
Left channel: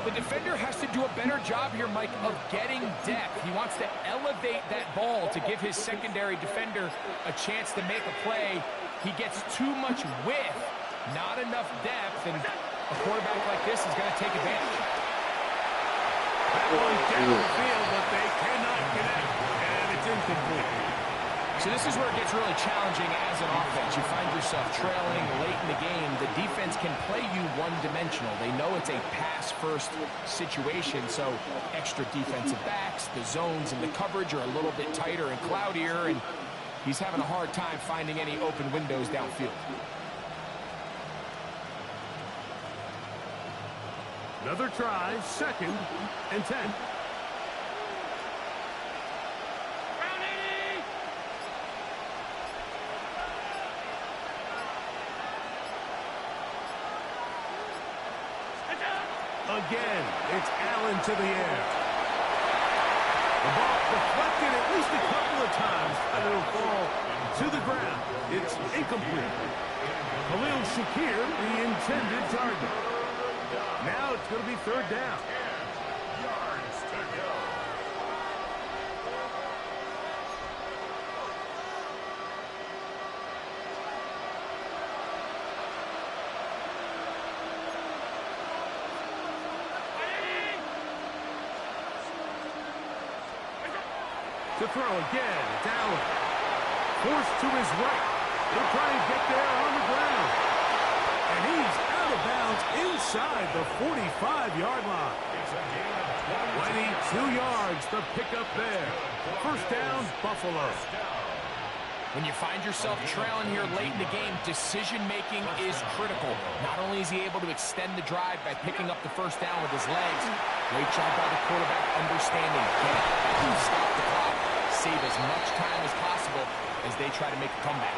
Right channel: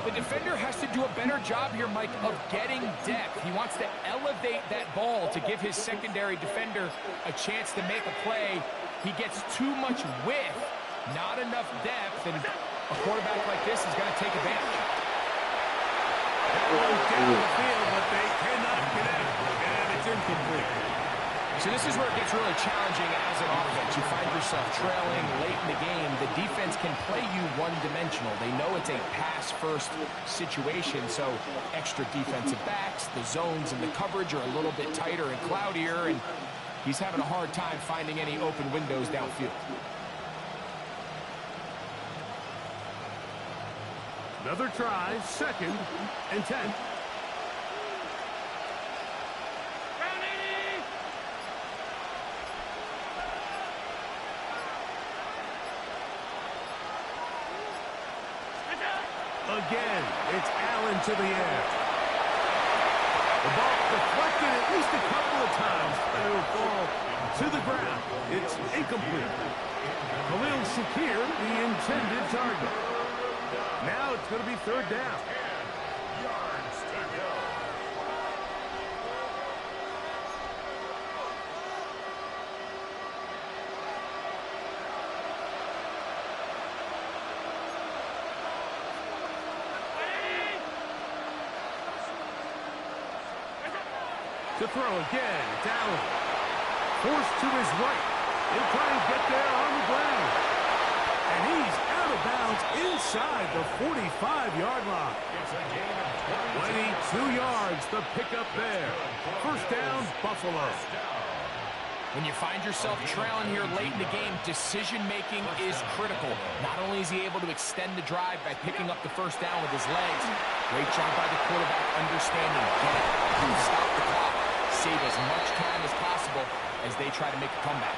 The defender has to do a better job here, Mike, of getting depth. He wants to elevate that ball to give his secondary defender a chance to make a play. He gets too much width, not enough depth, and a quarterback like this is going to take advantage. That one down the field, but they cannot connect, and it's incomplete. So this is where it gets really challenging as an offense. You find yourself trailing late in the game. The defense can play you one-dimensional. They know it's a pass-first situation, so extra defensive backs, the zones and the coverage are a little bit tighter and cloudier, and he's having a hard time finding any open windows downfield. Another try, 2nd and 10. Again, it's Allen to the air. The ball deflected at least a couple of times, and it'll fall to the ground. It's incomplete. Khalil Shakir, the intended target. Now it's going to be 3rd down. yards to go. To throw again, it's Allen. Forced to his right. He'll try and get there on the ground. And he's out of bounds inside the 45-yard line. It's a gain of 22 yards to pick up there. First down, Buffalo. When you find yourself trailing here late in the game, decision-making is critical. Not only is he able to extend the drive by picking up the first down with his legs, great job by the quarterback understanding, get out of bounds, stop the clock, save as much time as possible as they try to make a comeback.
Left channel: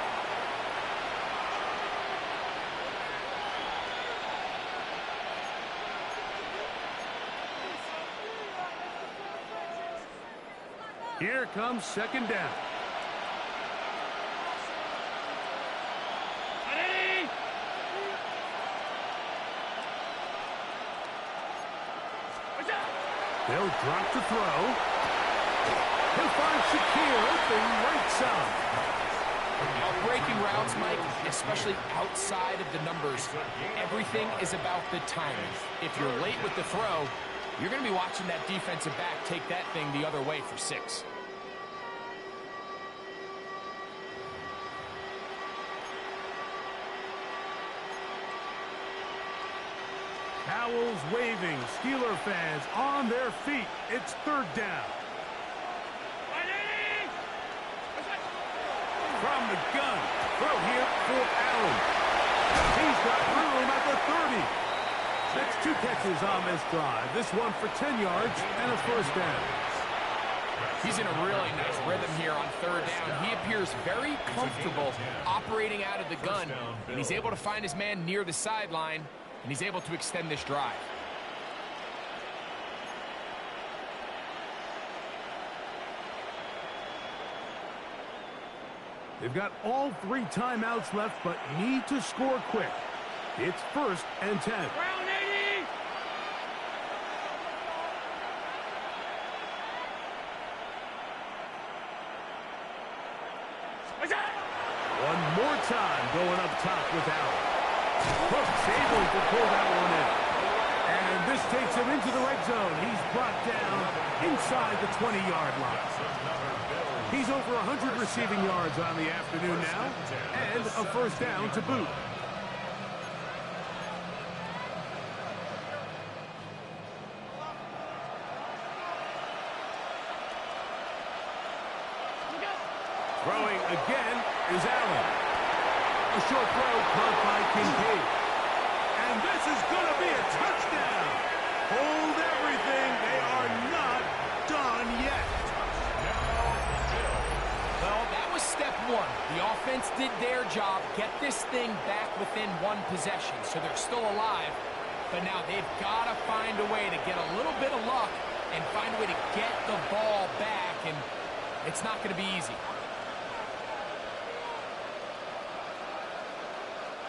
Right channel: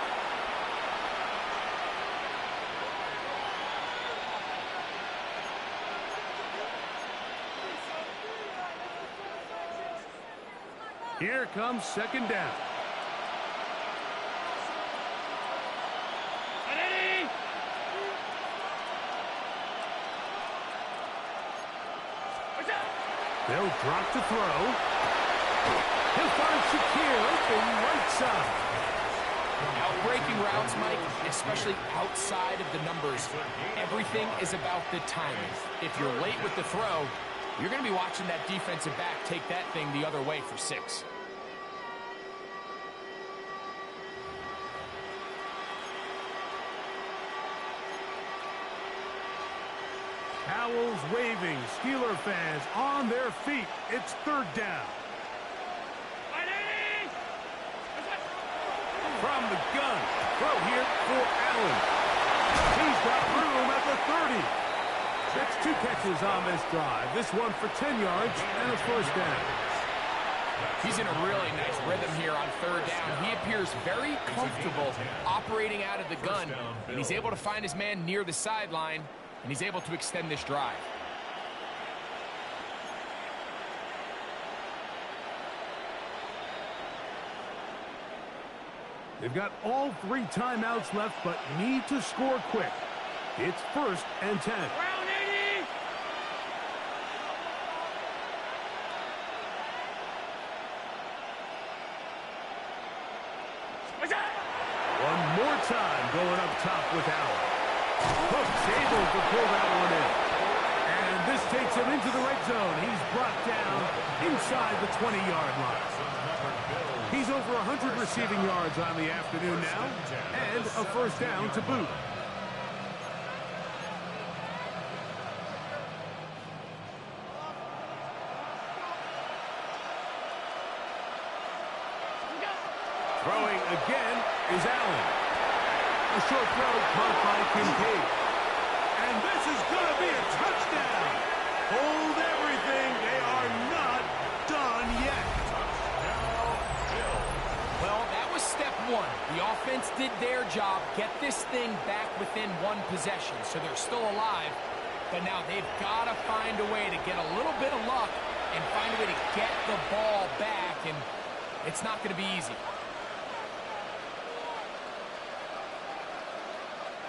Here comes second down. They'll drop to throw. He'll find Shakir open right side. Outbreaking routes, Mike, especially outside of the numbers, everything is about the timing. If you're late with the throw, you're going to be watching that defensive back take that thing the other way for 6. Towels waving, Steeler fans on their feet. It's third down. From the gun, throw here for Allen. He's got room at the 30. That's 2 catches on this drive. This one for 10 yards and a first down. He's in a really nice rhythm here on third down. He appears very comfortable operating out of the gun, and he's able to find his man near the sideline, and he's able to extend this drive. They've got all 3 timeouts left, but need to score quick. It's 1st and 10. Round 80! One more time going up top with Allen. Hook's able to pull that one in. And this takes him into the red zone. He's brought down inside the 20-yard line. He's over 100 receiving yards on the afternoon now, and a first down to boot. Throwing again is Allen. A short throw caught by Kincaid. And this is going to be a touchdown. Hold everything. They are not done yet. Well, that was step 1. The offense did their job, get this thing back within 1 possession, so they're still alive. But now they've got to find a way to get a little bit of luck and find a way to get the ball back, and it's not going to be easy.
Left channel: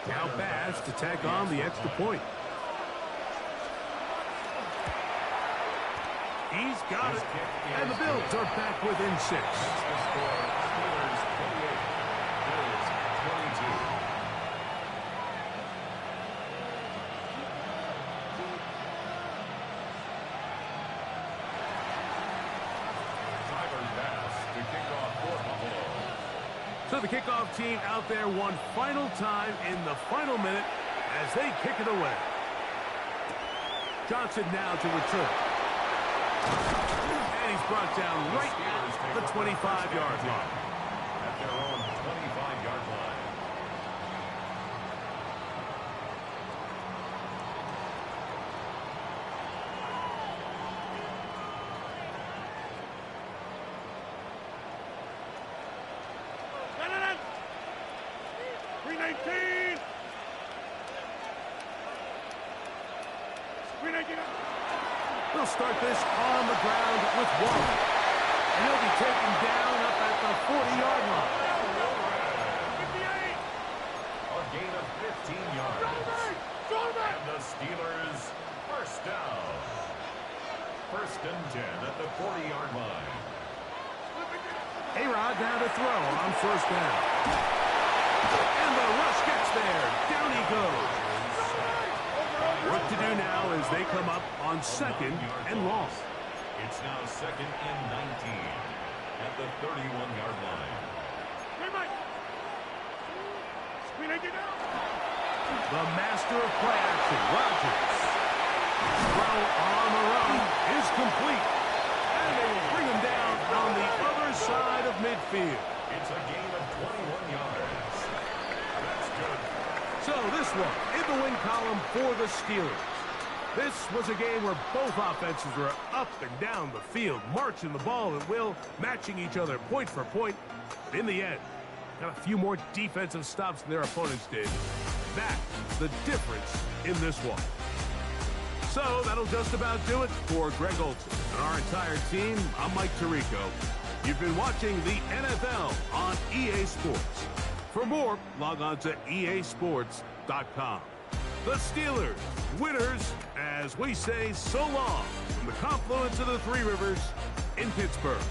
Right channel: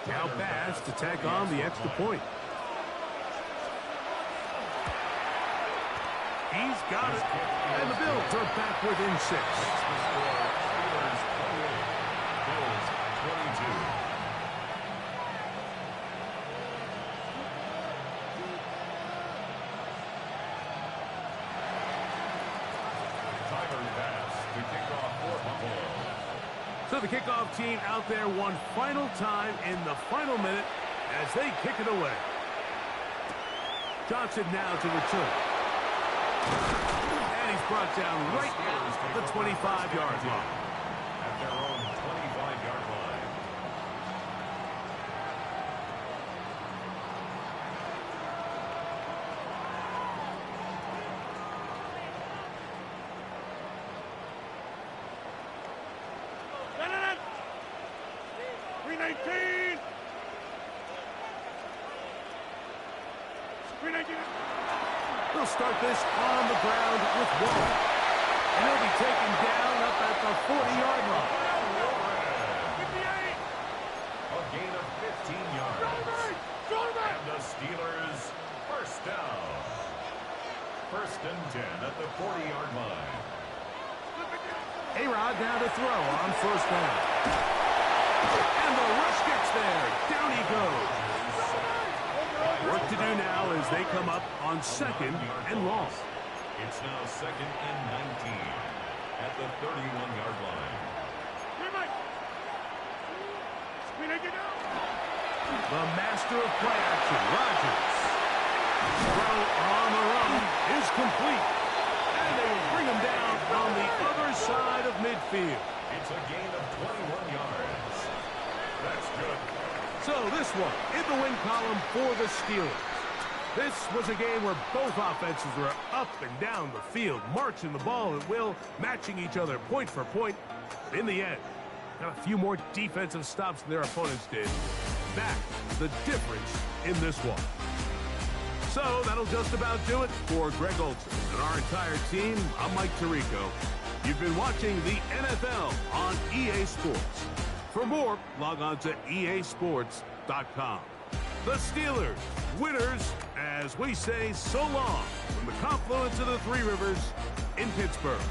Now Bass to tack on the extra point. He's got it. And the Bills are back within 6. Makes the score Steelers 28, Bills 22. Tyler Bass to kick off for Buffalo. So the kickoff team out there one final time in the final minute as they kick it away. Johnson now to return. And he's brought down right at the 25-yard line. At their own 25-yard line. They'll start this on the ground with one. And he'll be taken down up at the 40-yard line. 58. A gain of 15 yards. And the Steelers first down. First and 10 at the 40-yard line. A-Rod down to throw on first down. And the rush gets there. Down he goes. Work to do now as they come up on second and long. It's now second and 19 at the 31-yard line. The master of play action, Rodgers. Throw on the run is complete. And they will bring him down on the other side of midfield. It's a gain of 21 yards. That's good. So this one in the win column for the Steelers. This was a game where both offenses were up and down the field, marching the ball at will, matching each other point for point. But in the end, got a few more defensive stops than their opponents did. That's the difference in this one. So that'll just about do it for Greg Olson and our entire team. I'm Mike Tirico. You've been watching the NFL on EA Sports. For more, log on to easports.com. The Steelers, winners, as we say so long from the confluence of the Three Rivers in Pittsburgh.